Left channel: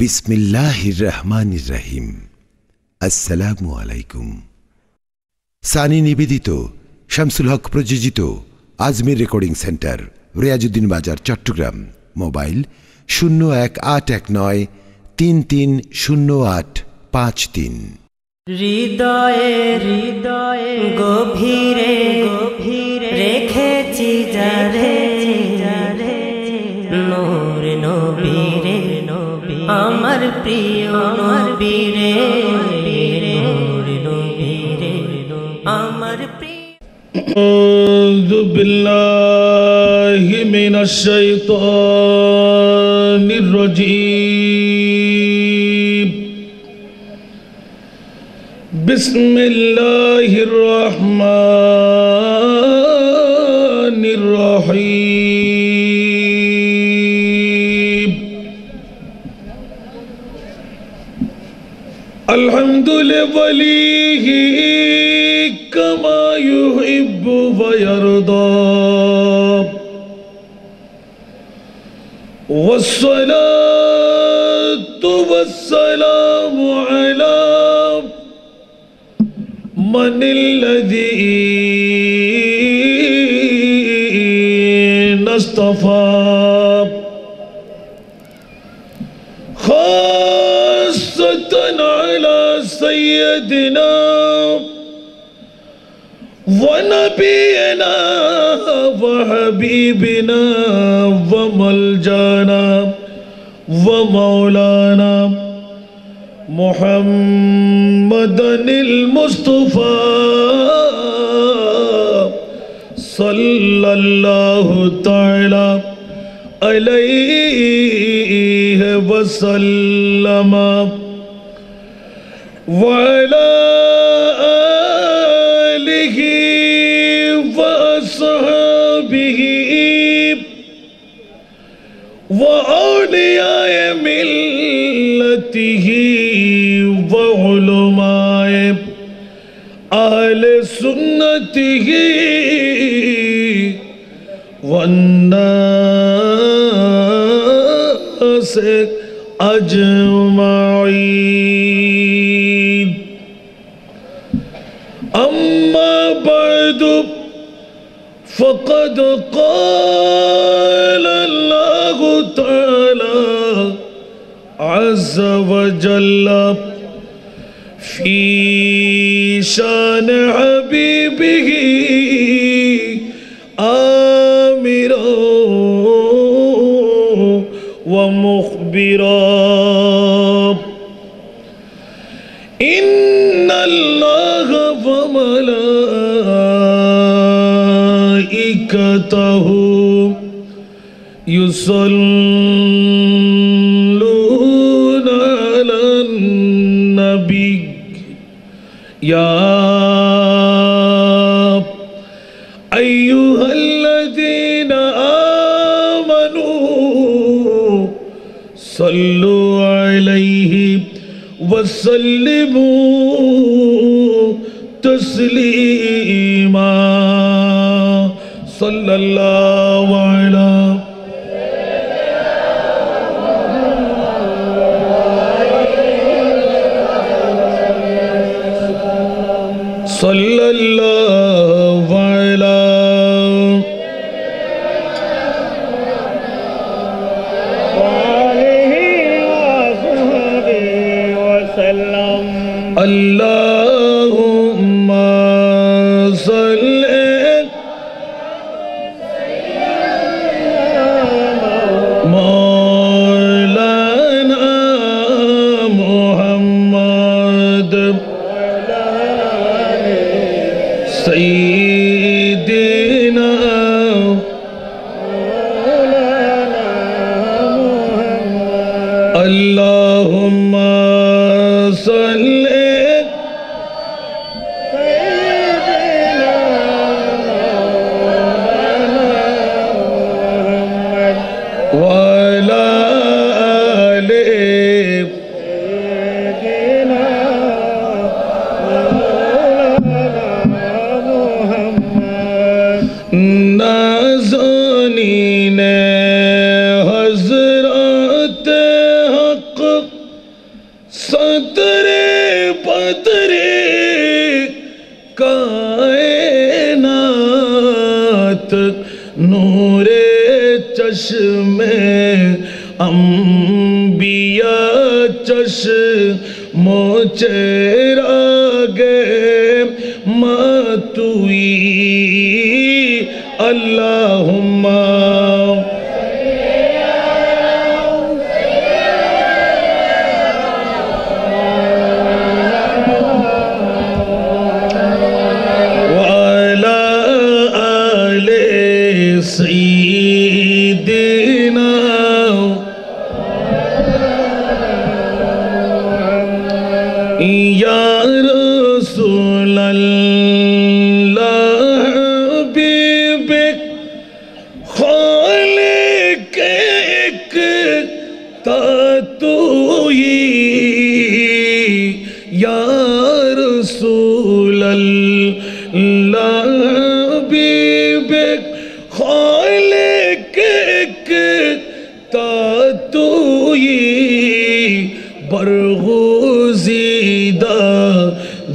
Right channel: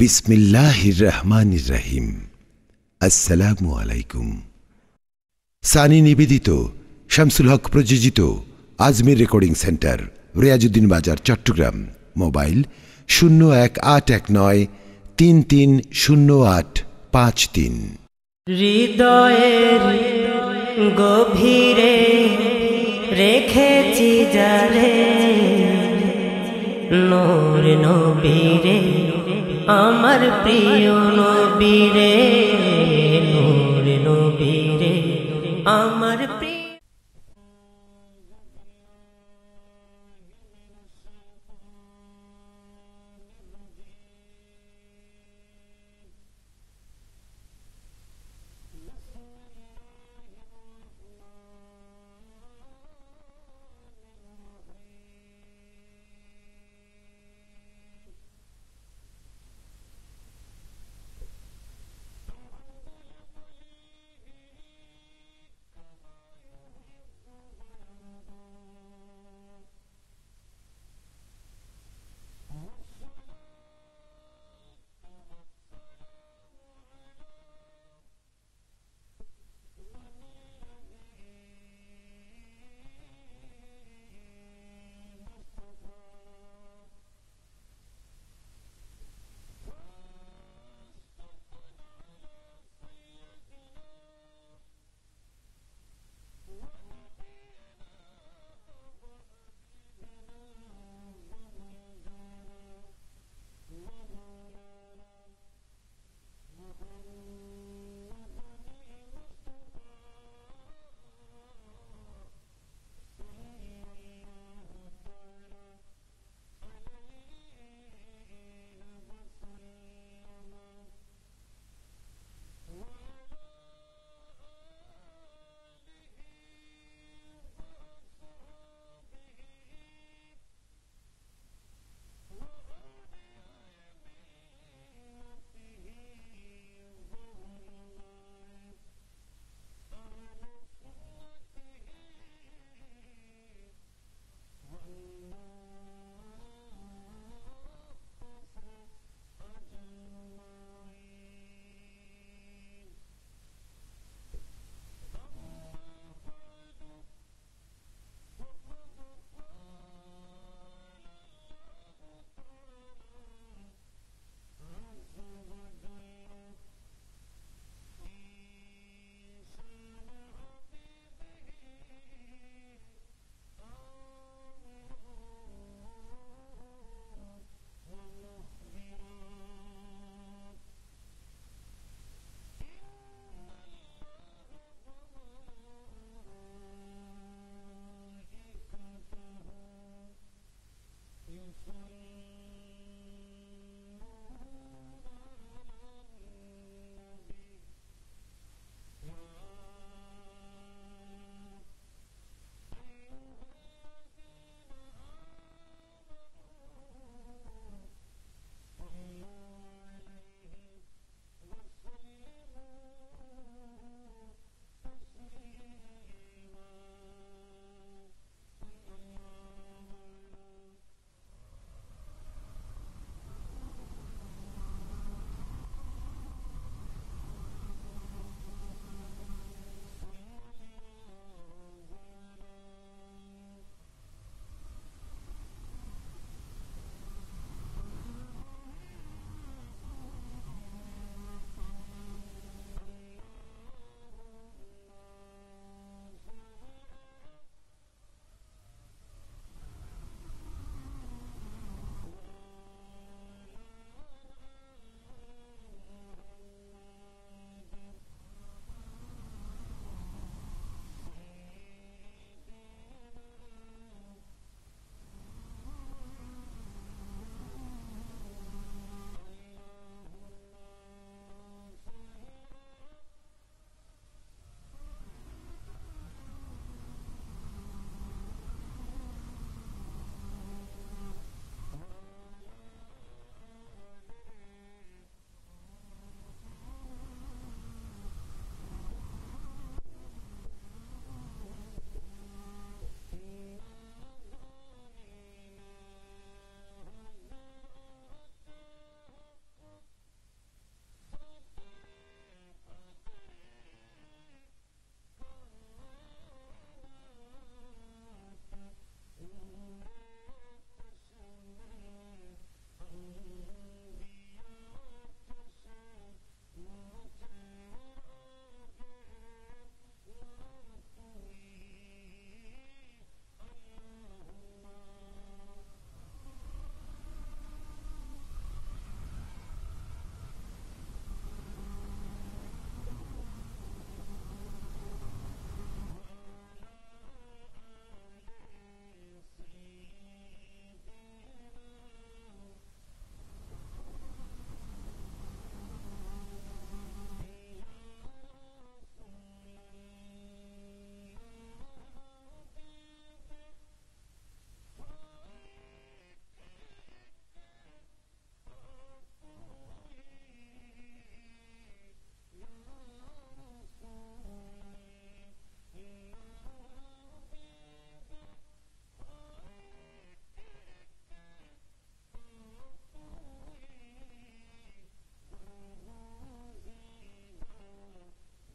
বিসমিল্লাহির রহমানির রহিম। আসসালামু আলাইকুম। সানি নিবেদিত, শামসুল হক প্রযোজিত আজমির রেকর্ডিং সেন্টার, রিয়াজউদ্দিন বাজার, চট্টগ্রাম। মোবাইল 0189330853। হৃদয়ের গভীরে রেখেছি যারে, নূর নবীরে আমার প্রিয় নবীরে, নূর নবীরে আমার প্রিয়। আউযু বিল্লাহি মিনাশ শাইতানির রাজীম। বিসমিল্লাহির রহমানির রহিম। আলহামদুলিল্লাহি কামা ইউহিব্বু ওয়া ইয়ারদা, ওয়াসসালাতু ওয়াসসালামু আলা মানিল্লাযী নাসতাফা, খাসাতান আলা সাইয়্যিদিনা ওয়া নাবিয়িনা ওয়া হাবিবিনা ওয়া মালজানা ওয়া মাওলানা মুহাম্মাদানিল মুস্তাফা সাল্লাল্লাহু তাআলা আলাইহি ওয়া সাল্লাম ওয়া আলা আলিহি ওয়া আসহাবিহি ওয়া আউলিয়ায়ে মিল্লাতিহি ওয়া উলামায়ে আহলে সুন্নতিহি ওয়ান নাস আজমাইন। أما بعد فقد قال الله تعالى عز وجل في شان حبيبه آمرا ومخبرا، إن الله وملائكته يصلون على النبي يا أيها الذين آمنوا صلوا عليه وسلموا تسليما، صلى الله على صلى الله على اللهم صل مولانا محمد سيدنا اللهم صل وعلى آله نازنین حضرت حق چشمے انبیاء چشموں چراغے ماتوئی اللہم وعلى آل سيدنا یا رسول اللہ حبیبک خالق ایک تاتوئی یا رسول اللہ حبیبک خالق ایک تاتوئی برگزیدہ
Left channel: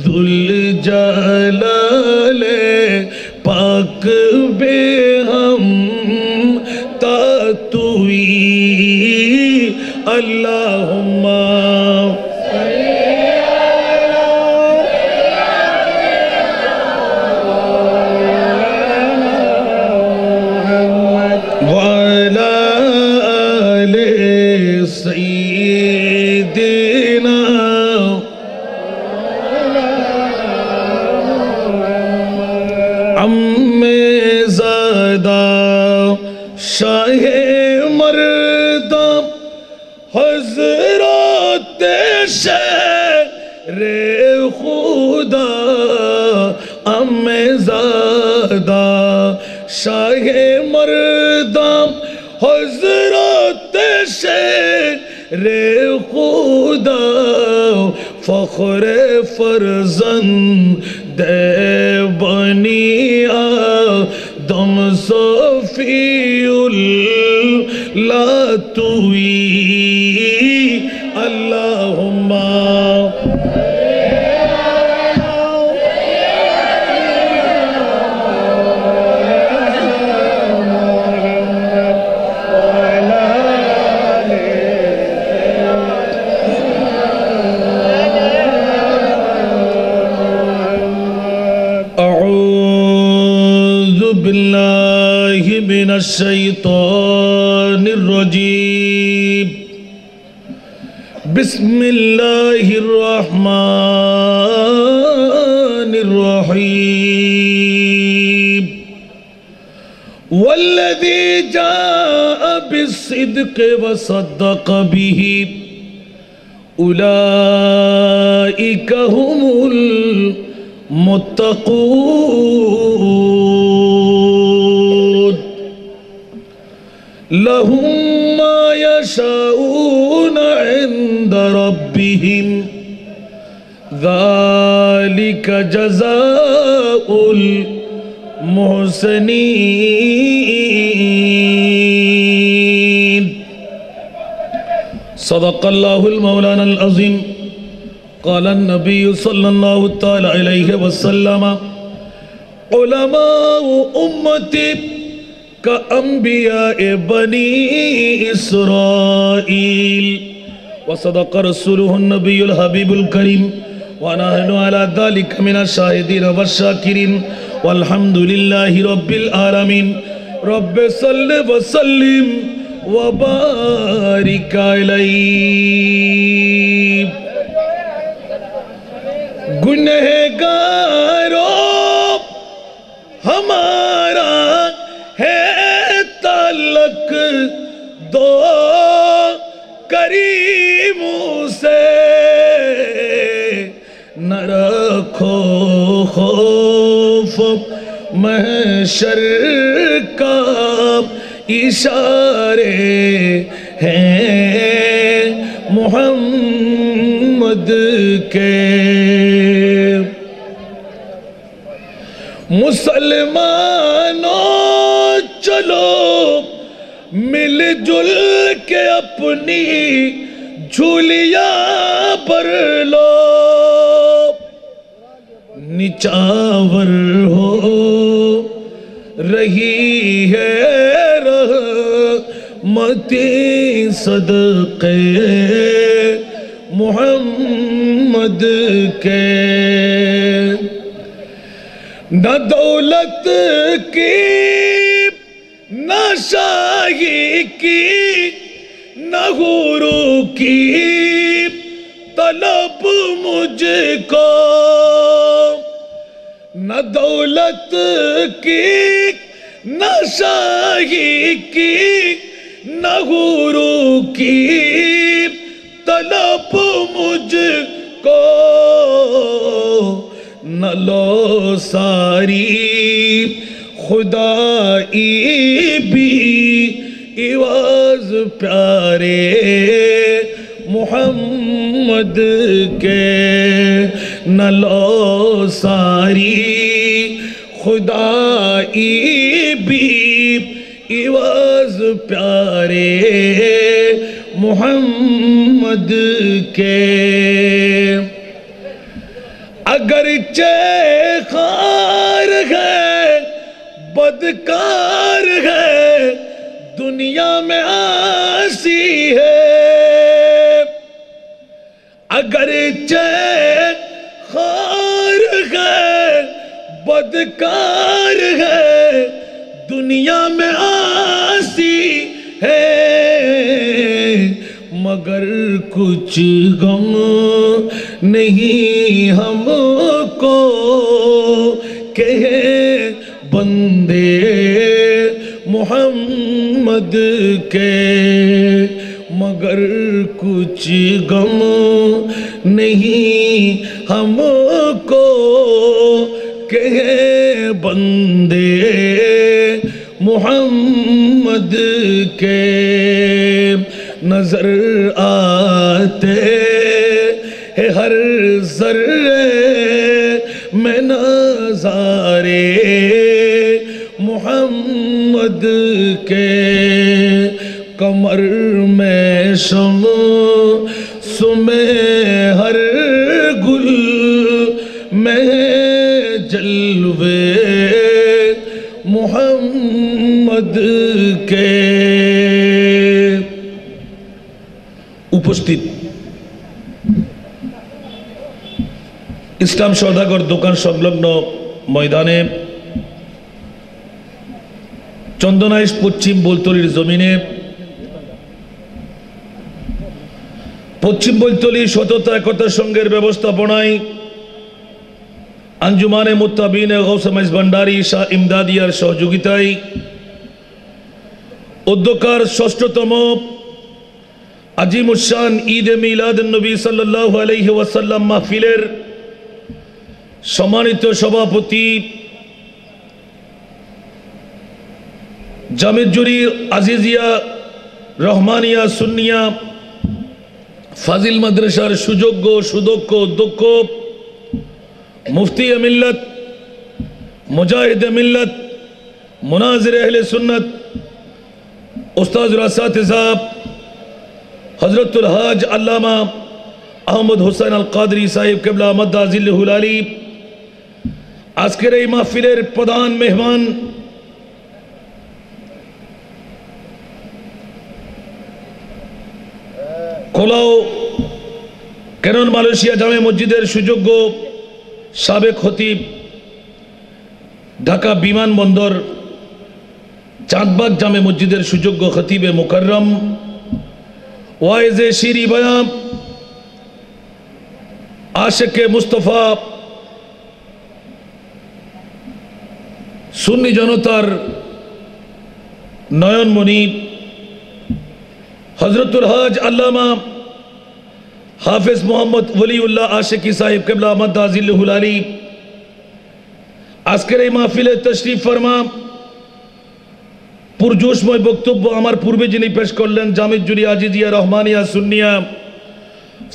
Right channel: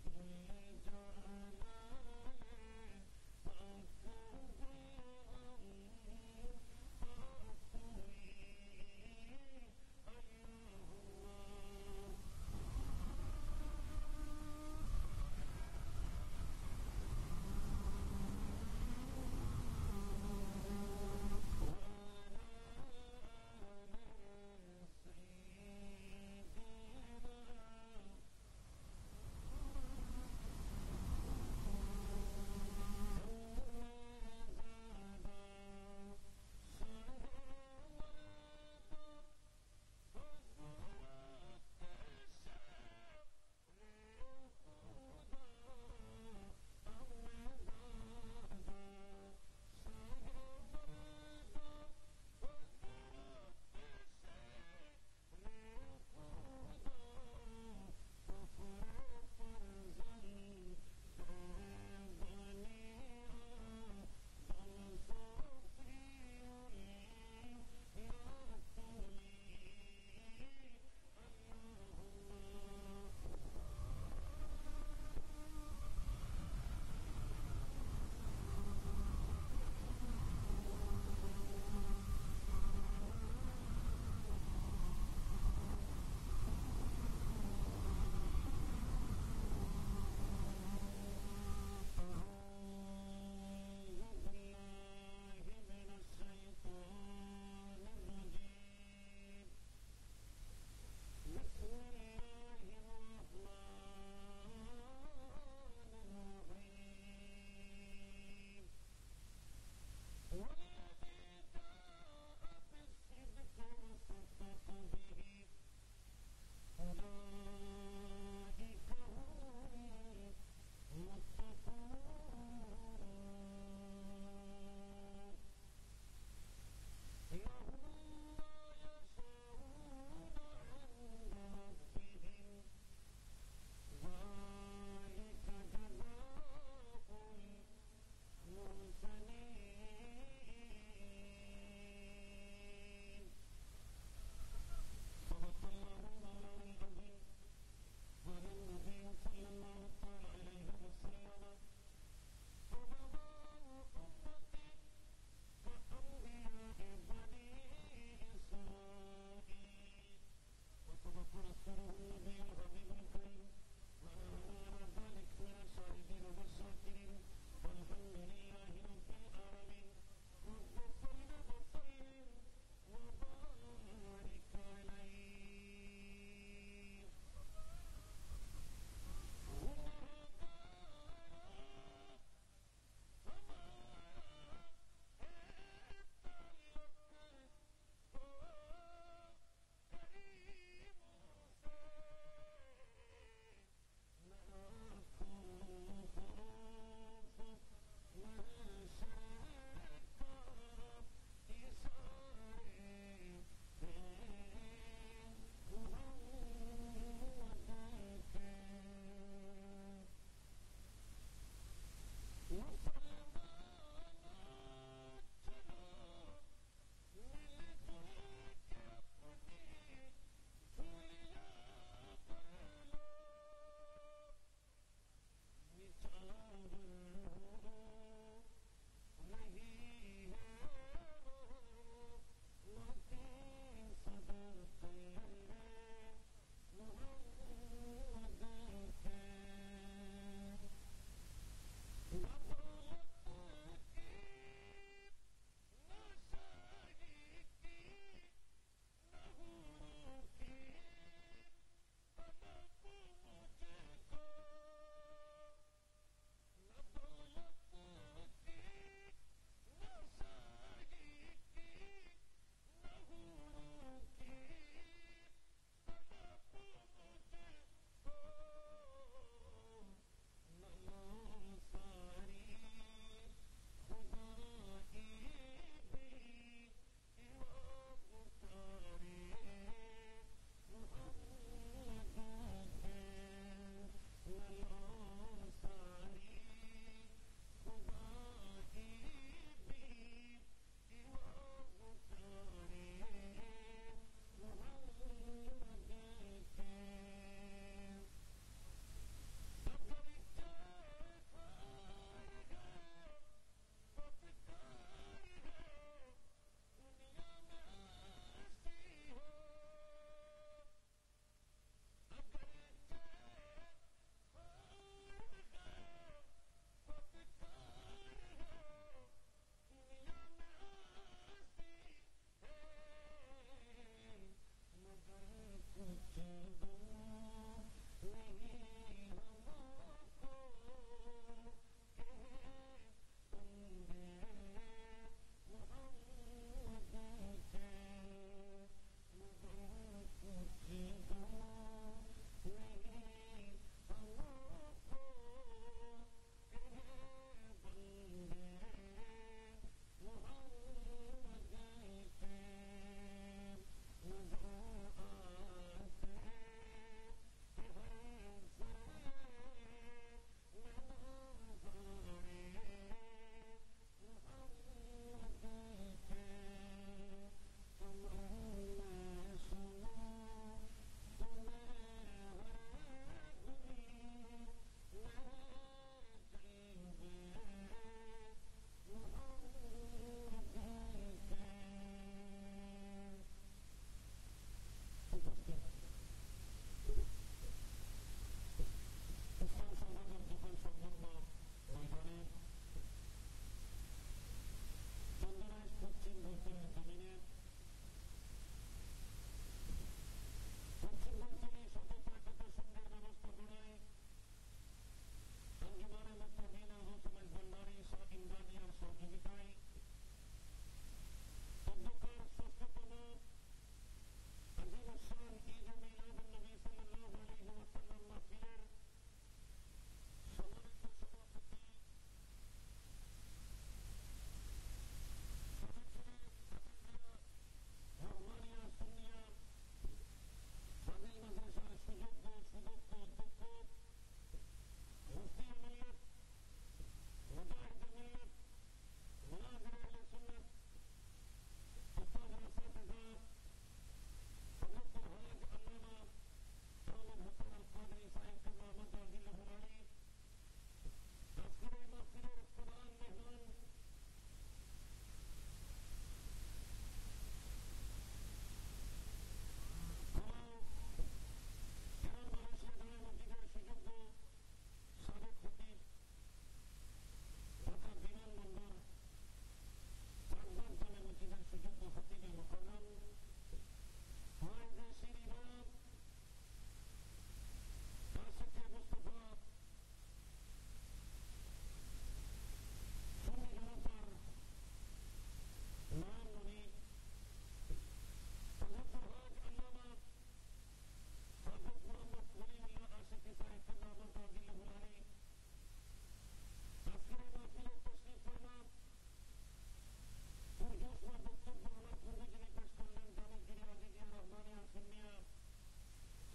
ذوالجلال پاک بے ہم تاتوئی اللہم وعلى آل سيدنا عم زادہ شاہ مردہ حضرات شہر خدا عم زادہ شاہ مردہ حضرات شہر خدا فخر فرزند بنی آدم صفی اللہ توئی اللہم اعوذ باللہ من الشیطان الرجیم بسم اللہ الرحمن الرحیم والذی جاء بالصدق وصدق به اولئک هم المتقون لهم ما يشاءون عند ربهم ذلك جزاء المحسنين صدق الله المولانا العظيم قال النبي صلى الله تعالى عليه وسلم علماء امتي كأنبياء بني إسرائيل وصدق رسوله النبي الحبيب الكريم ونحن على ذلك من الشاهدين والشاكرين والحمد لله رب العالمين رب صل وسلم وبارك عليه گنہگاروں ہمارا ہے تعلق دو کریموں سے نہ رکھو خوف محشر کا اشارے ہیں محمد کے مسلمانوں چلو مل جل کے اپنی جھولیاں بھر لو نچاور ہو رہی ہے उम्मती सदक़े मोहम्मद के। न दौलत की न शाही की न गुरु की तलब मुझको, न दौलत की न शाही की न गुरु की तलब मुझको, न लो सारी खुदाई भी इवाज प्यारे मोहम्मद के। न लो सारी खुदाई भी इवाज प्यारे मोहम्मद के। अगरचे खार है बदकार है दुनिया में आसी है, अगरचे खार है बदकार है दुनिया में आसी है, मगर कुछ गम नहीं हमको कहे बंदे मोहम्मद के, मगर कुछ गम नहीं हमको कहे बंदे मोहम्मद के। नजर आते है हर जर्रे में नज़ारे मोहम्मद के, कमर में शम्स हर गुल में जलवे मोहम्मद के। उपस्थित इस्लाम सौदागर দোকান সংলগ্ন ময়দানে চন্দনাইশ পশ্চিম বলতলির জমিনে পশ্চিম বলতলি সততা একতা সংঘের ব্যবস্থাপনায় আঞ্জুমানে মুত্তাবিনে গৌসে মাইজ ভান্ডারী শাহ ইমদাদিয়ার সহযোগিতায় উদ্যোক্তার ষষ্ঠতম আজিমুশান ঈদ মিলাদ নবী সাল্লাল্লাহু আলাইহি ওয়াসাল্লাম মাহফিলের সম্মানিত সভাপতি জামিজুরি আজিজিয়া রহমানিয়া সুন্নিয়া ফাজিল মাদ্রাসার সুযোগ্য সুদক্ষ অধ্যক্ষ মুফতি মিল্লাত মুজাহিদ মিল্লাত মুনাজির আহলে সুন্নাত উস্তাজুল আসাতিজা হযরতুল হাজ আল্লামা আহমদ হোসেন আল কাদরি সাহেব কিবলা মাদ্দা জিল্লুহুল আলী, আজকের এই মাহফিলের প্রধান মেহমান কোলাও কেনন মালয়েশিয়া জামে মসজিদের সুযোগ্য সাবেক খতিব, ঢাকা বিমানবন্দর চাঁদবাগ জামে মসজিদের সুযোগ্য খতিবে মুকাররম ওয়াইজে শিরি বয়ান আশেকে মুস্তফা সুন্নি জনতার নয়নমণি হযরতুল হাজ আল্লামা হাফেজ মোহাম্মদ ওলিউল্লাহ আশিকি সাহেব কিবলা মাদ্দা জিল্লুহুল আলী, আজকের এই মাহফিলে তশরিফ ফরমা পুরজোশময় বক্তব্য আমার পূর্বে যিনি পেশ করলেন জামিজুরি আজিজিয়া রহমানিয়া সুন্নিয়া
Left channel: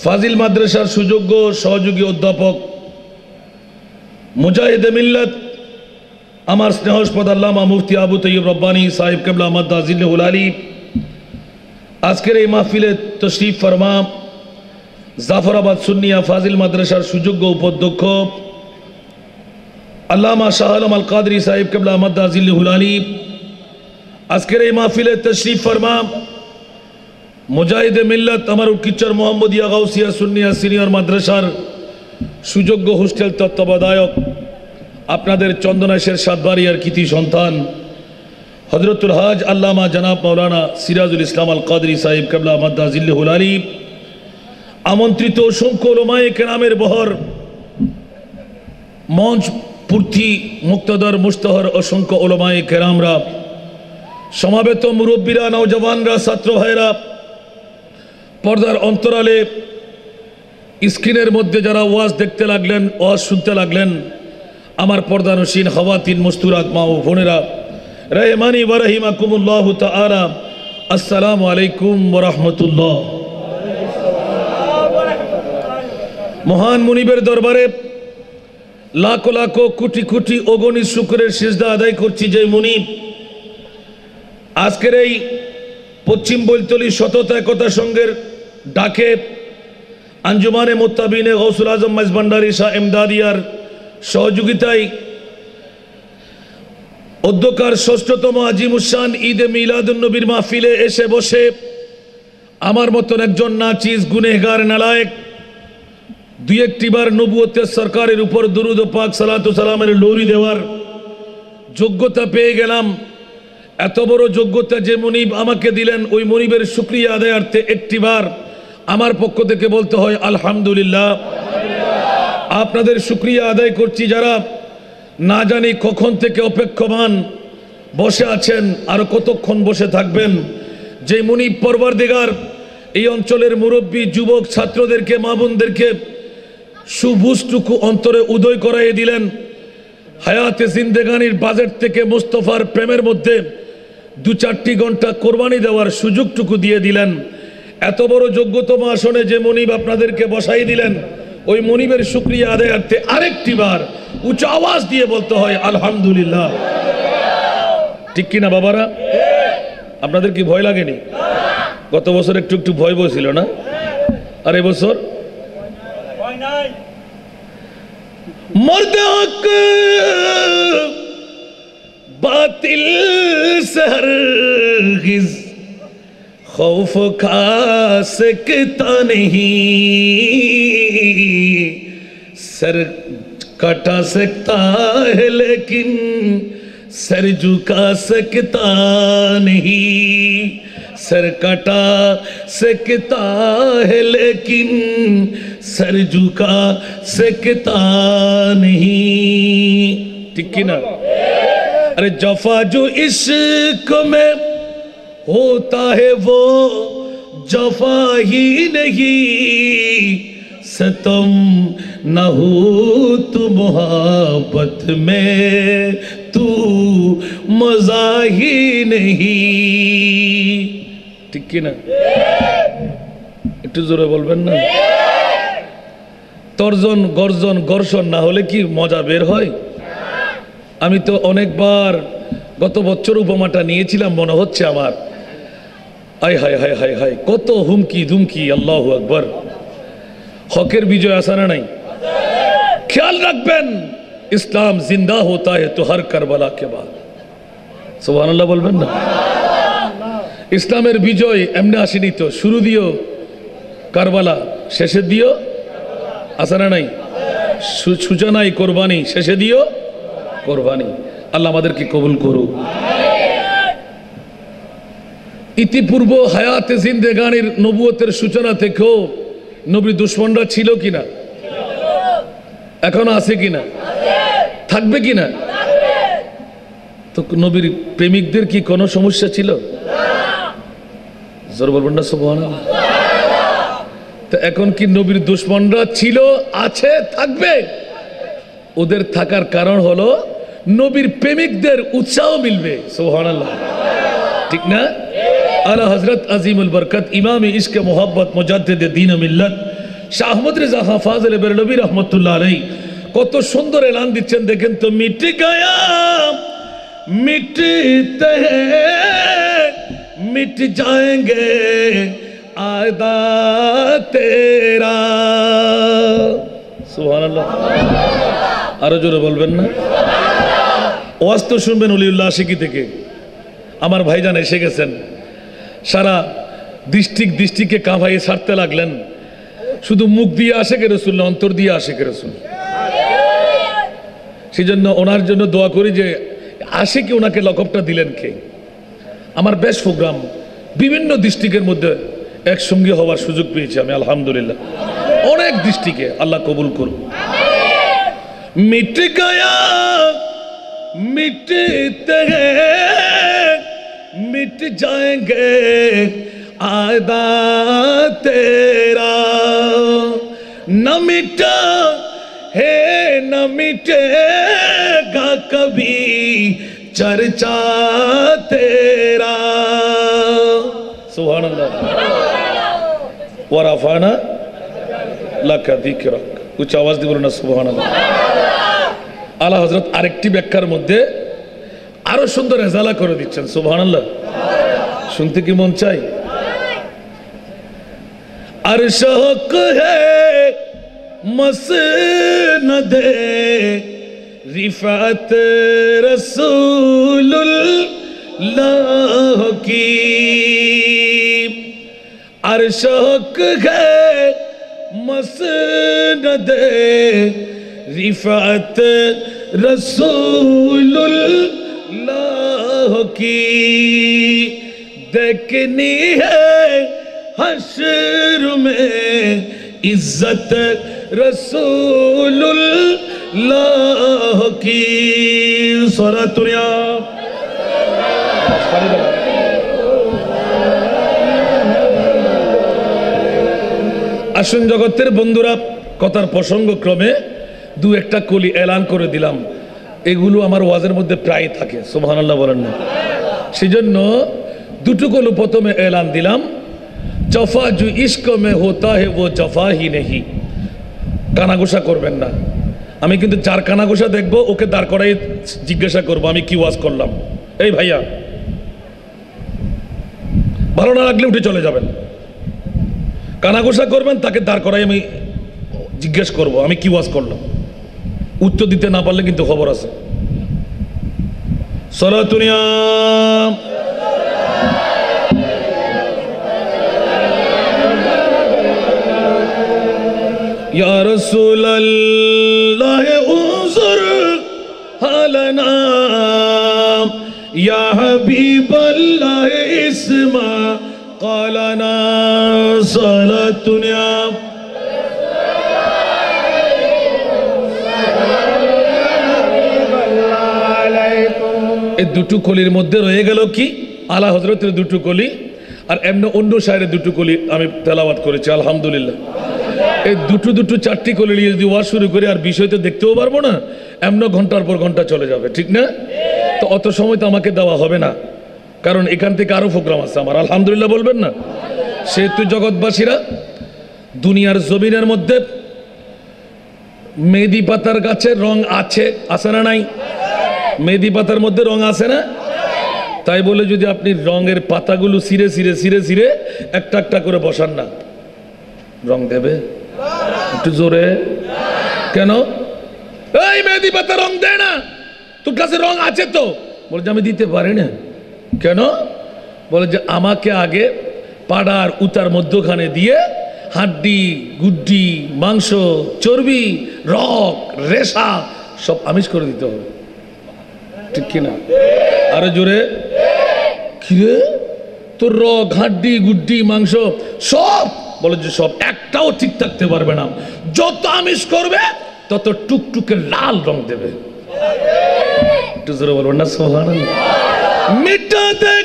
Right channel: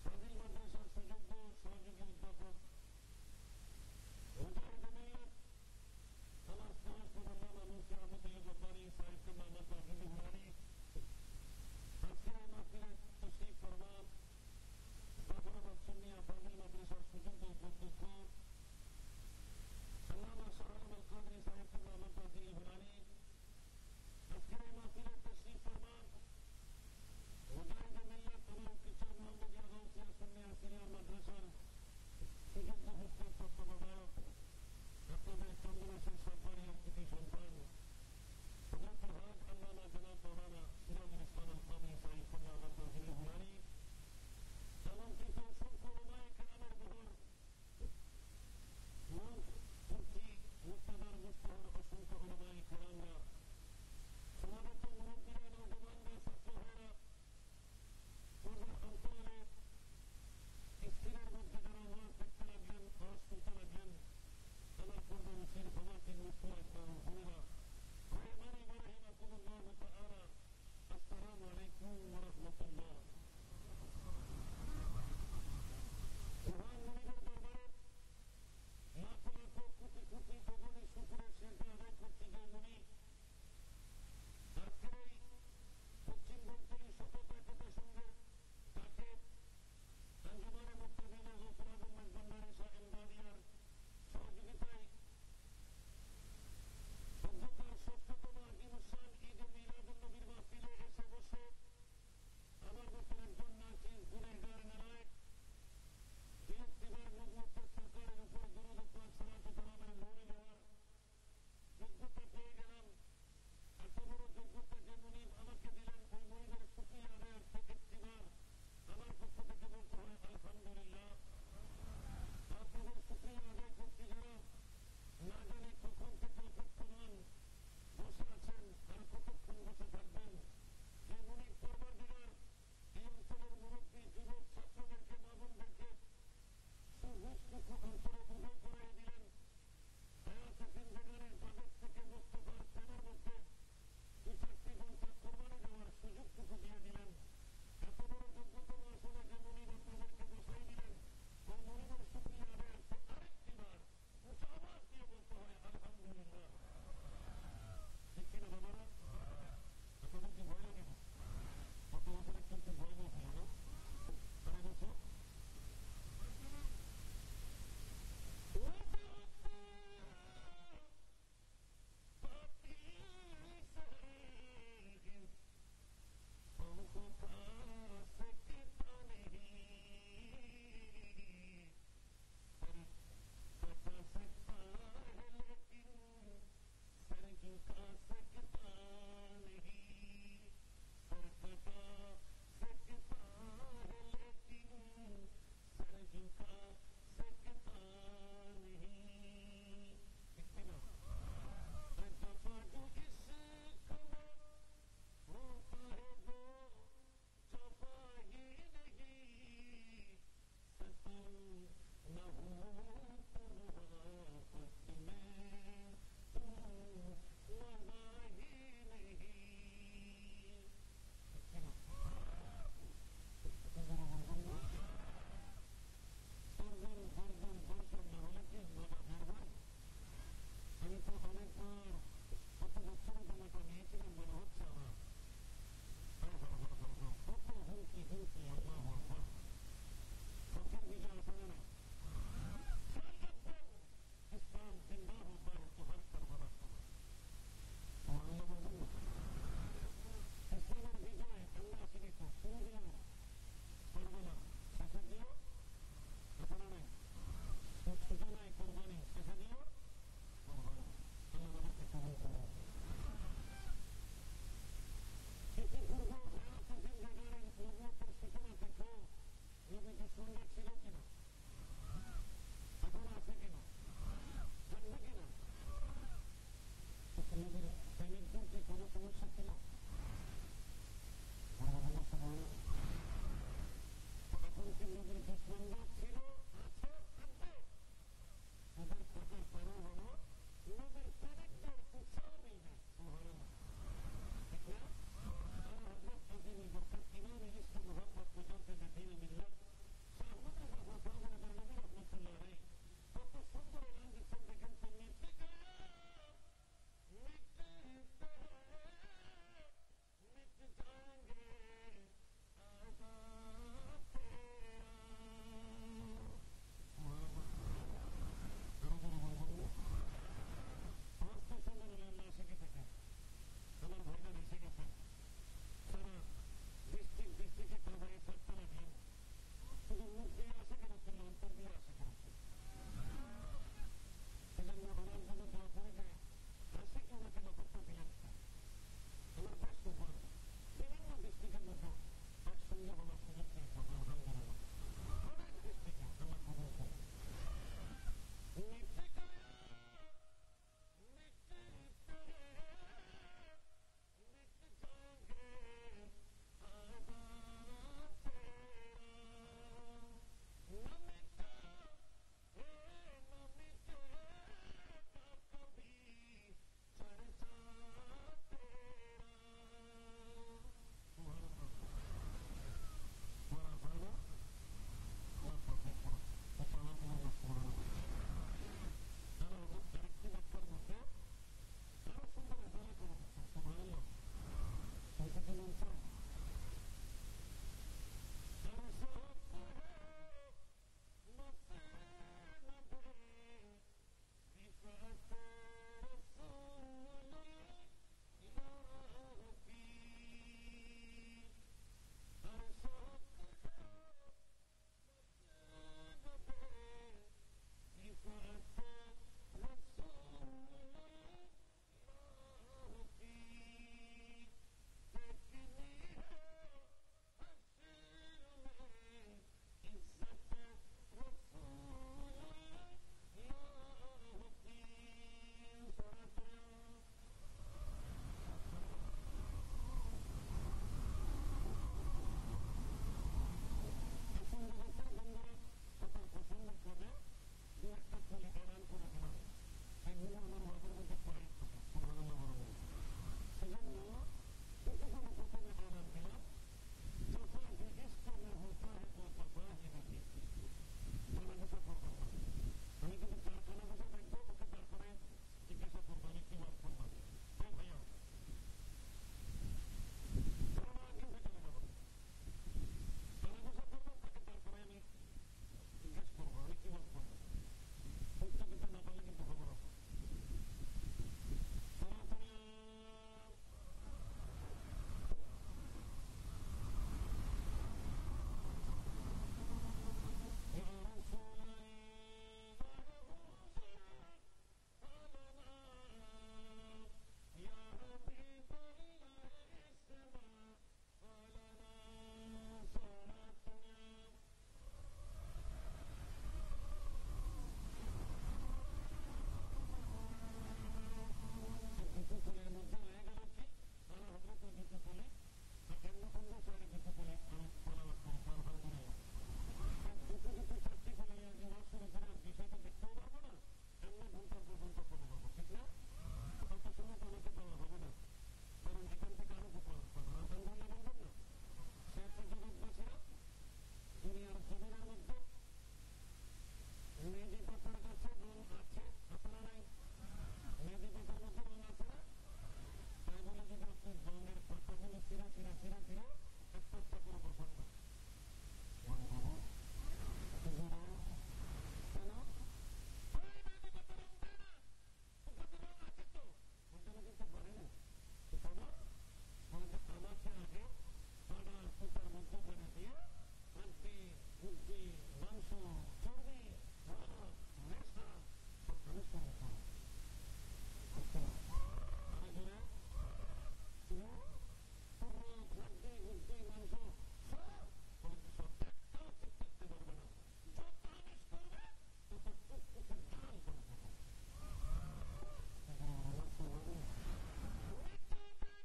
ফাজিল মাদ্রাসার সুযোগ্য সহযোগী অধ্যাপক মুজাহিদ মিল্লাত আমার স্নেহস্পদ আল্লামা মুফতি আবু তৈয়ব রব্বানী সাহেব কিবলা মাদ্দা জিল্লুহুল আলী, আজকের এই মাহফিলে তশরিফ ফরমা জাফরাবাদ সুন্নিয়া ফাজিল মাদ্রাসার সুযোগ্য উপাধ্যক্ষ আল্লামা শাহ আলম আল কাদরি সাহেব কিবলা মাদ্দা জিল্লুহুল আলী, আজকের এই মাহফিলে তশরিফ ফরমা মুজাহিদে মিল্লাত আমার উকিচ্চর মোহাম্মদিয়া গাউসিয়া সুন্নিয়া সিনিয়র মাদ্রাসার সুযোগ্য হোস্টেল তত্ত্বাবধায়ক আপনাদের চন্দনাশের সাতবাড়িয়ার কৃতি সন্তান হযরতুল হাজ আল্লামা জনাব মাওলানা সিরাজুল ইসলাম আল কাদরি সাহেব কেবলা মাদ্দা জিল্লুল আলী, আমন্ত্রিত অসংখ্য উলামায়ে কেরামের বহর, মঞ্চ পূর্তি মুক্তদর মুস্তহর অসংখ্য উলামায়ে কেরামরা, সমাবেত মুরব্বীরা, নওজওয়ানরা, ছাত্র ভাইরা, পর্দার অন্তরালে স্ক্রিনের মধ্যে যারা ওয়াজ দেখতে লাগলেন, ওয়াজ শুনতে লাগলেন, আমার পর্দানসীন খাওয়াতিন মস্তুরাত মা ও বোনেরা, রহমানি ওয়া রাহিমাকুমুল্লাহু তাআলা, আসসালামু আলাইকুম ওয়া রাহমাতুল্লাহ। মহান মুনিবের দরবারে লাখো লাখো কোটি কোটি অগণিত শুকরের সিজদা আদায় করছি, যে মুনিব আজকের এই পশ্চিম বৈলতলী সততা একতা সংঘের ডাকে আঞ্জুমানে মুত্তাবিনে গৌসুল আজম মাইজভান্ডারী শাহ এমদাদিয়ার সহযোগিতায় অধ্যকার ষষ্ঠতম আজিমুসান ঈদে মিলাদুন্নবীর মাহফিলে এসে বসে আমার মতন একজন নাচিজ গুনেহগার নালায়েক দুই একটিবার নবুয়তের সরকারের উপর দুরুদ ও পাক সালাতু সালামের লোরি দেওয়ার যোগ্যতা পেয়ে গেলাম। এত বড় যোগ্যতা যে মুনিব আমাকে দিলেন, ওই মুনিবের শুকরিয়া আদায়ার্থে একটিবার আমার পক্ষ থেকে বলতে হয় আলহামদুলিল্লাহ। আপনাদের শুকরিয়া আদায় করছি যারা না জানি কখন থেকে অপেক্ষমান বসে আছেন, আরো কতক্ষণ বসে থাকবেন। যে মুনিব পরওয়ারদিগার এই অঞ্চলের মুরব্বী যুবক ছাত্রদেরকে, মা বোনদেরকে সুবুজটুকু অন্তরে উদয় করাইয়ে দিলেন, হায়াতে জিন্দেগানির বাজেট থেকে মুস্তফার প্রেমের মধ্যে 2-4টি ঘন্টা কোরবানি দেওয়ার সুযোগটুকু দিয়ে দিলেন। এত বড় যোগ্যতম আসনে যে মুনিব আপনাদেরকে বসাই দিলেন, ওই মুনিবের শুকরিয়া আদায়ার্থে আরেকটি বার উচ্চ আওয়াজ দিয়ে বলতে হয় আলহামদুলিল্লাহ। ঠিক কিনা বাবারা? আপনাদের কি ভয় লাগেনি? গত বছর একটু একটু ভয় বসছিল না? আর এবছর মর্দে হক বাতিল से हरगिज़ खौफ खा सकता नहीं, सर कटा सकता है लेकिन सर झुका सकता नहीं, सर कटा सकता है लेकिन सर झुका सकता नहीं। ठीक की ना? अरे जफा जो इश्क में होता है वो जफा ही नहीं, सतम न हो तू मोहब्बत में तू मजा ही नहीं। ठीक की ना? একটু জোরে বলবেন না? তর্জন গর্জন ঘর্ষণ না হলে কি মজা বের হয়? আমি তো অনেকবার গত বছর উপমাটা নিয়েছিলাম, মনে হচ্ছে আমার। আয় হায় হায় হায় হায়, কত হুমকি ধুমকি। আল্লাহু আকবার। হকের বিজয় আসা না নাই? খেয়াল রাখবেন, ইসলাম জিন্দা হোতা है तो हर करबला के बाद। সুবহানাল্লাহ বলবেন না? ইসলামের বিজয় এমনি আসেনি তো, শুরু দিও কারবালা, শেষে দিও আসা না নাই? সূচনায় কোরবানি, শেষে দিও কোরবানি। আল্লাহ আমাদেরকে কবুল করুক। ইতিপূর্ব হায়াতে জিন্দেগানির নবুয়তের সূচনা থেকেও নবীর দুশমনরা ছিল কিনা? এখনো আছে কিনা? থাকবে কিনা? তো নবীর প্রেমিকদের কি কোনো সমস্যা ছিল? জোর বলবেন না সুবহানাল্লাহ। তো এখন কি নবীর দুশমনরা ছিল, আছে, থাকবে? ওদের থাকার কারণ হলো নবীর প্রেমিকদের উৎসাহ মিলবে। সুবহানাল্লাহ। ঠিক না? আলা হযরত আজিমুল বরকত ইমাম ইশক মোহাব্বত মুজাদ্দিদ দ্বীন ও মিল্লাত শাহ আহমদ রেজা খান ফাজিল বেরলভী রহমতুল্লাহ আলাইহি কত সুন্দর এলান দিচ্ছেন দেখেন তো। মিট গয়া মিটতে হ্যায় মিট जाएंगे आदा तेरा। সুবহানাল্লাহ। আরো জোরে বলবেন না? ওয়াজ তো শুনবেন অলিউল্লাহ আশিকি থেকে। আমার ভাইজান এসে গেছেন, সারা দৃষ্টিকে কাঁপাইয়ে ছাড়তে লাগলেন। শুধু মুখ দিয়ে আশেকে রসুল না, অন্তর দিয়ে আশেকে রসুল। সেই জন্য ওনার জন্য দোয়া করি যে আশেকে ওনাকে লকবটা দিলেন কে। আমার বেশ প্রোগ্রাম বিভিন্ন ডিস্ট্রিক্টের মধ্যে একসঙ্গে হওয়ার সুযোগ পেয়েছি আমি, আলহামদুলিল্লাহ। অনেক ডিস্ট্রিক্টে, আল্লাহ কবুল করুন। মিট গয়া মিটতে हैं मिट जाएंगे आदा तेरा, न मिटा है न मिटेगा कभी चर्चा तेरा। सुभान अल्लाह व रफाना लका जिक्रक। उच्च आवाज দিয়ে বলুন না সুবহান আল্লাহ। আলা হযরত আরেকটি ব্যাখ্যার মধ্যে আরো সুন্দর রেজালা করে দিচ্ছেন। সুবহানাল্লাহ, শুনতে কি মন চাই? अर्श हक है मसनद रिफात रसूलुल्लाह की। अर्श हक है मसनद रिफात रसूलुल्लाह की। देखनी है हश्र में इज्जत रसूलुल्लाह की। सलातुया আসুন জগতের বন্ধুরা, কথার প্রসঙ্গ ক্রমে দু একটা কলি এলান করে দিলাম। এগুলো আমার ওয়াজের মধ্যে প্রায় থাকে, সুবহানাল্লাহ বলেন না। সেজন্য দুটো কলি প্রথমে এলান দিলাম। জফা जो इश्क में होता है वो जफा ही नहीं। কানাঘোষা করবেন না। আমি কিন্তু যার কানাঘোষা দেখবো ওকে দাঁড় করাই জিজ্ঞাসা করবো আমি কি ওয়াজ করলাম। এই ভাইয়া, ভালো না লাগলে উঠে চলে যাবেন। কানাঘোষা করবেন, তাকে দাঁড় করাই আমি জিজ্ঞেস করবো আমি কি ওয়াজ করলাম। উত্তর দিতে না পারলে কিন্তু খবর আছে। সলাতুনিয়া या रसूल अल्लाह उज़र हालना, या हबीब अल्लाह इस्मा क़ालना। सलातुनिया এই দুটো কলির মধ্যে রয়ে গেল কি আলা হযরতের দুটো কলি, আর এমনি অন্য শায়রের দুটো কলি আমি তেলাওয়াত করেছি, আলহামদুলিল্লাহ। এই দুটো চারটি কলি নিয়ে যদি ওয়াজ শুরু করি আর বিষয় তো দেখতেও পারবো না, এমন ঘন্টার পর ঘন্টা চলে যাবে, ঠিক না? তো অত সময় তো আমাকে দেওয়া হবে না, কারণ এখান থেকে আরো প্রোগ্রাম আছে আমার, আলহামদুলিল্লাহ বলবেন না? সেহেতু জগৎবাসীরা, দুনিয়ার জমিনের মধ্যে মেহেদি পাতার গাছের রং আছে না নাই? মেহেদি পাতার মধ্যে রং আছে না? তাই বলে যদি আপনি রঙের পাতাগুলো ছিঁড়ে ছিঁড়ে ছিঁড়ে ছিঁড়ে একটা একটা করে বসান না, রং দেবে? একটু জোরে কেন? এই মেহেদি পাতা রং দেয় না, তোর কাছে রং আছে তো? বলে যে আমি দিতে পারি না। কেন? বলে যে আমাকে আগে পাড়ার উতার মধ্যখানে দিয়ে হাড্ডি গুড্ডি মাংস চর্বি রক রেশা সব আমিষ করে দিতে হবে, ঠিক কিনা? আরে জোরে। কিরে তোর রক হাড্ডি গুড্ডি মাংস সব? বলে যে সব একটাও ঠিক থাকতে পারবে না, যত আমিষ করবে তত টুকটুকে লাল রং দেবে। একটু জোরে বলবেন না সুবহানাল্লাহ। मिटा दे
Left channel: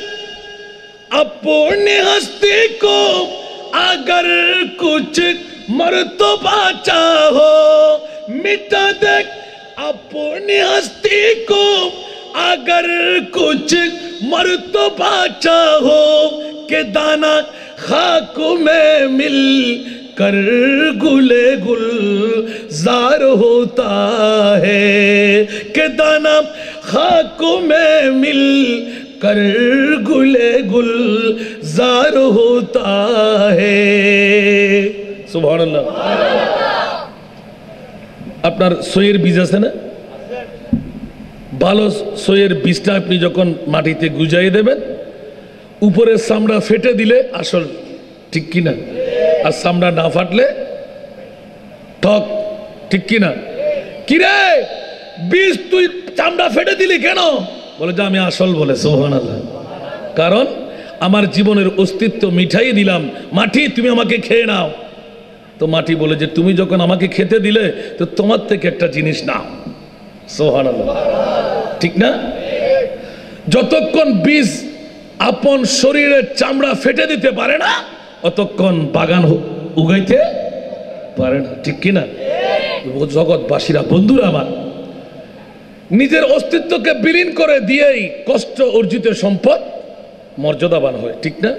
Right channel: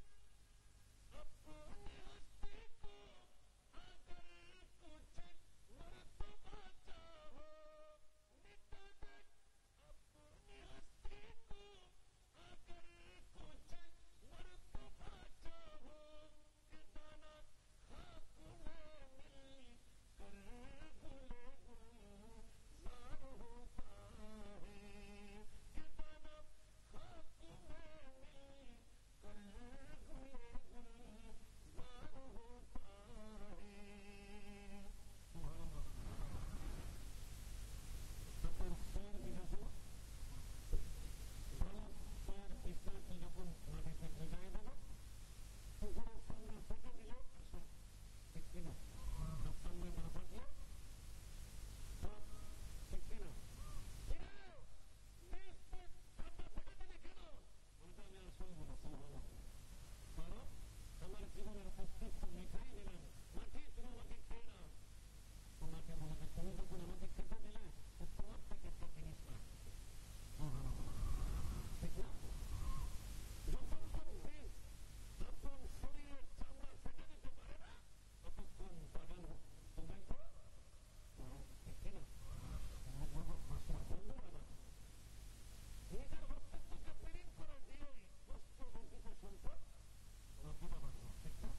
अपनी हस्ती को अगर कुछ मर्तबा चाहो, मिटा दे अपनी हस्ती को अगर कुछ मर्तबा चाहो, के दाना खाक में मिल कर गुले गुलजार होता है, के दाना खाक में मिल कर गुले गुलजार होता है। सुभान अल्लाह। আপনার সইয়ের বীজ আছে না? ভালো সইয়ের বীজটা আপনি যখন মাটিতে গুজাই দেবেন, উপরের চামড়া ফেটে দিলে আসল ঠিক কিনা? আর চামড়া না ফাটলে ঠক, ঠিক কিনা? কিরে বীজ তুই চামড়া ফেটে দিলি কেন? বলে যে আমি আসল বলে। সুবহানাল্লাহ। কারণ আমার জীবনের অস্তিত্ব মিঠাই দিলাম, মাটি তুমি আমাকে খেয়ে নাও। তো মাটি বলে যে তুমি যখন আমাকে খেতে দিলে তো তোমার থেকে একটা জিনিস নাও। সুবহানাল্লাহ, ঠিক না? যতক্ষণ বীজ আপন শরীরের চামড়া ফেটে দিতে পারে না অতক্ষণ বাগান উগাইতে পারে না, ঠিক কিনা? জগৎবাসীরা, বন্ধুরা আমার, নিজের অস্তিত্বকে বিলীন করে দিয়েই কষ্ট অর্জিত সম্পদ মর্যাদাবান হয়, ঠিক না?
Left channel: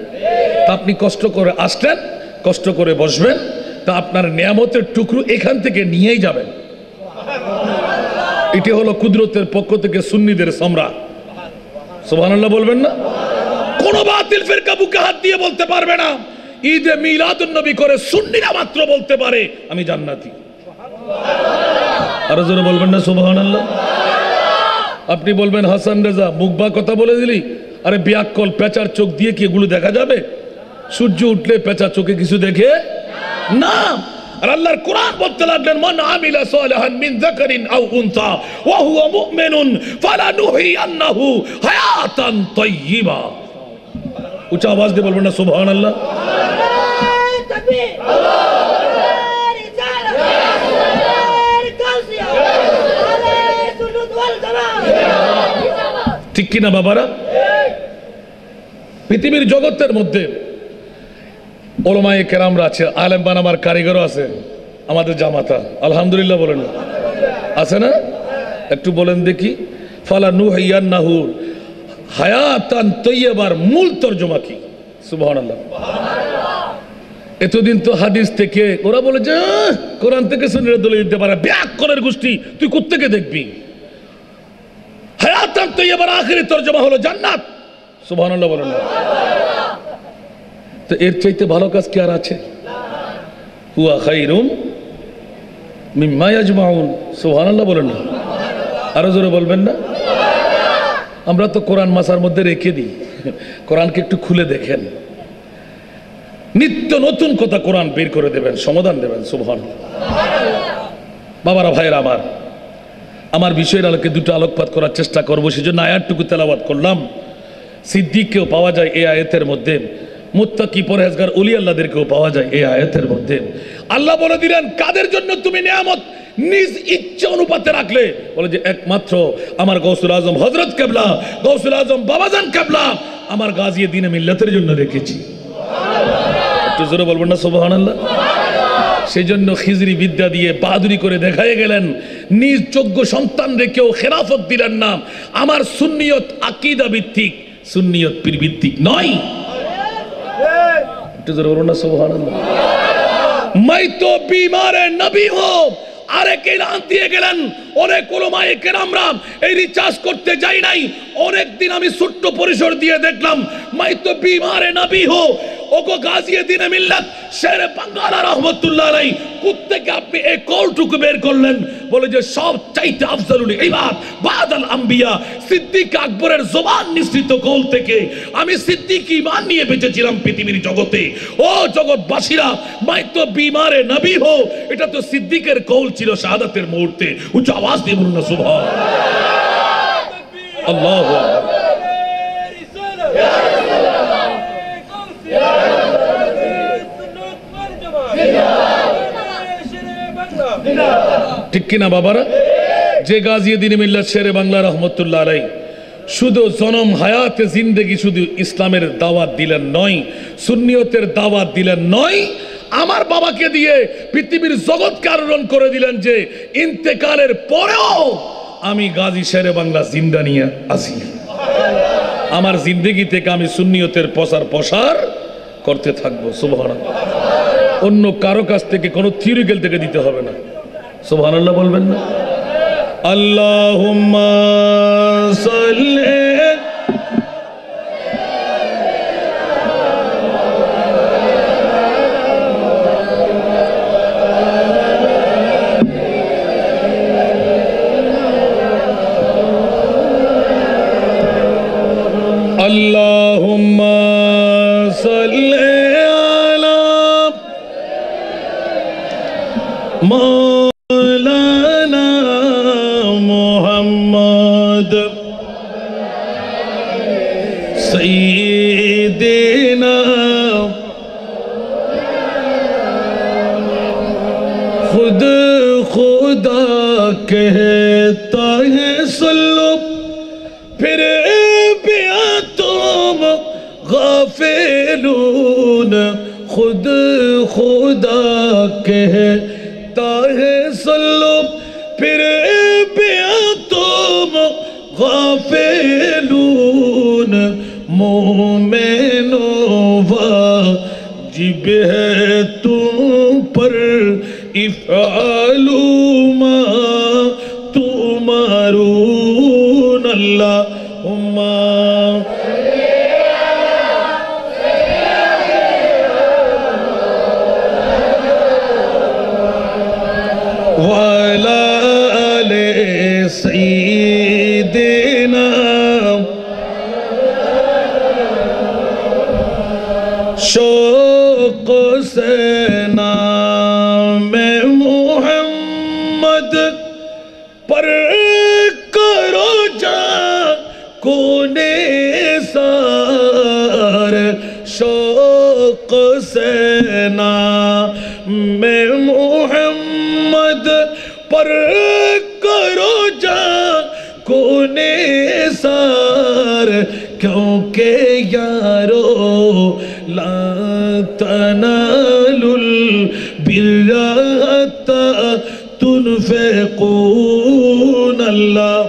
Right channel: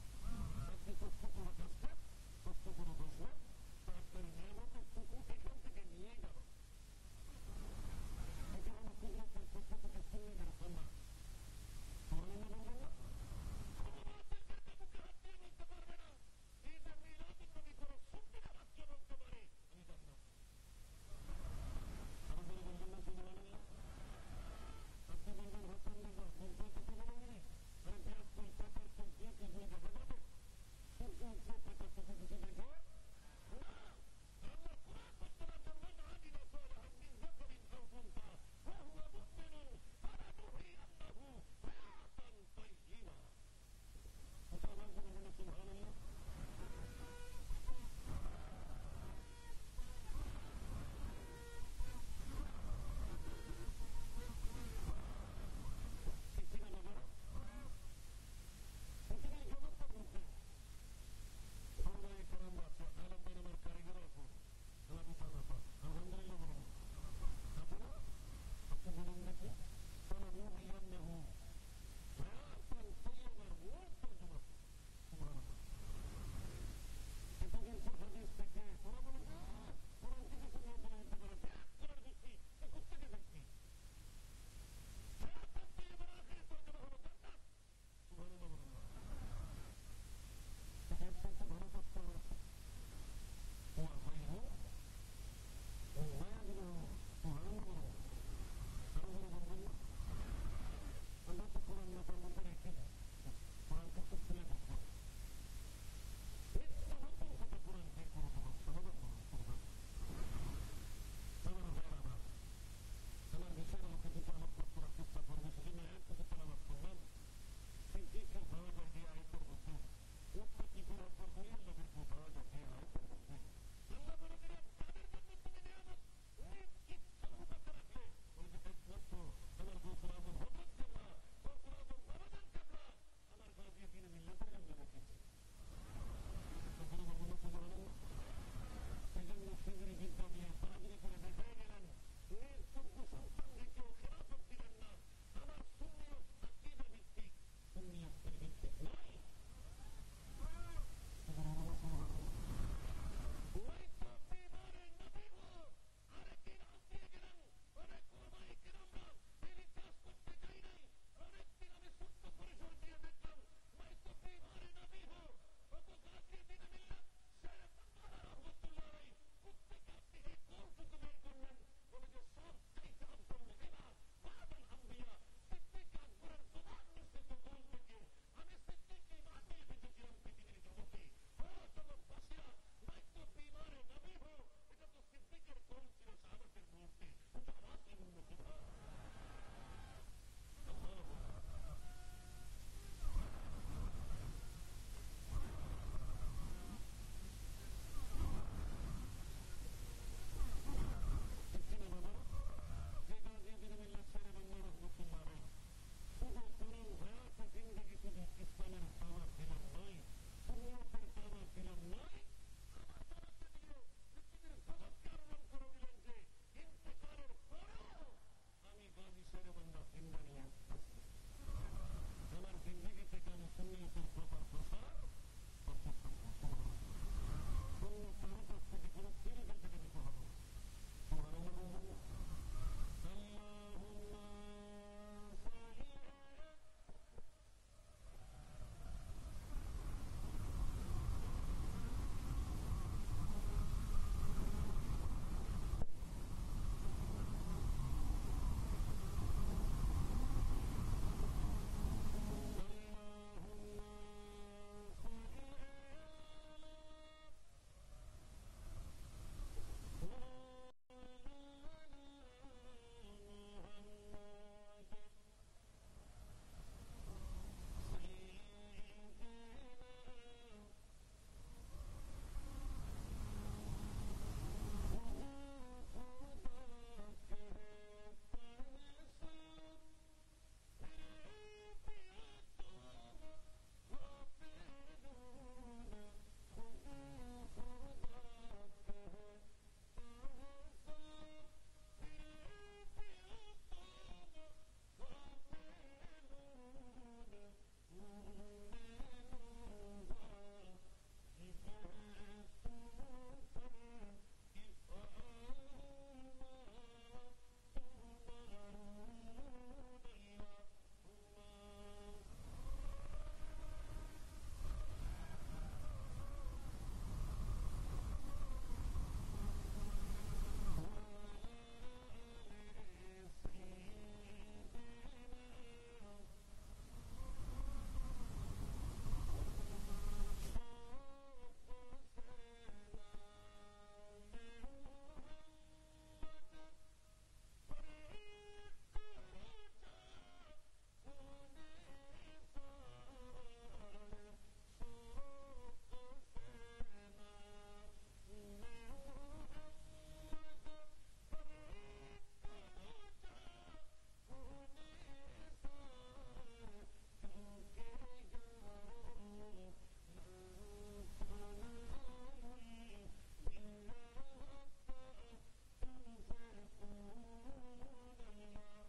তা আপনি কষ্ট করে আসলেন, কষ্ট করে বসবেন, তা আপনার নিয়ামতের টুকরো এখান থেকে নিয়েই যাবেন। এটি হলো কুদরতের পক্ষ থেকে সুন্নিদের সমরা। সুবহানাল্লাহ বলবেন না? কোন বাতিল ফিরকা বুকে হাত দিয়ে বলতে পারবে না ঈদে মিলাদুন নবী করে সুন্নিরা মাত্র বলতে পারে আমি জান্নাতি। আরো জোরে বলবেন না সুবহানাল্লাহ? আপনি বলবেন হাসান রেজা মুখবা কথা বলে দিলি। আরে বিয়াক্কল, পেঁচার চোখ দিয়ে কি এগুলো দেখা যাবে? সূর্য উঠলে পেঁচা চোখে কিছু দেখে না। আর আল্লাহর কোরআন বলতে লাগলেন মান আমিলা সালিহান মিন যাকারিন আও উনসা ওয়া হুয়া মুমিনুন ফালানুহিয়ান্নাহু হায়াতান তাইয়্যিবা। উচ্চ আওয়াজ দিয়ে বলবেন না সুবহানাল্লাহ? ঠিক কিনা বাবারা? পৃথিবীর জগতের মধ্যে ওলামায়ে কেরামরা আছে, আলেম বানাবার কারিগরও আছে। আমাদের জামাতা আলহামদুলিল্লাহ বলেন আছে না? একটু বলেন দেখি। ফালানুহিয়ান্নাহু হায়াতান তাইয়্যিবার মূল তরজমা কি? সুবহানাল্লাহ। এতদিন তো হাদিস থেকে ওরা বলে যে কোরআন থেকে সুন্নাহর দলিল দিতে পারে। ব্যাকরণের গোষ্ঠী, তুই কোত্থেকে দেখবি? হায়াতান তাইয়্যিবার আখিরি তরজমা হলো জান্নাত। সুবহানাল্লাহ বলেন না? তো এর চাইতে ভালো কাজ কি আর আছে? হুয়া খায়রুম মিম্মা ইয়াজমাউন। সুবহানাল্লাহ বলেন না? আরো জোরে বলবেন না? আমরা তো কোরআন মাসার মধ্যে রেখে দিই। কোরআনকে একটু খুলে দেখেন, নিত্য নতুন কথা কোরআন বের করে দেবেন, সমাধান দেবেন। সুবহানাল্লাহ। বাবারা, ভাইয়েরা আমার, আমার বিষয়ের আলোকে দুটো আলোকপাত করার চেষ্টা করবো, সেজন্য আয়াতটুকু তেলাওয়াত করলাম। সিদ্দিককেও পাওয়া যায় এই আয়াতের মধ্যে, মুত্তাকি পরহেজগার ওলি আল্লাহদেরকেও পাওয়া যায় এই আয়াতের মধ্যে। আল্লাহ বলে দিলেন কাদের জন্য তুমি নিয়ামত নিজ ইচ্ছা অনুপাতে রাখলে? বলে যে একমাত্র আমার গৌসুল আজম হযরত কেবলা, গৌসুল আজম বাবাজান কেবলা আমার গাজী দ্বীনে মিল্লাতের জন্য রেখেছি। একটু জোরে বলবেন না সুবহানাল্লাহ? সেই জন্য খিজরি বিদ্যা দিয়ে বাহাদুরি করে দেখাই গেলেন, নিজ যোগ্য সন্তান রেখেও খেলাফত দিলেন না। আমার সুন্নিয়ত আকীদা ভিত্তিক, সুন্নিয়ত পীর ভিত্তিক নয়। একটু জোরে বলবেন না সুবহানাল্লাহ? मैं तो बीमार नबी हूं। আরেক এলান দিয়ে গেলেন। অনেক ওলামায়ে কেরামরা এই রিচার্জ করতে যাই নাই, অনেক দিন আমি ছোট্ট পরিসর দিয়ে দেখলাম मैं तो बीमार नबी हूं। ওগো গাজী দ্বীনে মিল্লাত শেরে বাঙ্গালা রহমাতুল্লাহ আলাইহি, কোত্থেকে আপনি এই কলটুকু বের করলেন? বলে যে সব চাইতে আফজালুল ইবাদ বাদাল আম্বিয়া, সিদ্দিক আকবরের জবান নিঃসৃত কল থেকে আমি সিদ্দিক ঈমান নিয়ে বেঁচেছিলাম পৃথিবীর জগতে। ও জগৎবাসীরা, मैं तो बीमार नबी हूं, এটা তো সিদ্দিকের কল ছিল শাহাদাতের মুহূর্তে। উচ্চ আওয়াজ দিয়ে বলুন না সুবহানাল্লাহ। আল্লাহু আকবার। ঠিক কিনা বাবারা? যে গাজী দ্বীনে মিল্লাত শেরে বাংলা রহমতুল্লাহ আলাইহি শুধু জনম হায়াতে জিন্দেগি শুধু ইসলামের দাওয়াত দিলেন নয়, সুন্নিয়তের দাওয়াত দিলেন নয়, আমার বাবাকে দিয়ে পৃথিবীর জগৎকে আলোড়ন করে দিলেন যে ইন্তেকালের পরেও আমি গাজী শেরে বাংলা জিন্দা নিয়ে আসি। আমার জিন্দেগি থেকে আমি সুন্নিয়তের প্রসার করতে থাকবো। সুবহানাল্লাহ। অন্য কারো কাছ থেকে কোনো থিওরিক্যাল থেকে দিতে হবে না। সুবহানাল্লাহ বলবেন না? আল্লাহুম্মা সাল্লি আল্লাহুম্মা সাল্লি আলা مولانا محمد سیدنا خود خدا کہتا ہے سلو پھر بھی تم غافلون خود خدا کہتا ہے سلو پھر بھی تم غافلون مومنوں واجب ہے تم پر افعلوا ما تؤمرون اللہم وعلى آل سیدنا شوق سے نام محمد پر کرو جا کونے سار شوق سے نام محمد پر کرو جا کونے سار کیونکہ یارو لا تنالوا البر حتى تنفقون اللہ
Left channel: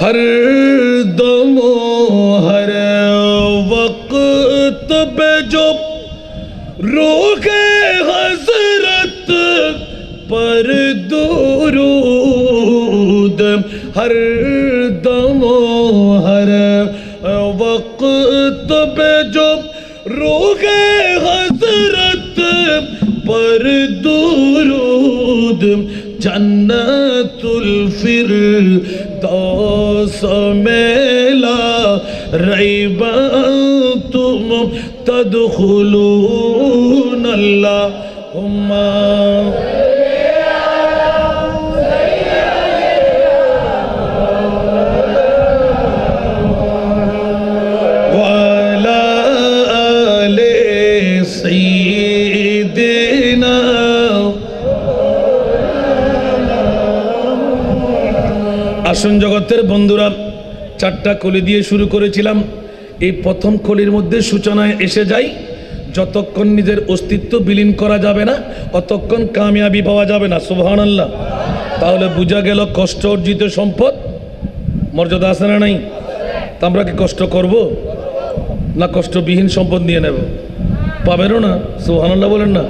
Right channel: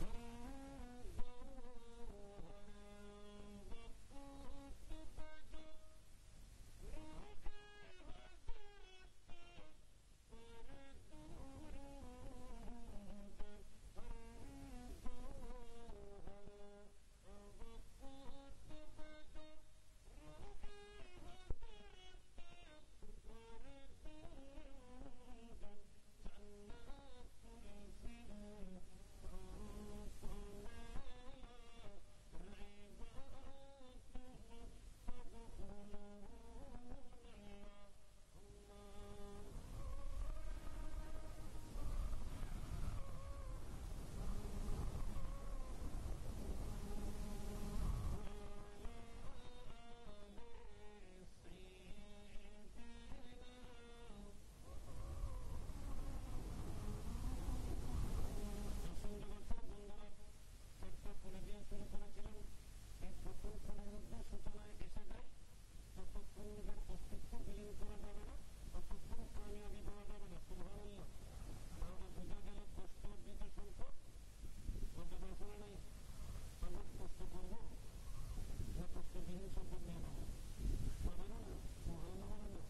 ہر دم و ہر وقت پہ جو روح حضرت پر درود ہر دم و ہر وقت پہ جو روح حضرت پر درود جنت الفردوس میں لا ریب انتم تدخلون اللہم وعلى آل سیدنا আসুন জগতের বন্ধুরা চারটা কলি দিয়ে শুরু করেছিলাম এই প্রথম কলির মধ্যে সূচনায় এসে যাই যতক্ষণ নিজের অস্তিত্ব বিলীন করা যাবে না ততক্ষণ কামিয়াবি পাওয়া যাবে না সুবহানাল্লাহ তাহলে বোঝা গেল কষ্ট অর্জিত সম্পদ মর্যাদা আছে না নাই তা আমরা কি কষ্ট করব না কষ্টবিহীন সম্পদ নিয়ে নেব পাবেনও না সুবহানাল্লাহ বলেন না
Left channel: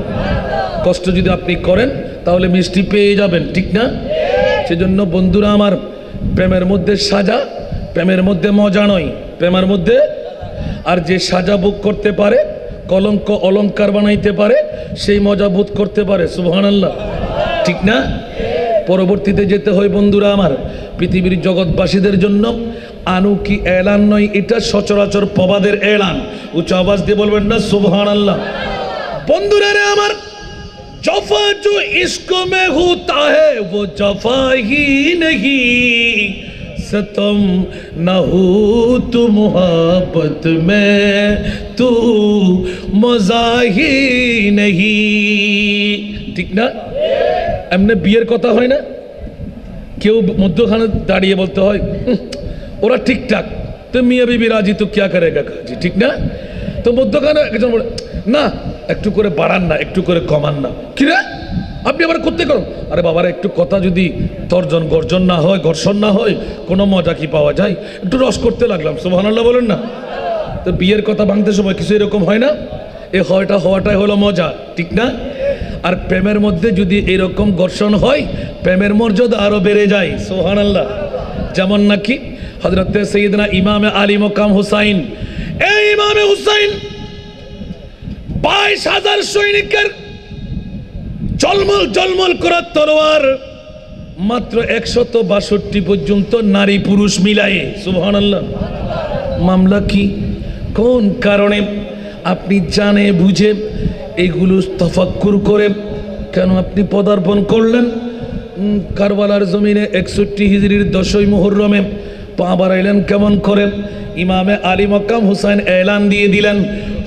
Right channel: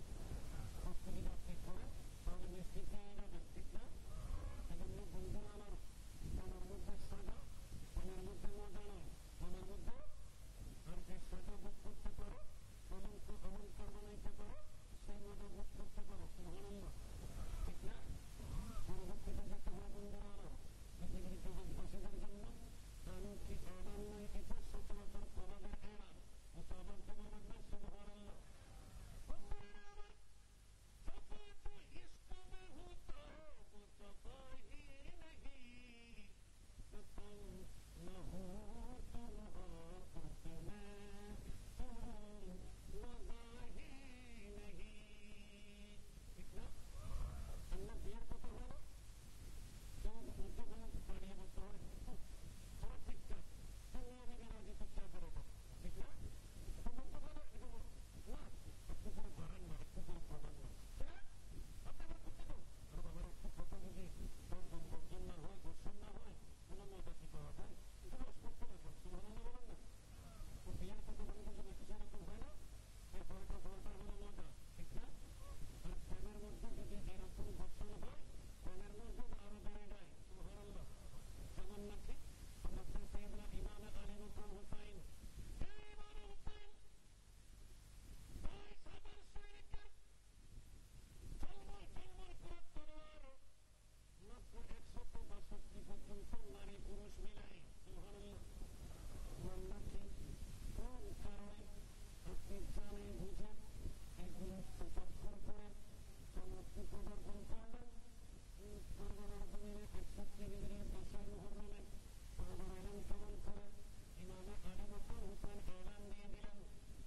কষ্ট যদি আপনি করেন তাহলে মিষ্টি পেয়ে যাবেন ঠিক না সেজন্য বন্ধুরা আমার প্রেমের মধ্যে সাজা প্রেমের মধ্যে মজা নয় প্রেমের মধ্যে আর যে সাজা ভোগ করতে পারে কলঙ্ক অলঙ্কার বানাইতে পারে সেই মজা বোধ করতে পারে সুবহানাল্লাহ ঠিক না পরবর্তীতে যেতে হয় বন্ধুরা আমার পৃথিবীর জগৎবাসীদের জন্য আনুকি এলান নয় এটা সচরাচর প্রবাদের এলান উচ্চ আওয়াজ দিয়ে বলবেন না সুবহানাল্লাহ বন্ধুরা রে আমার जफा जो इश्क में होता है वो जफा ही नहीं ستم نہ ہو تو محبت میں تو مزاحی نہیں ঠিক না এমনি বিয়ের কথা হয় না কেউ মধ্যখানে দাঁড়িয়ে বলতে হয় ওরা ঠিকঠাক তো মিয়া বিবি রাজি তো क्या करेगा কাজী ঠিক না তো মধ্যখানে একজন বলে না একটু করে বাড়ান না একটু করে কমান না কি রে আপনি আবার করতে করুন আরে বাবারা একটু কথা যদি তর্জন গর্জন না হয় ঘর্ষণ না হয় কোনো মজা কি পাওয়া যায় একটু রস করতে লাগলাম সুবহানাল্লাহ বলেন না তো বিয়ের কথা ভাঙতে সময় কিছু এরকম হয় না এই হওয়াটাই হলো মজা ঠিক না আর প্রেমের মধ্যে যদি এরকম ঘর্ষণ হয় প্রেমের মর্যাদা আরো বেড়ে যায় সুবহানাল্লাহ যেমন নাকি হযরত সাইয়েদনা ইমাম আলী মকাম হুসাইন এই ইমামে হুসাইন 22,000 সৈনিকের জলমল জলমল করা তলোয়ার, মাত্র 162 পর্যন্ত নারী পুরুষ মিলায়ে। সুবহানাল্লাহ। মামলা কি? কোন কারণে? আপনি জানে বুঝে এইগুলো তাফাক্কুর করে কেন আপনি পদার্পণ করলেন? কারবালার জমিনে 61 হিজরির 10ই মুহররমে পা বাড়াইলেন কেমন করে? ইমামে আলী মকাম হুসাইন এলান দিয়ে দিলেন,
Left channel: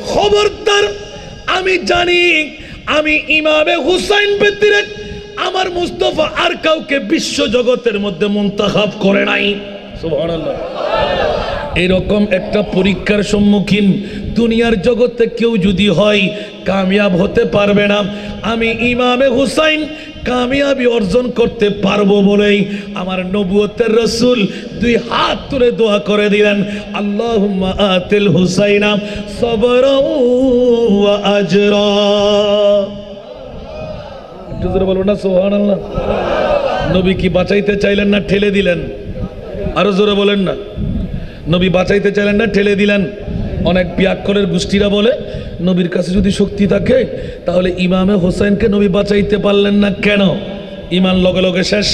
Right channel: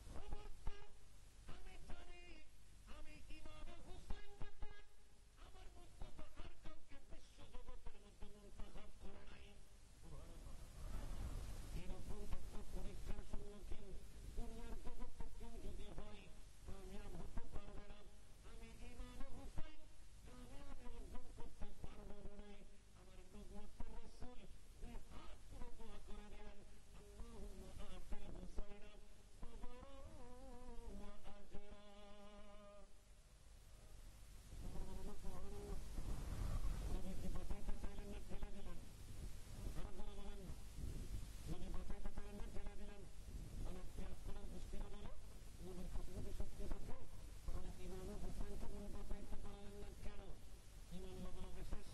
খবরদার, আমি জানি আমি ইমামে হুসাইন ব্যতিরেক আমার মুস্তাফা আর কাউকে বিশ্ব জগতের মধ্যে মুনতাখাব করে নাই। সুবহানাল্লাহ। এরকম একটা পরীক্ষার সম্মুখীন দুনিয়ার জগতে কেউ যদি হয়, কামিয়াব হতে পারবে না। আমি ইমামে হুসাইন কামিয়াবি অর্জন করতে পারবো বলেই আমার নবুয়তের রাসূল 2 হাত তুলে দোয়া করে দিলেন, আল্লাহুম্মা আতিল হুসাইনা সাবরা ওয়া আজরা। একটু জোরে বলবেন না সুবহানাল্লাহ। নবী কি বাঁচাইতে চাইলেন না ঠেলে দিলেন? আরো জোরে বলেন না। নবী বাঁচাইতে চাইলেন না ঠেলে দিলেন? অনেক পিয়াক্কলের গোষ্ঠীরা বলে নবীর কাছে যদি শক্তি থাকে তাহলে ইমামে হোসেনকে নবী বাঁচাইতে পারলেন না কেন? ইমান লগে লগে শেষ,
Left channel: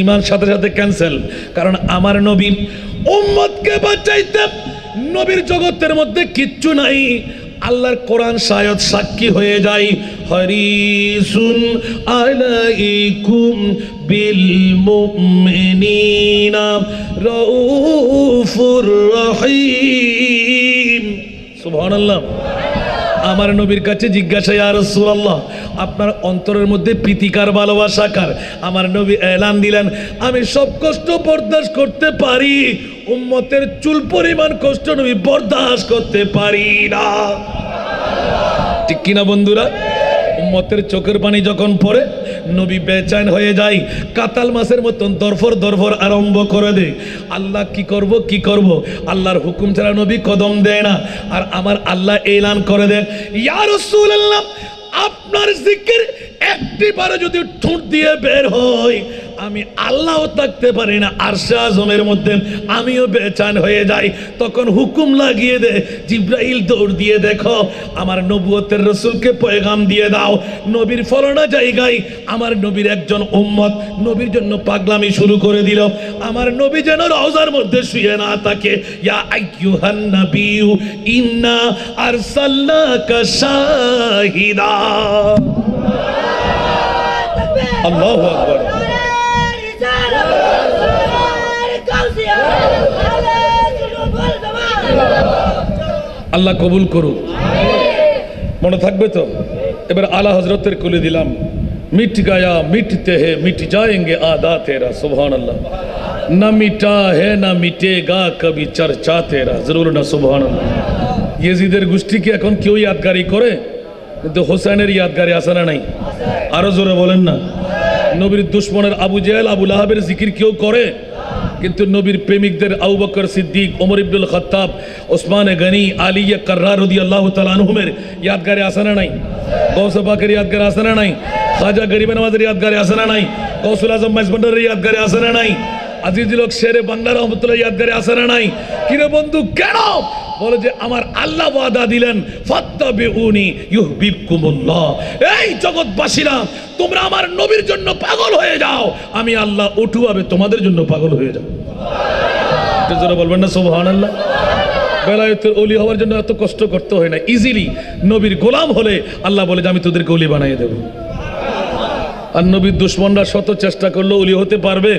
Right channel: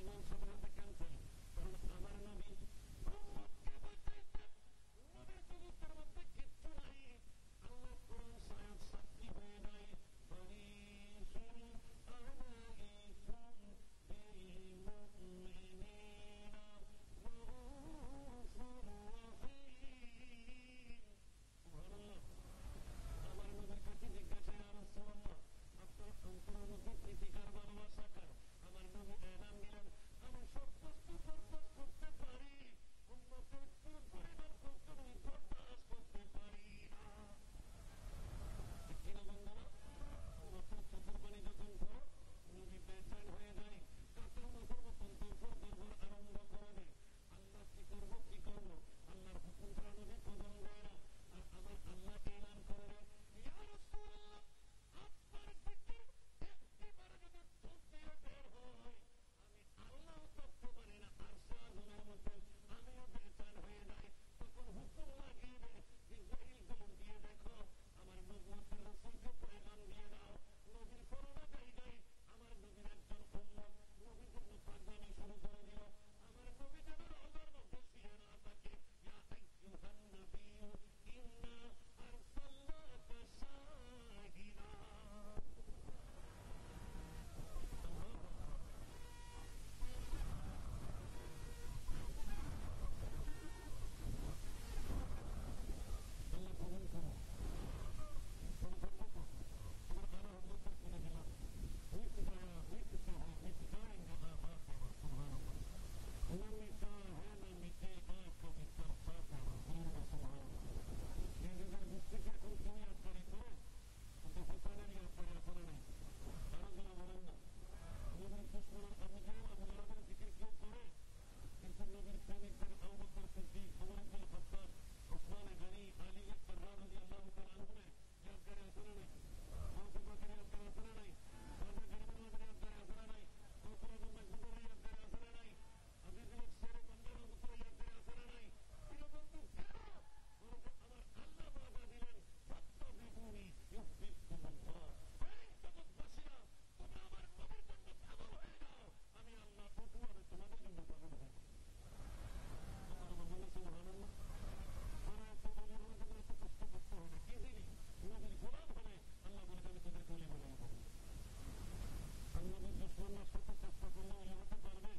ইমান সাথে সাথে ক্যান্সেল। কারণ আমার নবী উম্মতকে বাঁচাইতে নবীর জগতের মধ্যে কিচ্ছু নাই। আল্লাহর কোরআন শায়দ সাক্ষী হয়ে যায়, হারিসুন আলাইকুম বিল মুমিনিনা রাউফুর রহিম। সুবহানাল্লাহ। আমার নবীর কাছে জিজ্ঞাসা, ইয়া রাসূলুল্লাহ, আপনার অন্তরের মধ্যে প্রীতিকার ভালোবাসা কার? আমার নবী এলান দিলেন, আমি সব কষ্ট বরদাস্ত করতে পারি, উম্মতের চুল পরিমাণ কষ্ট নবী বরদাস্ত করতে পারি না। ঠিক কিনা বন্ধুরা? উম্মতের চোখের পানি যখন পড়ে নবী বেচैन হয়ে যায়, কাতাল মাছের মতন দরফর দরফর আরম্ভ করে দেয়। আল্লাহ কি করব কি করব, আল্লাহর হুকুম ছাড়া নবী কদম দেয় না। আর আমার আল্লাহ এলান করে দেন, ইয়া রাসূলুল্লাহ, আপনার জিকির একটিবারে যদি ঠোঁট দিয়ে বের হয়, আমি আল্লাহও থাকতে পারি না, আরশে আজমের মধ্যে আমিও বেচैन হয়ে যাই। তখন হুকুম লাগিয়ে দে, জিব্রাইল দৌড় দিয়ে দেখো আমার নবুয়তের রাসূলকে পয়গাম দিয়ে দাও, নবীর ফলানা জায়গায় আমার নবীর একজন উম্মত নবীর জন্য পাগলামি শুরু করে দিল, আমার নবী যেন রওজার মধ্যে শুয়ে না থাকে। ইয়া আইয়ুহান নাবিয়্যু ইন্না আরসালনাকা শাহিদা। আল্লাহু আকবার। আল্লাহ কবুল করুক। মনে থাকবে তো? এবার আলা হজরতের কুলে দিলাম, মিট গায়া মিটতে হে মিট যায়েঙ্গে আদা তেরা। সুবহানাল্লাহ। না মিটা হে না মিটেগা কবি চর্চা তেরা। জরুর না সুবহানাল্লাহ। ইয়েজিদের গোষ্ঠী কি এখন কেউ ইয়াদগারি করে? কিন্তু হোসেনের ইয়াদগারি আছে না নাই? আরো জোরে বলেন না। নবীর দুশ্মনের আবু জেহেল আবু লাহাবের জিকির কেউ করে? কিন্তু নবীর প্রেমিকদের আবু বকর সিদ্দিক, ওমর ইবনুল খাত্তাব, ওসমান গনি, আলী কাররার রাদিয়াল্লাহু তাআলা আনহুমের ইয়াদগারে আছে না নাই? গৌস পাকের ইয়াদগারে আছে না নাই? খাজা গরিব নওয়াজের ইয়াদগারে আছে না নাই? গৌসুল আজম মাইজবান্ডারের ইয়াদগারে আছে না নাই? আজিজুল হক শেরে বাংলা রহমতুল্লাহ ইয়াদগারে আছে না নাই? কিরে বন্ধু কেন? বলে যে আমার আল্লাহ ওয়াদা দিলেন, ফাত্তাবিউনি ইউহিব্বুকুমুল্লাহ। এই জগৎবাসীরা, তোমরা আমার নবীর জন্য পাগল হয়ে যাও, আমি আল্লাহ উঠুভাবে তোমাদের জন্য পাগল হয়ে যাও। এটা যারা বলবেন না সুবহানাল্লাহ। বেলায়েতের ওলি হওয়ার জন্য এত কষ্ট করতে হয় না, ইজিলি নবীর গোলাম হলে আল্লাহ বলে যে আমি তোদেরকে ওলি বানিয়ে দেব। আর নবীর দুশ্মনরা শত চেষ্টা করলেও ওলি হতে পারবে?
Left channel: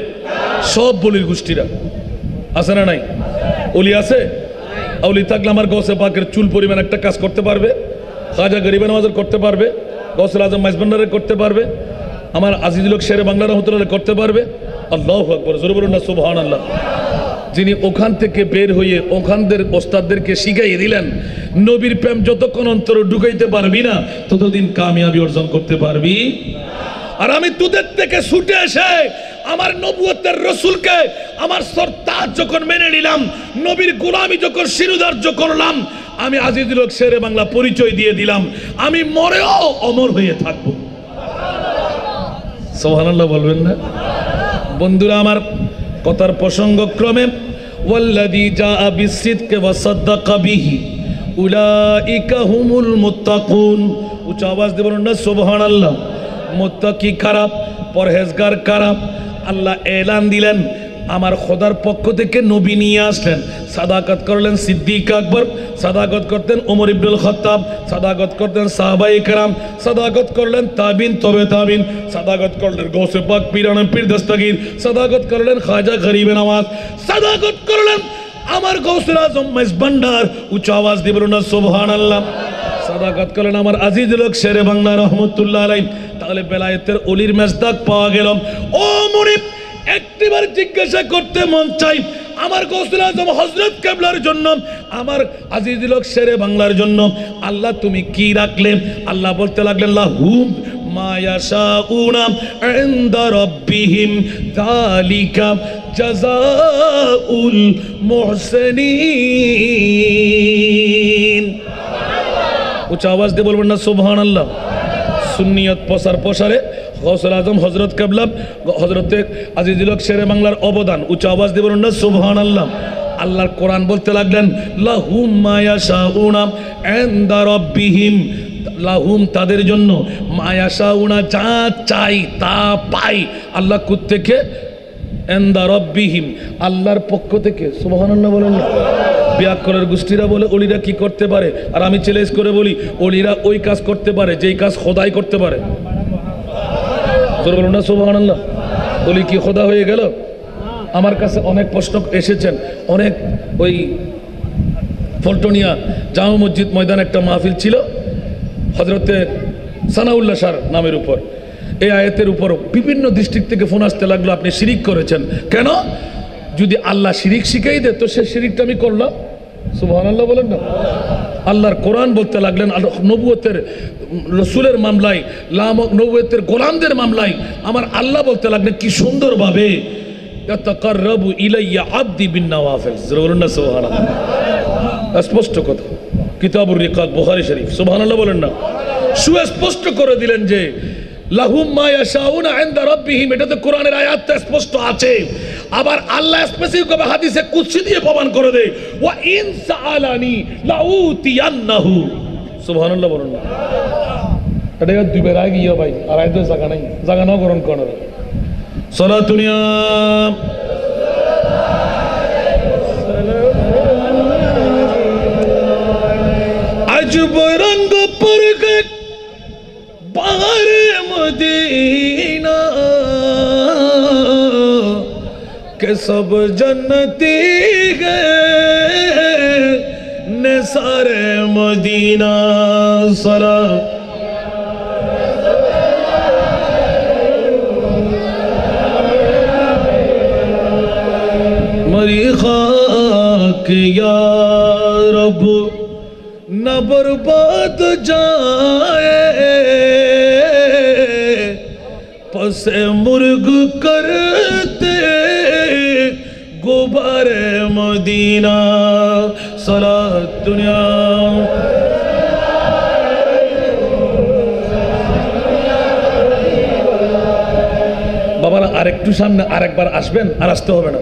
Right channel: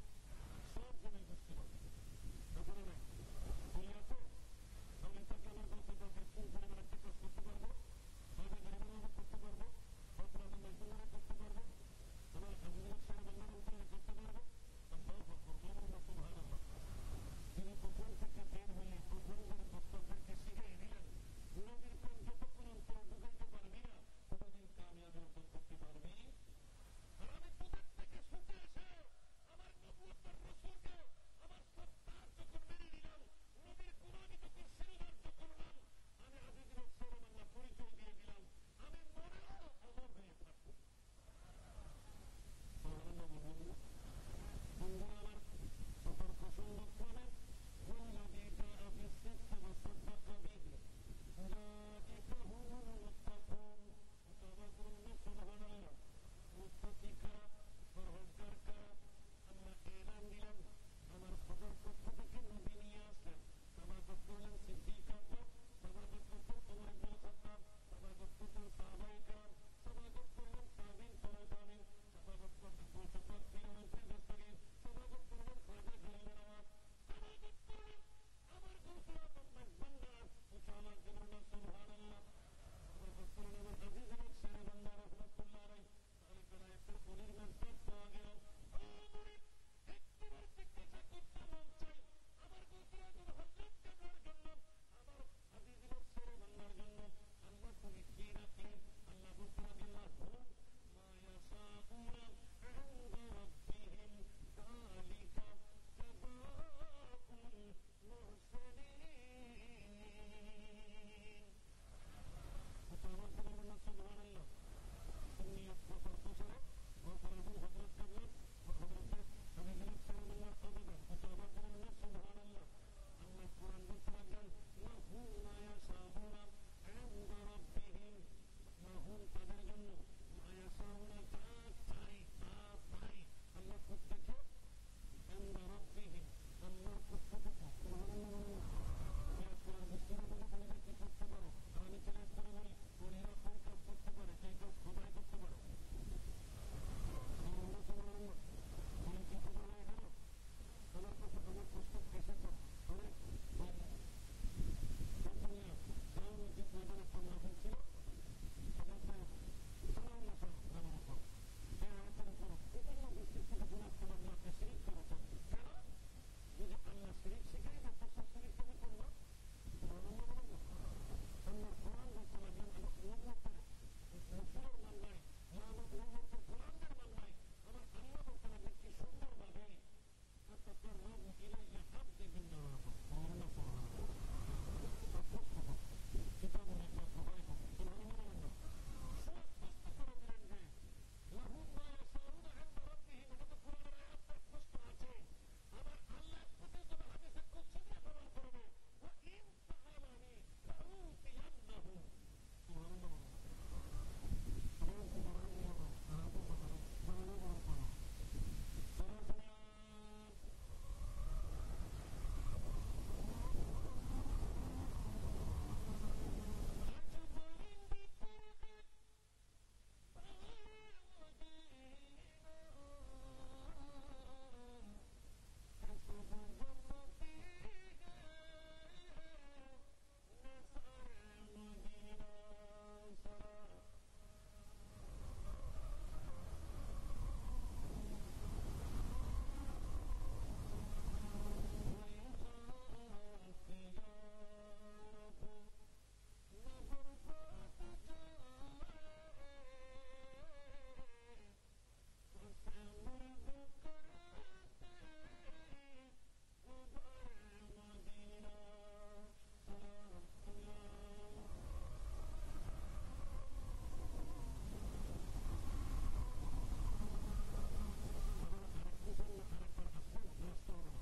সব বলির গোষ্ঠীরা আছে না নাই? ওলি আছে? আউলি থাকলে আমার গৌসে পাকের চুল পরিমাণ একটা কাজ করতে পারবে? খাজা গরিব নওয়াজের করতে পারবে? গৌসুল আজম মাইজবান্ডারের করতে পারবে? আমার আজিজুল হক শেরে বাংলা রহমতুল্লাহ করতে পারবে? আল্লাহু আকবার। জোরে বলুন না সুবহানাল্লাহ। যিনি ওখান থেকে বের হয়ে ওখানদের ওস্তাদদেরকে শিখাইয়ে দিলেন, নবীর প্রেম যতক্ষণ অন্তরে ঢুকাইতে পারবি না ততদিন কামিয়াবি অর্জন করতে পারবি। আর আমি তোদের থেকে ছুটে এসে আমার নবুয়তের রাসূলকে আমার সরতাজ যখন মেনে নিলাম, নবীর গোলামি যখন শিরোধার্য করলাম, আমি আজিজুল হক শেরে বাংলা পরিচয় দিয়ে দিলাম, আমি মরেও অমর হয়ে থাকবো। সুবহানাল্লাহ বলবেন না? বন্ধুরা আমার, কথার প্রসঙ্গক্রমে ওয়াল্লাযী জাআ বিসসিদকি ওয়া সাদ্দাকা বিহি উলাইকা হুমুল মুত্তাকুন। উচ্চ আওয়াজ দিয়ে বলুন না সুবহানাল্লাহ। মুত্তাকি কারা? পরহেজগার কারা? আল্লাহ এলান দিলেন, আমার খোদার পক্ষ থেকে নবী নিয়ে আসলেন। সাদাকত করলেন সিদ্দিক আকবর, সাদাকত করতেন ওমর ইবনুল খাত্তাব, সাদাকত করতেন সাহাবায়ে কেরাম, সাদাকত করলেন তাবিন তবে তাবিন, সাদাকত করলেন গৌসে পাক পীরানা পীর দস্তগীর, সাদাকত করলেন খাজা গরিবে নওয়াজ, সাদাকত করলেন আমার গৌসুল আজম মেজবান্ডার। উচ্চ আওয়াজ দিয়ে বলুন না সুবহানাল্লাহ। সাদাকত করলেন আমার আজিজুল হক শেরে বাংলা রহমতুল্লাহ আলাইহি। তাহলে বেলায়েতের অলির মেজদাক পাওয়া গেল। ও মুনিব, একটিবার জিজ্ঞাসা করতে মন চাই, আমার গৌসুল আজম হযরত কেবলার জন্য, আমার আজিজুল হক শেরে বাংলার জন্য আল্লাহ তুমি কি রাখলেন? আল্লাহ বলতে লাগলেন লাহুম মা ইয়াশাউনা ইনদা রাব্বিহিম যালিকা জাযাউল মুহসিনিন। উচ্চ আওয়াজ দিয়ে বলবেন না সুবহানাল্লাহ। সুন্নিয়ত প্রসার প্রসারে গৌসুল আজম হযরত কেবলা হযরতে আজিজুল হক শেরে বাংলার অবদান। উচ্চ আওয়াজ দিয়ে বলুন না সুবহানাল্লাহ। আল্লাহর কোরআন বলতে লাগলেন লাহুম মা ইয়াশাউনা ইনদা রাব্বিহিম, লাহুম তাদের জন্য, মা ইয়াশাউনা যা চাই তা পাই আল্লাহ কোত্থেকে? ইনদা রাব্বিহিম আল্লাহর পক্ষ থেকে। সুবহানাল্লাহ বলেন না। বিয়াক্কলের গোষ্ঠীরা বলে অলিরা কি করতে পারে, আর আমি চ্যালেঞ্জ করে বলি অলিরা ওই কাজ করতে পারে যেই কাজ খোদাই করতে পারে। বলুন না সুবহানাল্লাহ। অলি কি খোদা হয়ে গেল? আমার কাছে অনেক প্রশ্ন এসেছেন, অনেক ওই ফলটনিয়া জামা মসজিদ ময়দান একটা মাহফিল ছিল হযরতে সানাউল্লাহ শাহ নামের উপর। এই আয়াতের উপরও বিভিন্ন ডিস্ট্রিক্ট থেকে ফোন আসতে লাগলো আপনি শিরিক করেছেন। কেন? যদি আল্লাহ শিরিক শিখাই দে তো সে শিরিকটা আমি করলাম। সুবহানাল্লাহ বলেন না। আল্লাহর কোরআন বলতে লাগলেন নবুয়তের রসুলের মামলায়, নবুয়তের গোলামদের মামলায় আমার আল্লাহ বলতে লাগলেন কি সুন্দরভাবে ইয়াতাকাররাবু ইলাইয়া আবদি বিন নওয়াফিল। বলুন না সুবহানাল্লাহ। স্পষ্ট কথা, কিতাবুর রিকাত বুখারী শরীফ। সুবহানাল্লাহ বলেন না। সুস্পষ্ট করে দিলেন যে লাহুম মা ইয়াশাউনা ইনদা রাব্বিহিম, এটা তো কোরআনের আয়াতটা স্পষ্ট আছে। আবার আল্লাহ স্পেসিফিকভাবে হাদিসে কুদসি দিয়ে প্রমাণ করে দেয় ওয়া ইন সাআলানি লাউতিয়ান্নাহু। সুবহানাল্লাহ বলুন না। এটা দুই বের আগে গিয়ে ভাই আর আইতে জায়গা নাই, জায়গা নাও গ্রহণ করার। সালাতুনিয়া আজব রঙ্গ পরগট বাহারে মদিনা के सब जन्नती गए ने सारे मदीना सरा। मरी खाक या रब न बर्बाद जाए, पसे मुर्ग करते गुबारे मदीना सलात दुनिया। বাবারা আরেকটু সামনে আরেকবার আসবেন, আর আসতে হবে না।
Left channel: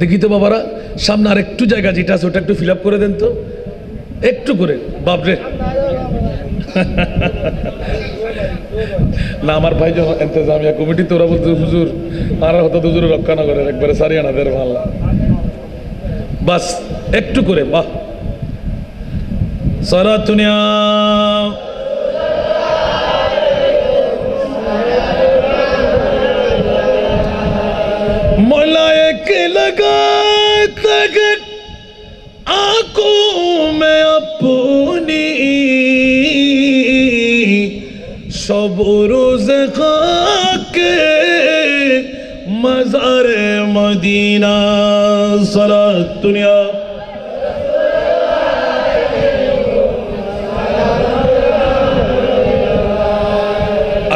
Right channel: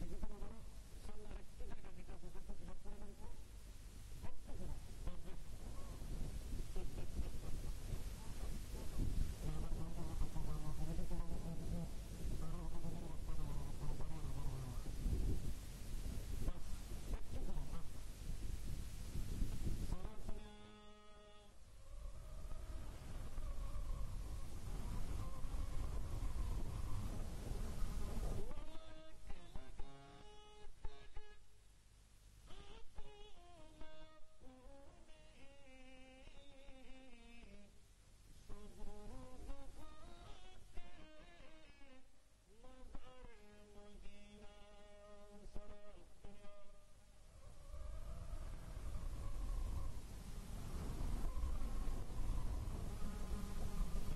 দেখি তো বাবারা সামনে আরেকটু জায়গা যেটা আছে ওটা একটু ফিল আপ করে দেন তো, একটু করে। বাপরে না, আমার ভাই যখন ইন্তজামিয়া কমিটি তোরা বলতে হুজুর আর হতো হুজুর রক্ষা না করে একবারে সারিয়ে না দেড় ভাল্লা বাস একটু করে। বাহ সারা দুনিয়া मौलाए के लगा तगट आंखों में अपनी सब रोज खाके मज़ारे मदीना सलात दुनिया।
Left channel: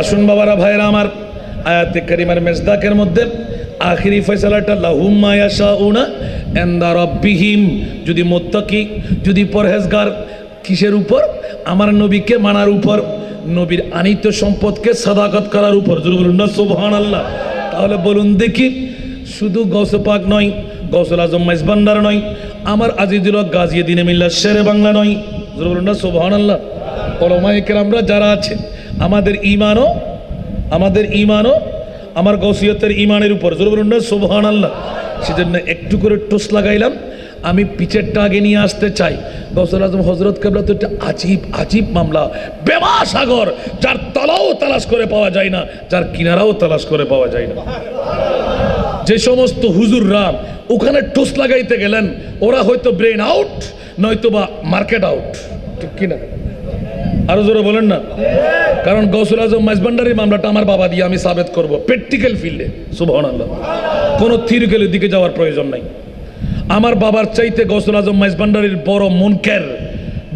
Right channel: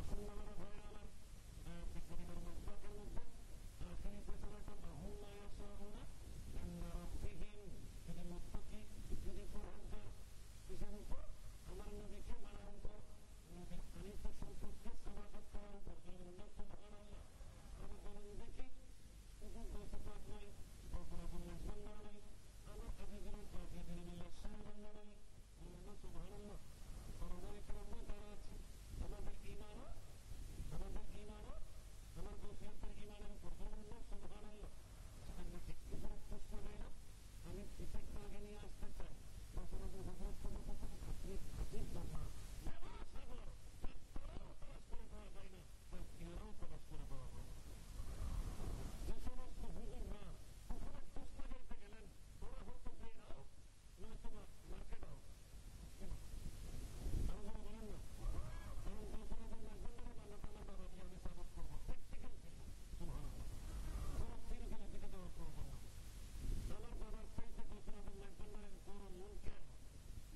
আসুন বাবারা ভাইরা আমার, আয়াতে কারিমার মেজদাকের মধ্যে আখিরি ফয়সালাটা লাহুম মা ইয়াশাউনা ইনদা রাব্বিহিম। যদি মুত্তাকি, যদি পরহেজগার, কিসের উপর? আমার নবীকে মানার উপর, নবীর আনিত সম্পদকে সাদাকত করার উপর। বলুন না সুবহানাল্লাহ। তাহলে বলুন দেখি, শুধু গৌসে পাক নয়, গৌসুল আজম মেজবান্ডার নয়, আমার আজিজুল হক গাজী দ্বীন মিল্লাত শেরে বাংলা নয়, জোরে বলুন না সুবহানাল্লাহ। ওলামায়ে কেরামরা যারা আছে, আমাদের ঈমানও আমার গৌসিয়তের ঈমানের উপর, জোরে বলুন না সুবহানাল্লাহ। সেজন্য একটু করে টোস লাগাইলাম। আমি পিছেরটা আগে নিয়ে আসতে চাই। গৌসুল আজম হযরত কেবলা তো একটা আজীব মামলা, বেমা সাগর, যার তলাও তালাশ করে পাওয়া যায় না, যার কিনারাও তালাশ করে পাওয়া যায় না। যে সমস্ত হুজুররা ওখানে টোস লাগাইতে গেলেন, ওরা হয়তো ব্রেন আউট, নয়তো বা মার্কেট আউট, ঠিক কিনা? আরো জোরে বলেন না। কারণ গৌসুল আজম মাইজভান্ডারির মামলাটা আমার বাবা দিয়ে আমি সাবেত করব প্র্যাকটিক্যাল ফিল্ডে, সুবহানাল্লাহ। কোনো থিওরিক্যালের দিকে যাওয়ার প্রয়োজন নাই। আমার বাবার চাইতে গৌসুল আজম মাইজভান্ডারির বড় মুনকার,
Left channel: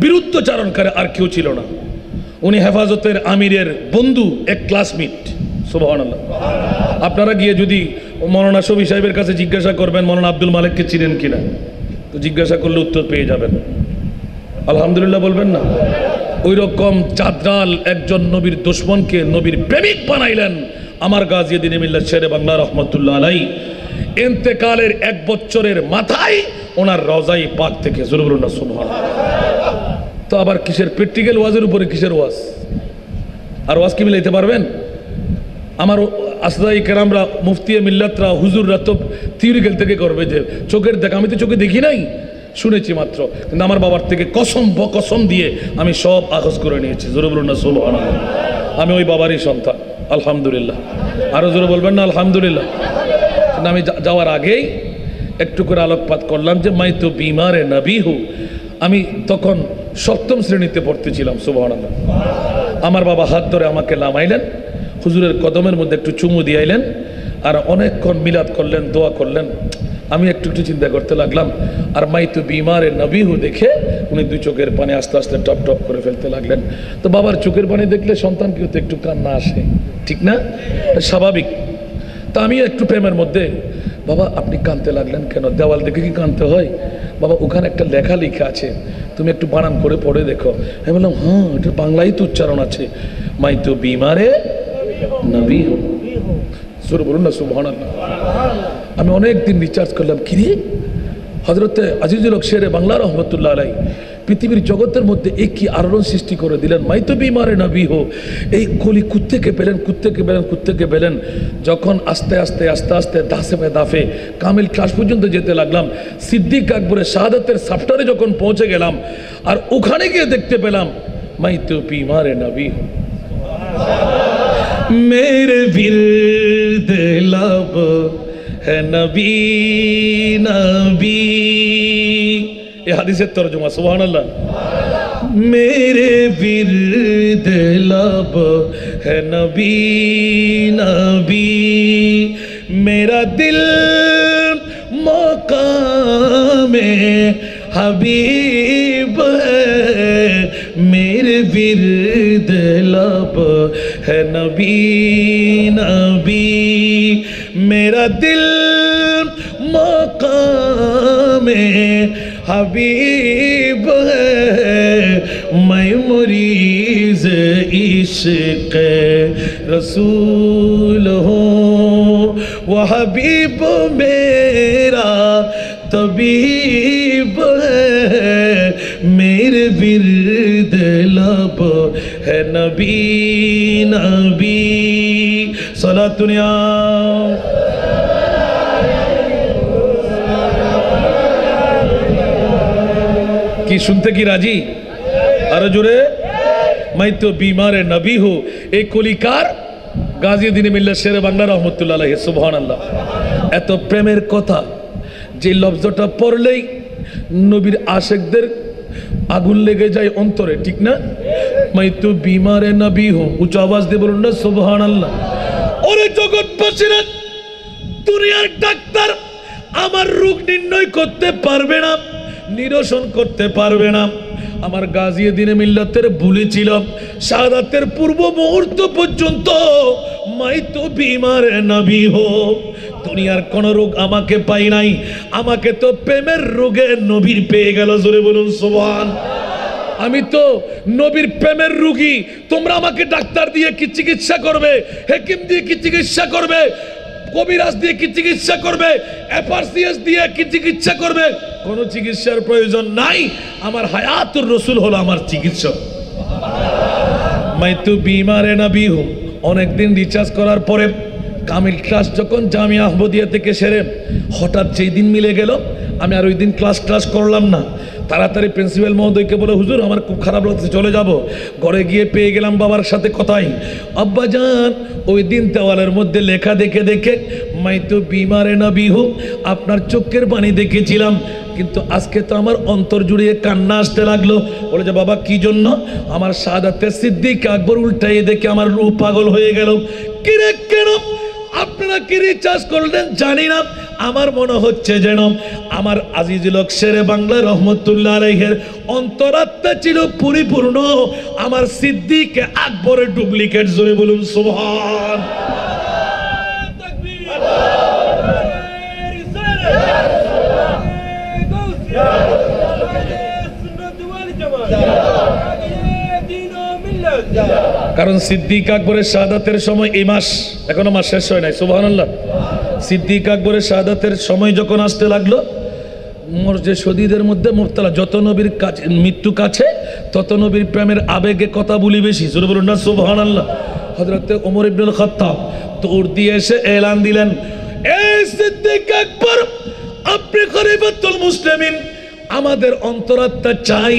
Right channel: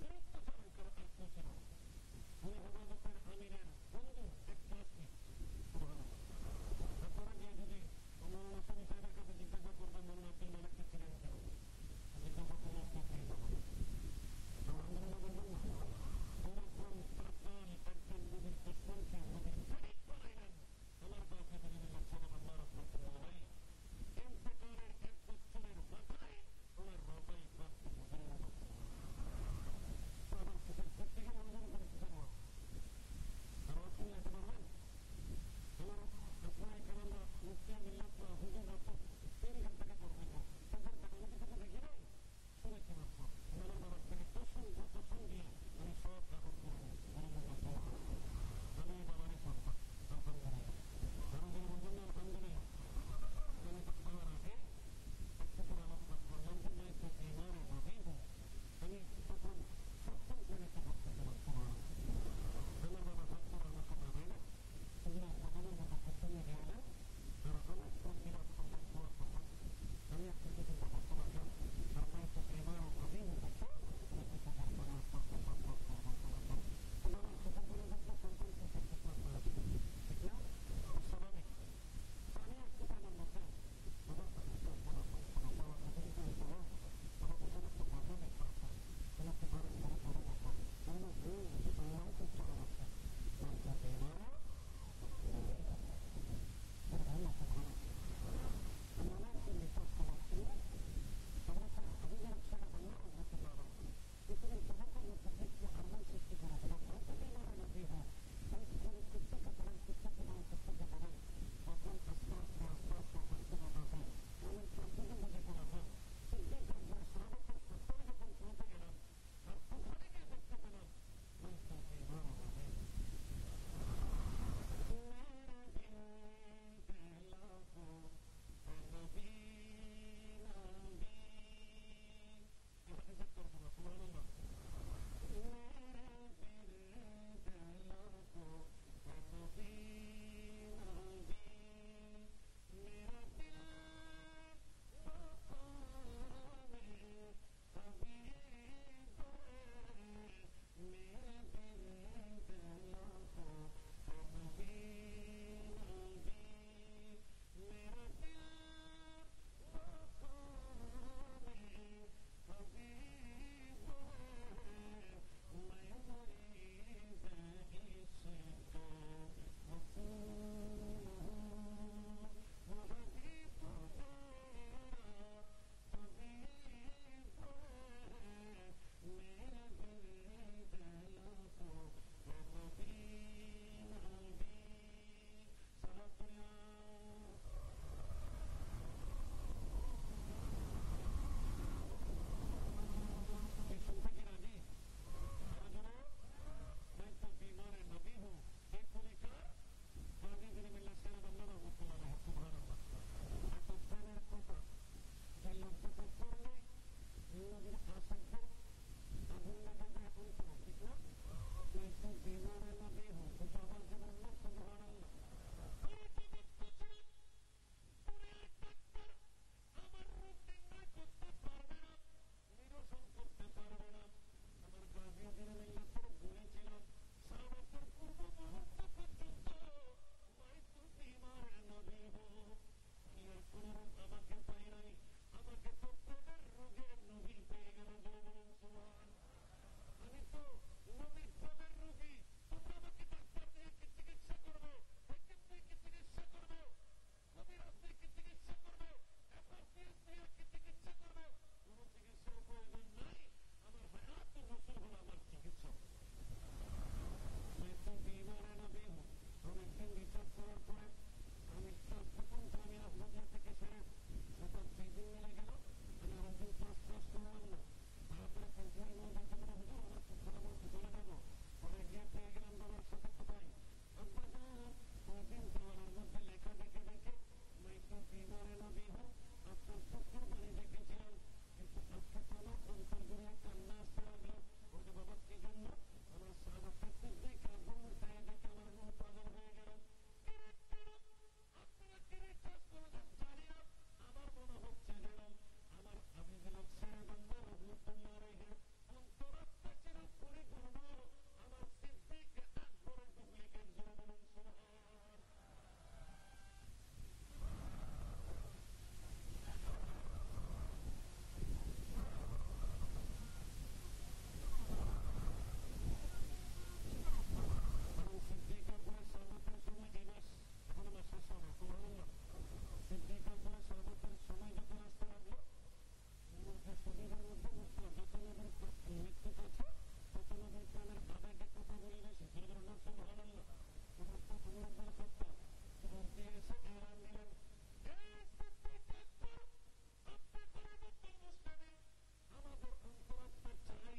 বিরুদ্ধচারণকারী আর কেউ ছিল না। উনি হেফাজতের আমিরের বন্ধু, এক ক্লাসমেট, সুবহানাল্লাহ। আপনারা গিয়ে যদি মৌলানা শফি সাহেবের কাছে জিজ্ঞাসা করবেন মৌলানা আব্দুল মালিককে চিনেন কিনা, তো জিজ্ঞাসা করলে উত্তর পেয়ে যাবেন। আলহামদুলিল্লাহ বলবেন না? ওই রকম চাঁদরাল একজন নবীর দুশমনকে নবীর প্রেমিক বানাইলেন আমার গাজীউদ্দিন মিল্লাত শেরে বাংলা রহমতুল্লাহ আলাই। ইন্তেকালের 1 বছরের মাথায় ওনার রওজায়ে পাক থেকে, জোরে বলুন না সুবহানাল্লাহ। তো আবার কিসের প্র্যাকটিক্যাল ওয়াজের উপরে কিসের ওয়াজ? আর ওয়াজ কি মিলাইতে পারবেন? আমার আসদাই কেরামরা, মুফতিয়ে মিল্লাতরা, হুজুররা তো থিওরিক্যাল থেকে করবে যে চোখের দেখা। আমি তো চোখে দেখি নাই, শুনেছি মাত্র, কিন্তু আমার বাবার থেকে কসম দিয়ে আমি সব আখজ করে নিয়েছি, জোরে বলুন না সুবহানাল্লাহ। আমি ওই বাবারই সন্তান, আলহামদুলিল্লাহ। আরো জোরে বলবেন না আলহামদুলিল্লাহ। কিন্তু আমি যাওয়ার আগেই একটু করে আলোকপাত করলাম যে মাই তো বিমারে নবী হু। আমি তখন 7ম শ্রেণীতে পড়তেছিলাম, সুবহানাল্লাহ। আমার বাবা হাত ধরে আমাকে নামাইলেন, হুজুরের কদমের মধ্যে একটু চুমু দিয়াইলেন, আর অনেকক্ষণ মিলাদ করলেন, দোয়া করলেন। আমি একটু চিন্তা করতে লাগলাম, আর মাই তো বিমারে নবী হু দেখে উনি 2 চোখের পানি আস্তে আস্তে টপ টপ করে ফেলতে লাগলেন। তো বাবার চোখের পানি দেখলে সন্তান কেউ তো একটু কান্না আসে, ঠিক না? স্বাভাবিক। তা আমি একটু প্রেমের মধ্যে, বাবা আপনি কাঁদতে লাগলেন কেন? দেওয়াল দেখে কি কাঁদতে হয়? বাবা ওখানে একটা লেখা লিখা আছে, তুমি একটু বানান করে পড়ে দেখো। আমি বললাম হ্যাঁ, এটা বাংলায় তো উচ্চারণ আছে, মাই তো বিমারে নবী হু। জোরে বলুন না সুবহানাল্লাহ। আমি অনেকদিন রিচার্জ করলাম, কিরে হযরতে আজিজুল হক শেরে বাংলা রহমতুল্লাহ আলাই পৃথিবীর জগতের মধ্যে এক কি আলোড়ন সৃষ্টি করে দিলেন, মাই তো বিমারে নবী হো। এই কলি কুত্তেকে পেলেন। যখন আস্তে আস্তে দাফে কামিল ক্লাস পর্যন্ত যেতে লাগলাম, সিদ্দিক আকবরের শাহাদাতের সাফটারে যখন পৌঁছে গেলাম, আর ওখানে গিয়ে দেখতে পেলাম মাই তো বিমারে নবী হো। मेरे विर्द लब है नबी नबी, ये हदीसेर तर्जुमा, सुभानअल्लाह। मेरे विर्द लब है नबी नबी, मेरा दिल मकामे हबीब है, मेरे विर्द लब है नबी नबी, मेरा दिल मकामे हबीब है, मैं मुरीज़ इश्क़ रसूल हूँ, वो हबीब मेरा तबीब है, मेरे विर्द लब है नबी नबी। सलातुनिया কি শুনতে কি রাজি? আরো জোরে, মাই তো বিমারে নবী হু। এই কলিকার গাজীউদ্দিন মিল্লাত শেরে বাংলা রহমতুল্লাহ আলাইহি, সুবহানাল্লাহ। এত প্রেমের কথা যে লফজটা পড়লেই নবীর আশেকদের আগুন লেগে যায় অন্তরে, ঠিক না? মাই তো বিমারে নবী হু, উচ্চ আওয়াজ দিয়ে বলুন না সুবহানাল্লাহ। ওরে জগৎবাসীরা, দুনিয়ার ডাক্তার আমার রোগ নির্ণয় করতে পারবে না, নিরসন করতে পারবে না। আমার গাজীউদ্দিন মিল্লাতের বলেছিল শাহাদাতের পূর্ব মুহূর্ত পর্যন্ত মাই তো বিমারে নবী হো। দুনিয়ার কোন রোগ আমাকে পাই নাই, আমাকে তো প্রেমের রোগে নবীর পেয়ে গেল, জোরে বলুন সুবহান। আমি তো নবীর প্রেমের রোগী, তোমরা আমাকে ডাক্তার দিয়ে কি চিকিৎসা করবে, হেকিম দিয়ে কি চিকিৎসা করবে? কবিরাজ দিয়ে কি চিকিৎসা করবে, এফআরসিএস দিয়ে কি চিকিৎসা করবে? কোনো চিকিৎসার প্রয়োজন নাই। আমার হায়াতুর রসুল হলো আমার চিকিৎসক। মাইতু বিমারে নবী হুম। অনেকদিন রিচার্জ করার পরে কামিল ক্লাস যখন জামিয়া আহমদিয়া থেকে সেরে হঠাৎ যেই দিন মিলে গেল, আমি আর ওই দিন ক্লাস করলাম না। তাড়াতাড়ি প্রিন্সিপাল মহোদয়কে বলে, হুজুর আমার খুব খারাপ লাগছে, চলে যাব। ঘরে গিয়ে পেয়ে গেলাম বাবার সাথে কথাই, আব্বাজান ওই দিন দেওয়ালের মধ্যে লেখা দেখে দেখে মাইতু বিমারে নবী হুম, আপনার চোখের পানি দেখেছিলাম, কিন্তু আজকে তো আমার অন্তর জুড়িয়ে কান্না আসতে লাগলো। বলে যে বাবা কি জন্য? আমার শাহাদাতে সিদ্দিক আকবর উল্টাইয়ে দেখে আমার রূহ পাগল হয়ে গেল। কিরে কেন? আপনারা কি রিচার্জ করলেন জানি না, আমার মনে হচ্ছে যেন আমার আজিজুল হক শেরে বাংলা রহমতুল্লাহ আলাইহির অন্তরাত্মা ছিল পরিপূর্ণ আমার সিদ্দিক আকবরের ডুপ্লিকেট। জোরে বলুন সুবহান। কারণ সিদ্দিক আকবরের শাহাদাতের সময় এই মাস, এখনো মাস শেষ হয় নাই, সুবহানাল্লাহ। সিদ্দিক আকবরের শাহাদাতের সময় যখন আসতে লাগলো, মর্জে শদীদের মধ্যে মুবতালা, যত নবীর কাছে মৃত্যু কাছে তত নবীর প্রেমের আবেগে কথা বলি বেশি। জোরে বলুন না সুবহানাল্লাহ। হযরত ওমর ইবনুল খাত্তাব দৌড় দিয়ে এসে এলান দিলেন, এই সিদ্দিক আকবর, আপনি খলিফাতুল মুসলিমিন, আমাদের অন্তরাত্মা চাই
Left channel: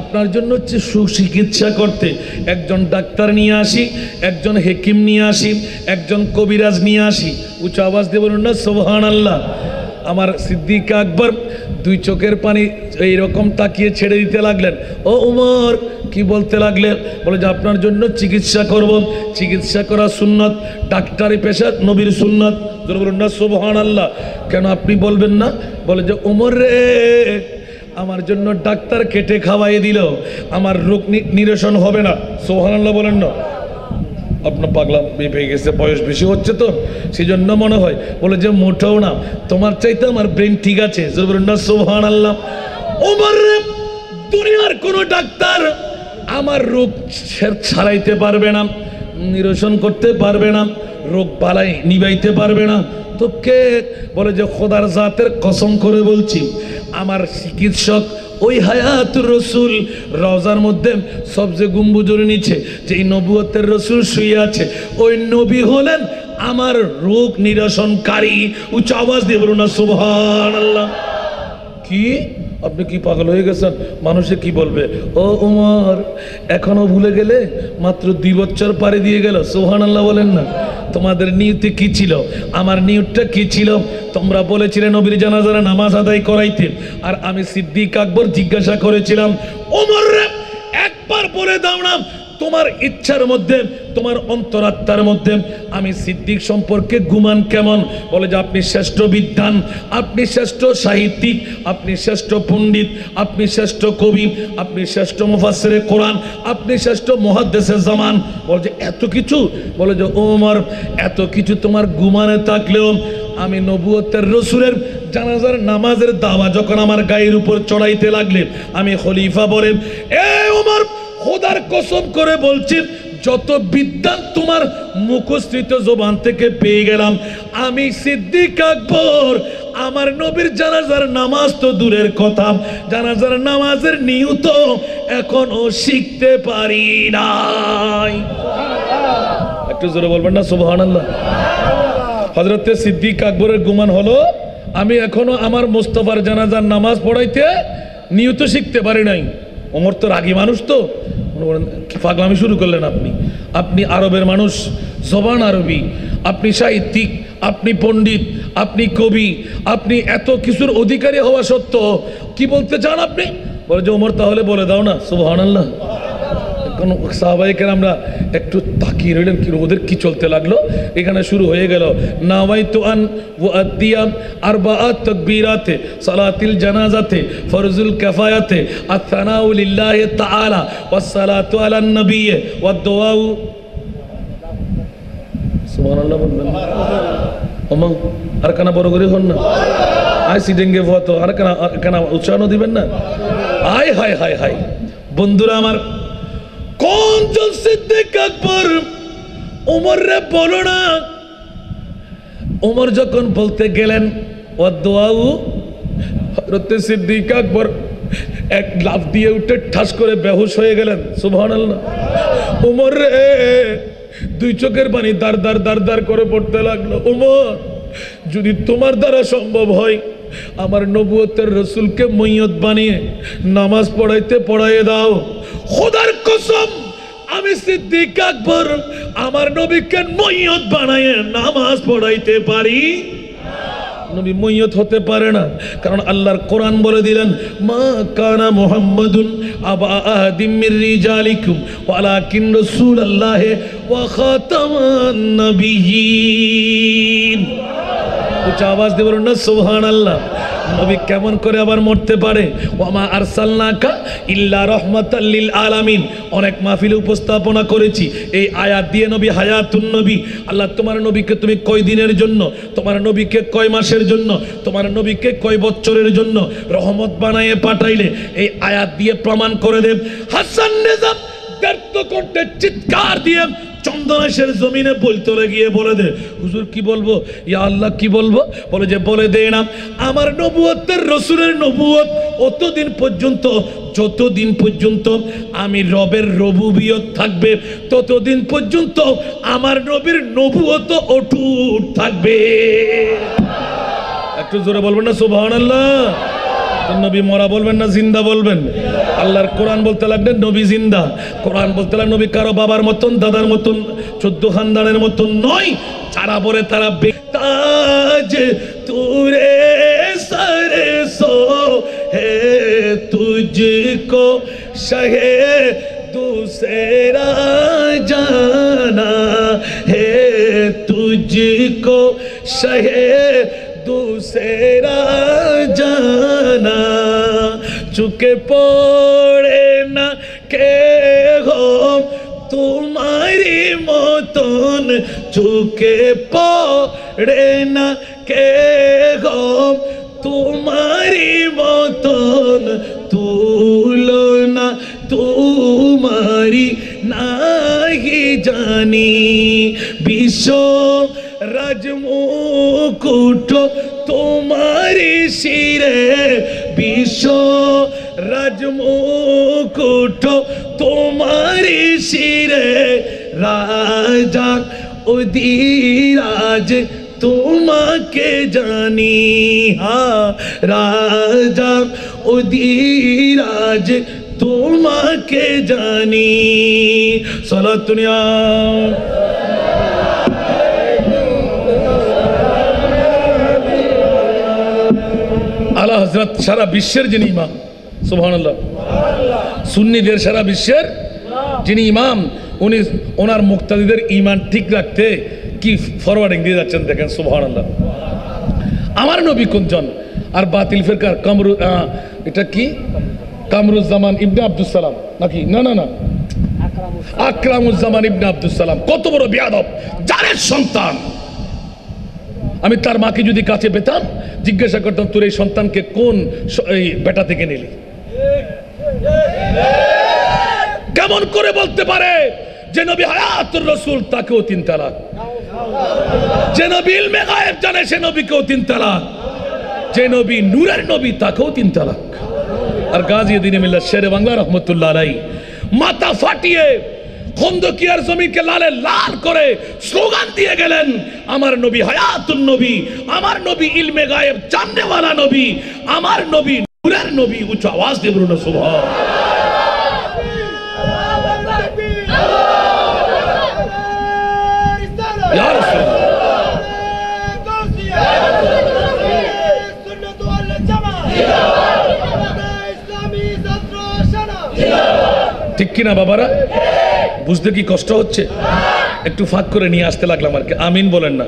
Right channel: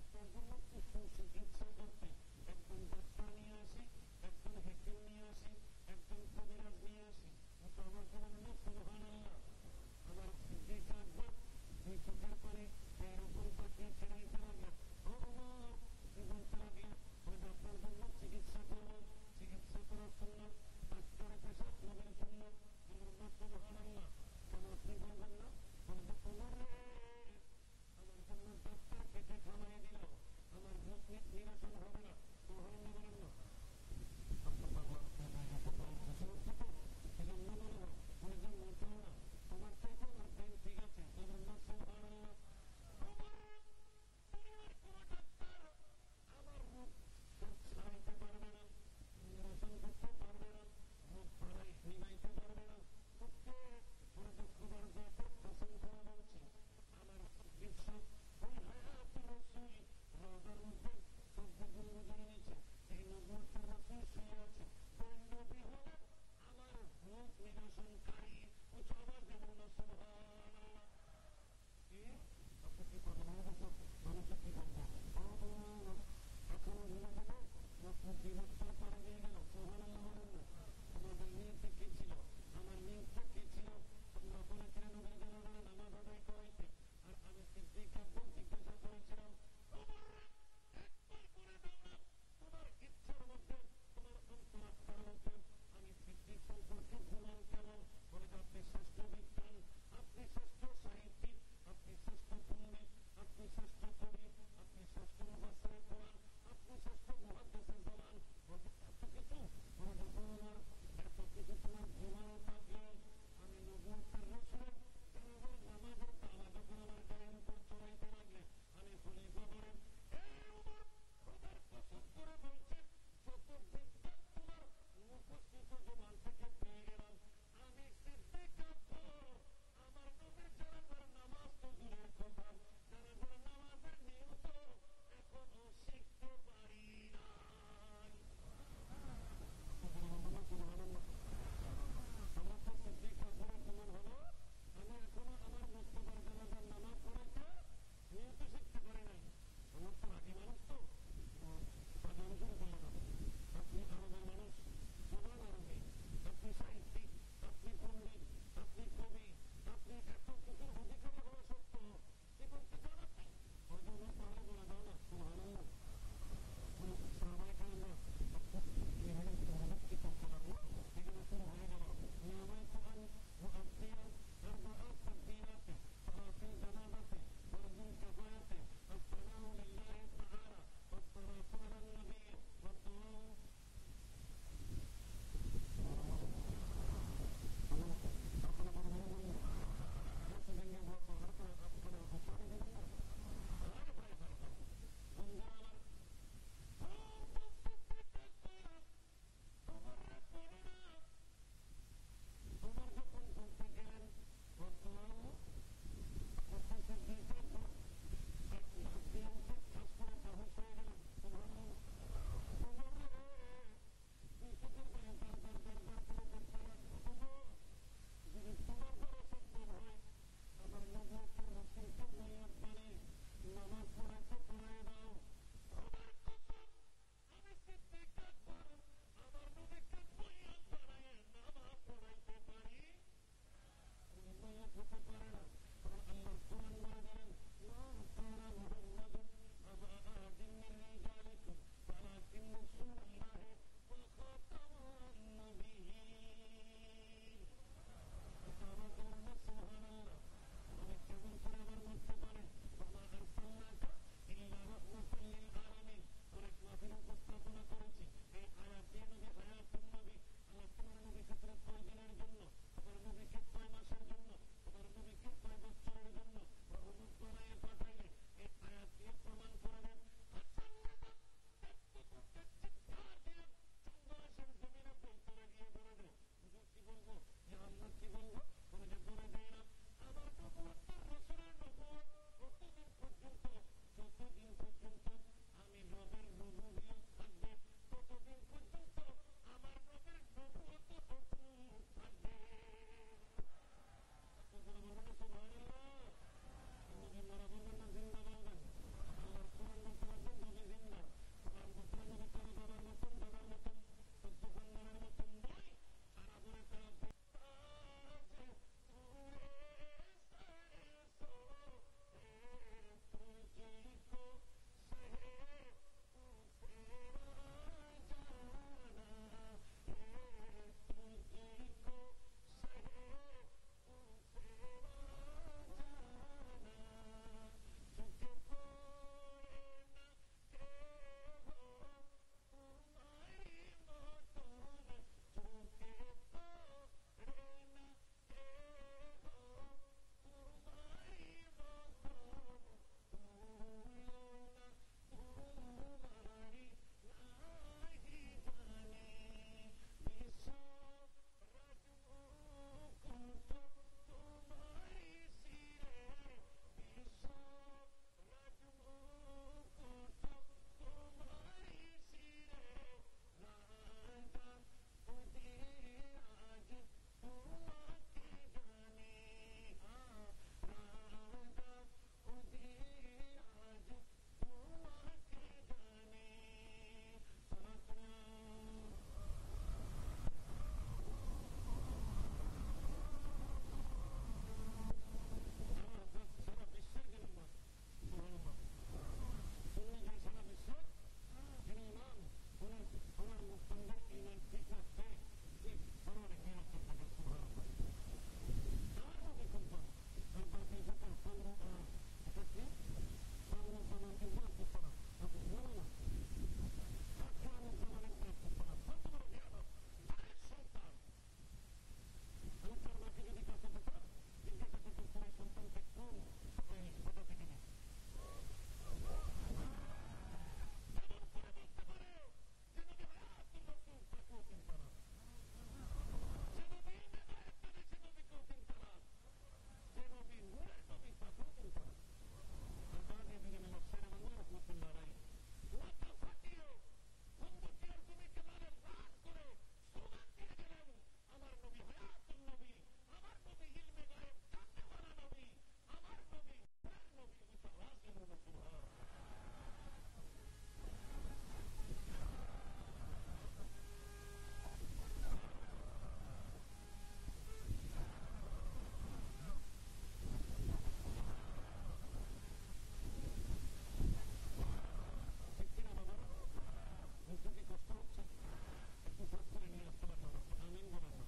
আপনার জন্য হচ্ছে সুচিকিৎসা করতে। একজন ডাক্তার নিয়ে আসি, একজন হেকিম নিয়ে আসি, একজন কবিরাজ নিয়ে আসি। উচ্চ আওয়াজ দিয়ে বলুন না সুবহানাল্লাহ। আমার সিদ্দিক আকবর দুই চোখের পানি এইরকম তাকিয়ে ছেড়ে দিতে লাগলেন। ও উমর, কি বলতে লাগলেন? বলে যে আপনার জন্য চিকিৎসা করব। চিকিৎসা করা সুন্নত, ডাক্তারি পেশা নবীর সুন্নত। বলুন না সুবহানাল্লাহ। কেন আপনি বলবেন না? বলে যে উমর রে, আমার জন্য ডাক্তার কেটে খাওয়াই দিল, আমার রোগ নিরসন হবে না। সুবহানাল্লাহ বলেন না। আপনার পাগলা পেয়ে গেছে, বয়স বেশি হচ্ছে তো সেই জন্য মনে হয়। বলে যে মোটেও না, তোমার চাইতে আমার ব্রেন ঠিক আছে। বলুন না সুবহানাল্লাহ। ওমর রে, দুনিয়ার কোন ডাক্তার আমার রোগ ছাড়াইতে পারবে না, নিরসন করতে পারবে না, রোগ বালাই নিবাইতে পারবে না। তো কে? বলে যে খোদার জাতের কসম করে বলছি, আমার চিকিৎসক ওই হায়াতুর রসুল। রওজার মধ্যে সবচেয়ে গম্বুজের নিচে যেই নবুয়তের রসুল শুয়ে আছে, ওই নবী হলেন আমার রোগ নিরসনকারী। উচ্চ আওয়াজ দিয়ে বলুন না সুবহানাল্লাহ। কি আপনি কি পাগল হয়ে গেছেন? মানুষে কি বলবে? ও উমর, এখনো ভুলে গেলে? মাত্র 2 বছর পারে দিয়ে গেল। সুবহানাল্লাহ বলেন না। তোমাদের নিয়তে কি ছিল? আমার নিয়তটা কি ছিল? তোমরা বলেছিলে নবীর জানাজার নামাজ আদায় করাইতে, আর আমি সিদ্দিক আকবর জিজ্ঞাসা করেছিলাম, ওমর রে, একবার বলে দাও না তোমার ইচ্ছার মধ্যে, তোমার অন্তরাত্মার মধ্যে আমি সিদ্দিক সম্পর্কে গুমান কেমন? বলে যে আপনি শ্রেষ্ঠ বিদ্বান, আপনি শ্রেষ্ঠ সাহিত্যিক, আপনি শ্রেষ্ঠ পণ্ডিত, আপনি শ্রেষ্ঠ কবি, আপনি শ্রেষ্ঠ মুফাসসিরে কোরআন, আপনি শ্রেষ্ঠ মুহাদ্দিসে জামান। বলে যে এত কিছু? বলে যে ওমর, এত কিছু তোমার গুমানে থাকলেও আমি নবুয়তের রসুলের জানাজার নামাজের দাওয়া যখন আমার গায়ের উপর চড়াইতে লাগলেন, আমি খলিফা বলেন, এ ওমর, খোদার কসম করে বলছি, যত বিদ্যান তোমার মুখস্থিত জবান থেকে পেয়ে গেলাম, আমি সিদ্দিক আকবর আমার নবীর জানাজার নামাজ তো দূরের কথা, জানাজার নামাজের নিয়ত এখনো শিখতে পারি নাই। একটু জোরে বলবেন না সুবহানাল্লাহ। হযরত সিদ্দিক আকবরের গুমান হলো, আমি এখনো আমার মুস্তাফার জানাজার নামাজ পড়াইতে নিয়ত শিখতে পারি নাই। ওমর তো রাগী মানুষ, তো কি পাগলামি শুরু করলেন আপনি? আপনি আরবের মানুষ, জবান আরবি, আপনি সাহিত্যিক, আপনি পণ্ডিত, আপনি কবি, আপনি এত কিছুর অধিকারী হওয়া সত্ত্বেও কি বলতে চান আপনি? বলে যে ওমর, তাহলে বলে দাও না সুবহানাল্লাহ। কোন সাহাবায়ে কেরামরা একটু তাকিয়ে রইলেন, কি ওদের কি চলতে লাগলো। এখানে শুরু হয়ে গেল, নাওয়াইতু আন ওয়াদিয়া আরবাআত তাকবীরাতে সালাতিল জানাজাতে ফরজুল কিফায়াতে আত-থানাউ লিল্লাহি তাআলা ওয়াস সালাতু আলান নবী ওয়াদ দুআউ। সুবহানাল্লাহ বলবেন ওমা, আর কানা বড় করে হন না, আই সিডেঙ্গে ফতো আর কানা উৎসাহ দিবেন না। হায় হায় হায় হায় বন্ধুরা আমার, কোন জন সিদ্দিক আকবর? ওমর রে বলো না, ওমর যখন বলতে গেলেন ওয়াদুআউ, হযরত সিদ্দিক আকবর এক লাফ দিয়ে উঠে ঠাস করে বেহুশ হয়ে গেলেন। সুবহানাল্লাহ। ওমর রে, দুই চোখের পানি দার দার দার দার করে পড়তে লাগলো। ওমর, যদি তোমার দ্বারা সম্ভব হয় আমার নবুয়তের রসুলকে মইয়ত বানিয়ে নামাজ পড়াইয়ে দাও। খোদার কসম, আমি সিদ্দিক আকবর আমার নবীকে মইয়ত বানায়ে নামাজ পড়াইতে পারি। নবী মইয়ত হতে পারে না, কারণ আল্লাহর কোরআন বলে দিলেন, মা কানা মুহাম্মাদুন আবা আহাদিম মির রিজালিকুম ওয়ালাকিন রাসূলুল্লাহি ওয়া খাতামান নবিয়্যিন। উচ্চ আওয়াজ দিয়ে বলুন না সুবহানাল্লাহ। নবী কেমন করে আবার মরতে পারে? ওয়ামা আরসালনাকা ইল্লা রাহমাতাল লিল আলামিন। অনেক মাহফিলে উপস্থাপনা করেছি এই আয়াত দিয়ে, নবী হায়াতুন নবী। আল্লাহ তোমার নবীকে তুমি কয় দিনের জন্য, তোমার নবীকে কয় মাসের জন্য, তোমার নবীকে কয় বছরের জন্য রহমত বানায়ে পাঠাইলে, এই আয়াত দিয়ে প্রমাণ করে দেব। হাসান নিজাম ব্যর্থ করতে চিৎকার দিয়ে চন্দনেশের জমিনে বলতে গিয়ে বলে দে, হুজুর কি বলবো? ইয়া আল্লাহ কি বলবো? বলে যে বলে দে না, আমার নবুয়তের রসুলের নবুয়ত অতদিন পর্যন্ত, যতদিন পর্যন্ত আমি রবের রবুবিয়ত থাকবে, ততদিন পর্যন্ত আমার নবীর নবুয়ত অটুট থাকবে। একটু জোরে বলবেন না সুবহানাল্লাহ। নবী মরা বলবেন না জিন্দা বলবেন? আল্লাহর কোরআন বলতে লাগলেন নবী জিন্দা। কোরআন বলতে লাগলেন নবী কারো বাবার মতন, দাদার মতন, 14 খানদানের মতন নয়। যারা বলে তারা বেতাজ তুরে সরে সো হে তুঝকো শহে दूसरा जाना है, तुझको शहे दूसरा जाना, चुके पड़े ना के हो तुम्हारी मतन, चुके पड़े ना के हो तुम्हारी मतन, तुलना तुम्हारी नहीं जानी, विश्व राजमुकुट तुम्हारी सिरे, विश्व राजमुकुट तुम्हारी सिरे, राजा उदिराज तुम्हाके जानी, हाँ राजा उदिराज तुम्हाके जानी। सलात दुनिया আলা হযরত সারা বিশ্বের যিনি ইমাম, সুবহানাল্লাহ। সুন্নিদের সারা বিশ্বের যিনি ইমাম, উনি ওনার মুক্তাদিদের ঈমান ঠিক রাখতে কি ফরওয়ার্ডিং দিয়ে যাচ্ছেন দেখেন, সুবহানাল্লাহ। আমার নবী কোনজন? আর বাতিল ফিরকার কামরু, এটা কি কামরুজ্জামান ইবনে আব্দুস সালাম নাকি? না না না, আকরামুজ্জামান ইবনে আব্দুস সালাম। কত বড় বেয়াদব, জারের সন্তান। আমি তার মাকে যদি কাছে পেতাম, জিজ্ঞাসা করতাম তোর এই সন্তানকে কোন এই বেটা থেকে নিলি? কেমন করে বলতে পারে যে নবী হায়াতুর রাসূল তাকেও 3 তালাক, যে নবী ইলমে গায়েব জানে সে নবীকেও 3 তালাক, যে নবী নূরের নবী তাকেও 3 তালাক। আর গাজী দ্বীন মিল্লাত শেরে বাংলা রহমতুল্লাহ আলাইহি মাথা ফাটিয়ে খন্দকিয়ার জমিকে লালে লাল করে স্লোগান দিয়ে গেলেন, আমার নবী হায়াতুন নবী, আমার নবী ইলমে গায়েব জাননেওয়ালা নবী, আমার নবী নূরের নবী। উচ্চ আওয়াজ দিয়ে বলুন সুবহান। ইয়া রাসূলুল্লাহ, ঠিক কিনা বাবারা? বুঝতে কি কষ্ট হচ্ছে? একটু ফাঁক করে নিয়ে আসতে লাগলাম আর কি। আমিন বলেন না?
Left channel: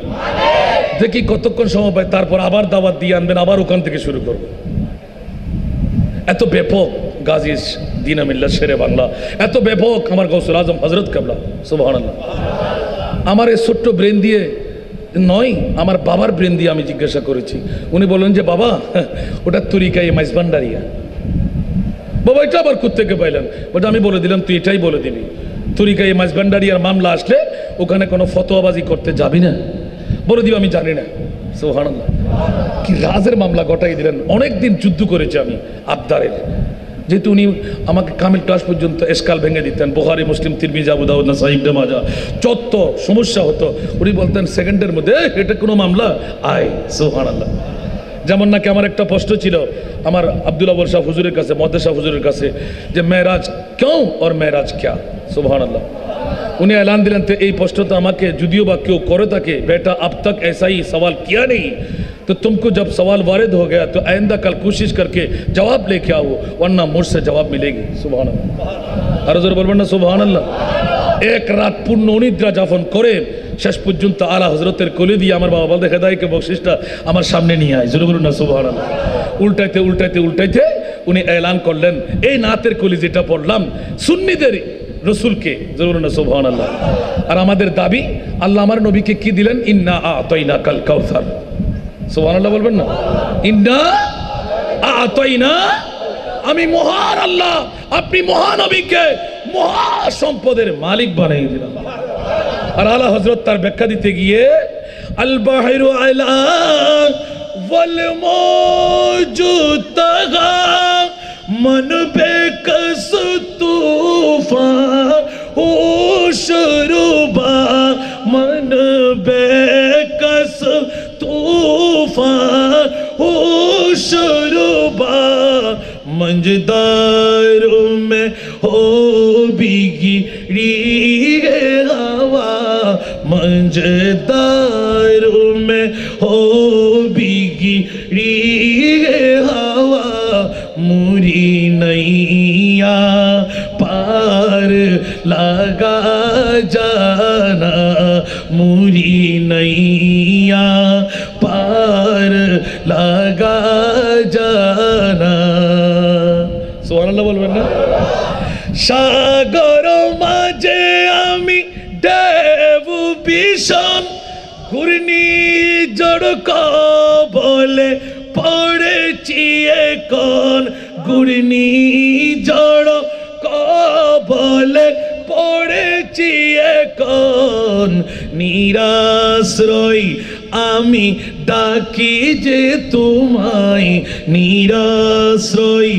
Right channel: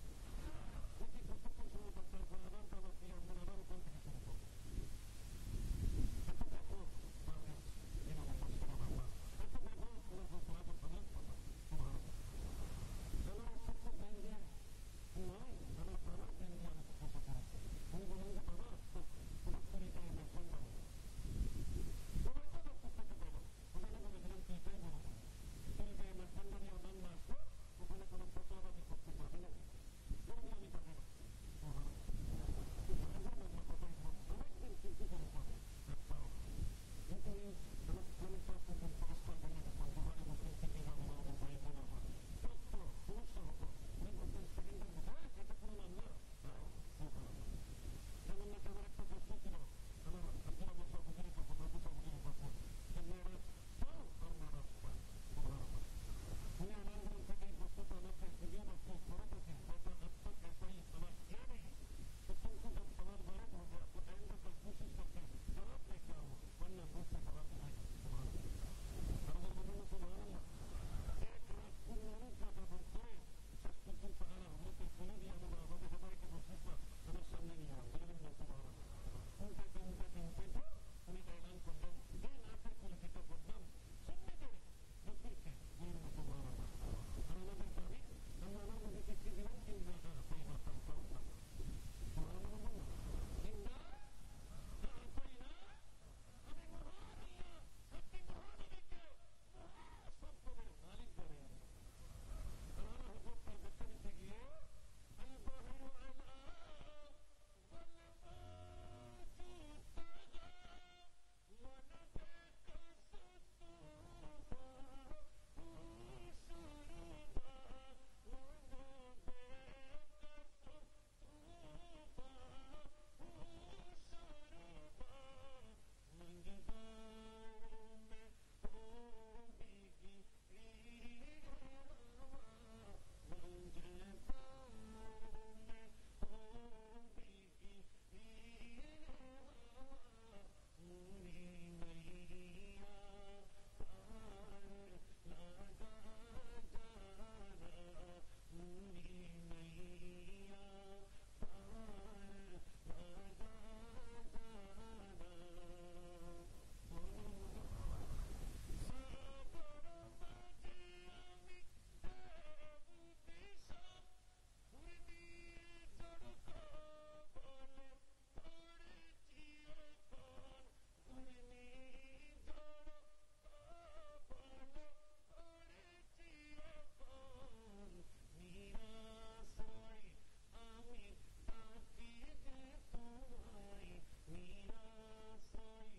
দেখি কতক্ষণ সময় পাই, তারপর আবার দাওয়াত দিয়ে আনবেন, আবার ওখান থেকে শুরু করব। এত ব্যাপক গাজী দ্বীন মিল্লাত শেরে বাংলা, এত ব্যাপক আমার গৌসুল আজম হযরত কেবলা, সুবহানাল্লাহ। আমার এই ছোট্ট ব্রেন দিয়ে নয়, আমার বাবার ব্রেন দিয়ে আমি জিজ্ঞাসা করেছি। উনি বললেন যে বাবা ওটা তরিকায়ে মাইজভান্ডারিয়া। বাবা এটা আবার কোত্থেকে পাইলেন? বলতে আমি বলে দিলাম তুই এটাই বলে দিবি, তরিকায়ে মাইজভান্ডারিয়ার মামলা আসলে ওখানে কোনো ফতোয়াবাজি করতে যাবি না। বলে দিব আমি জানি না। সুবহানাল্লাহ, কি রাজের মামলা গটাই দিলেন। অনেক দিন যুদ্ধ করেছি আমি আবদারের, যেহেতু উনি আমাকে কামিল ক্লাস পর্যন্ত এসকাল ভেঙে দিতেন, বুখারী মুসলিম তিরমিজি আবু দাউদ নাসাঈ ইবনে মাজাহ, যত সমস্যা হতো উনি বলতেন সেকেন্ডের মধ্যে এটা কোনো মামলা আয়। সুবহানাল্লাহ। যেমন নাকি আমার একটা প্রশ্ন ছিল আমার আব্দুল আউয়াল শাহ হুজুরের কাছে, মুহাদ্দিস শাহ হুজুরের কাছে, যে মেরাজ क्यों और मेराज क्या। सुबहानअल्लाह। उन्हें ऐलान दिलन थे এই প্রশ্ন তো আমাকে যদিও বা কেউ করে থাকে, बेटा अब तक ऐसा ही सवाल किया नहीं, तो तुमको जब सवाल वारिद हो गया तो आइंदा कल कोशिश करके जवाब लेके आओ, वरना मुझसे जवाब मिलेगी। सुबहानअल्लाह। আর জোরে বলবেন না সুবহানাল্লাহ। এক রাত পূর্ণ অনিদ্রা যাপন করে শেষ পর্যন্ত আলা হযরতের কোলে দিয়ে আমার বাবা বলতে হেদায়েতকে বকশিসটা আমার সামনে নিয়ে আয়। জোরে বলুন না সুবহানাল্লাহ। উল্টাইতে উল্টাইতে উল্টাইতে উনি এলান করলেন এই নাতের কলি যেটা পড়লাম সুন্নিদের রসুলকে। জোরে বলুন না সুবহানাল্লাহ। আর আমাদের দাবি আল্লাহ আমার নবীকে কি দিলেন, ইন্না আতাইনাকাল কাউসার। সুবহানাল্লাহ বলবেন না, ইন্না আতাইনা, আমি মহান আল্লাহ আপনি মহানবীকে মহা সম্পদের মালিক বানিয়ে দিলাম। আর আলা হযরত তার ব্যাখ্যা দিতে গিয়ে আল বাহিরু আলা ওয়াল মওজু তাগা मन बेकस तूफान हो शरुबा, मन बेकस तूफान हो शरुबा, मंजदारों में हो बिगड़ी हवा, मंजदारों में हो बिगड़ी हवा, मुरी नैया पार लगा जाना, मुरी नैया पार लगा जाना। सुबहानाल्लाह बोलবেন না। সাগর মাঝে আমি দেবু ভীষণ ঘূর্ণিঝড় বলে পড়েছি এখন, ঘূর্ণিঝড় বলে পড়েছি এখন, নিরাশ্রয় আমি ডাকি যে তোমায়, নিরাশ্রয়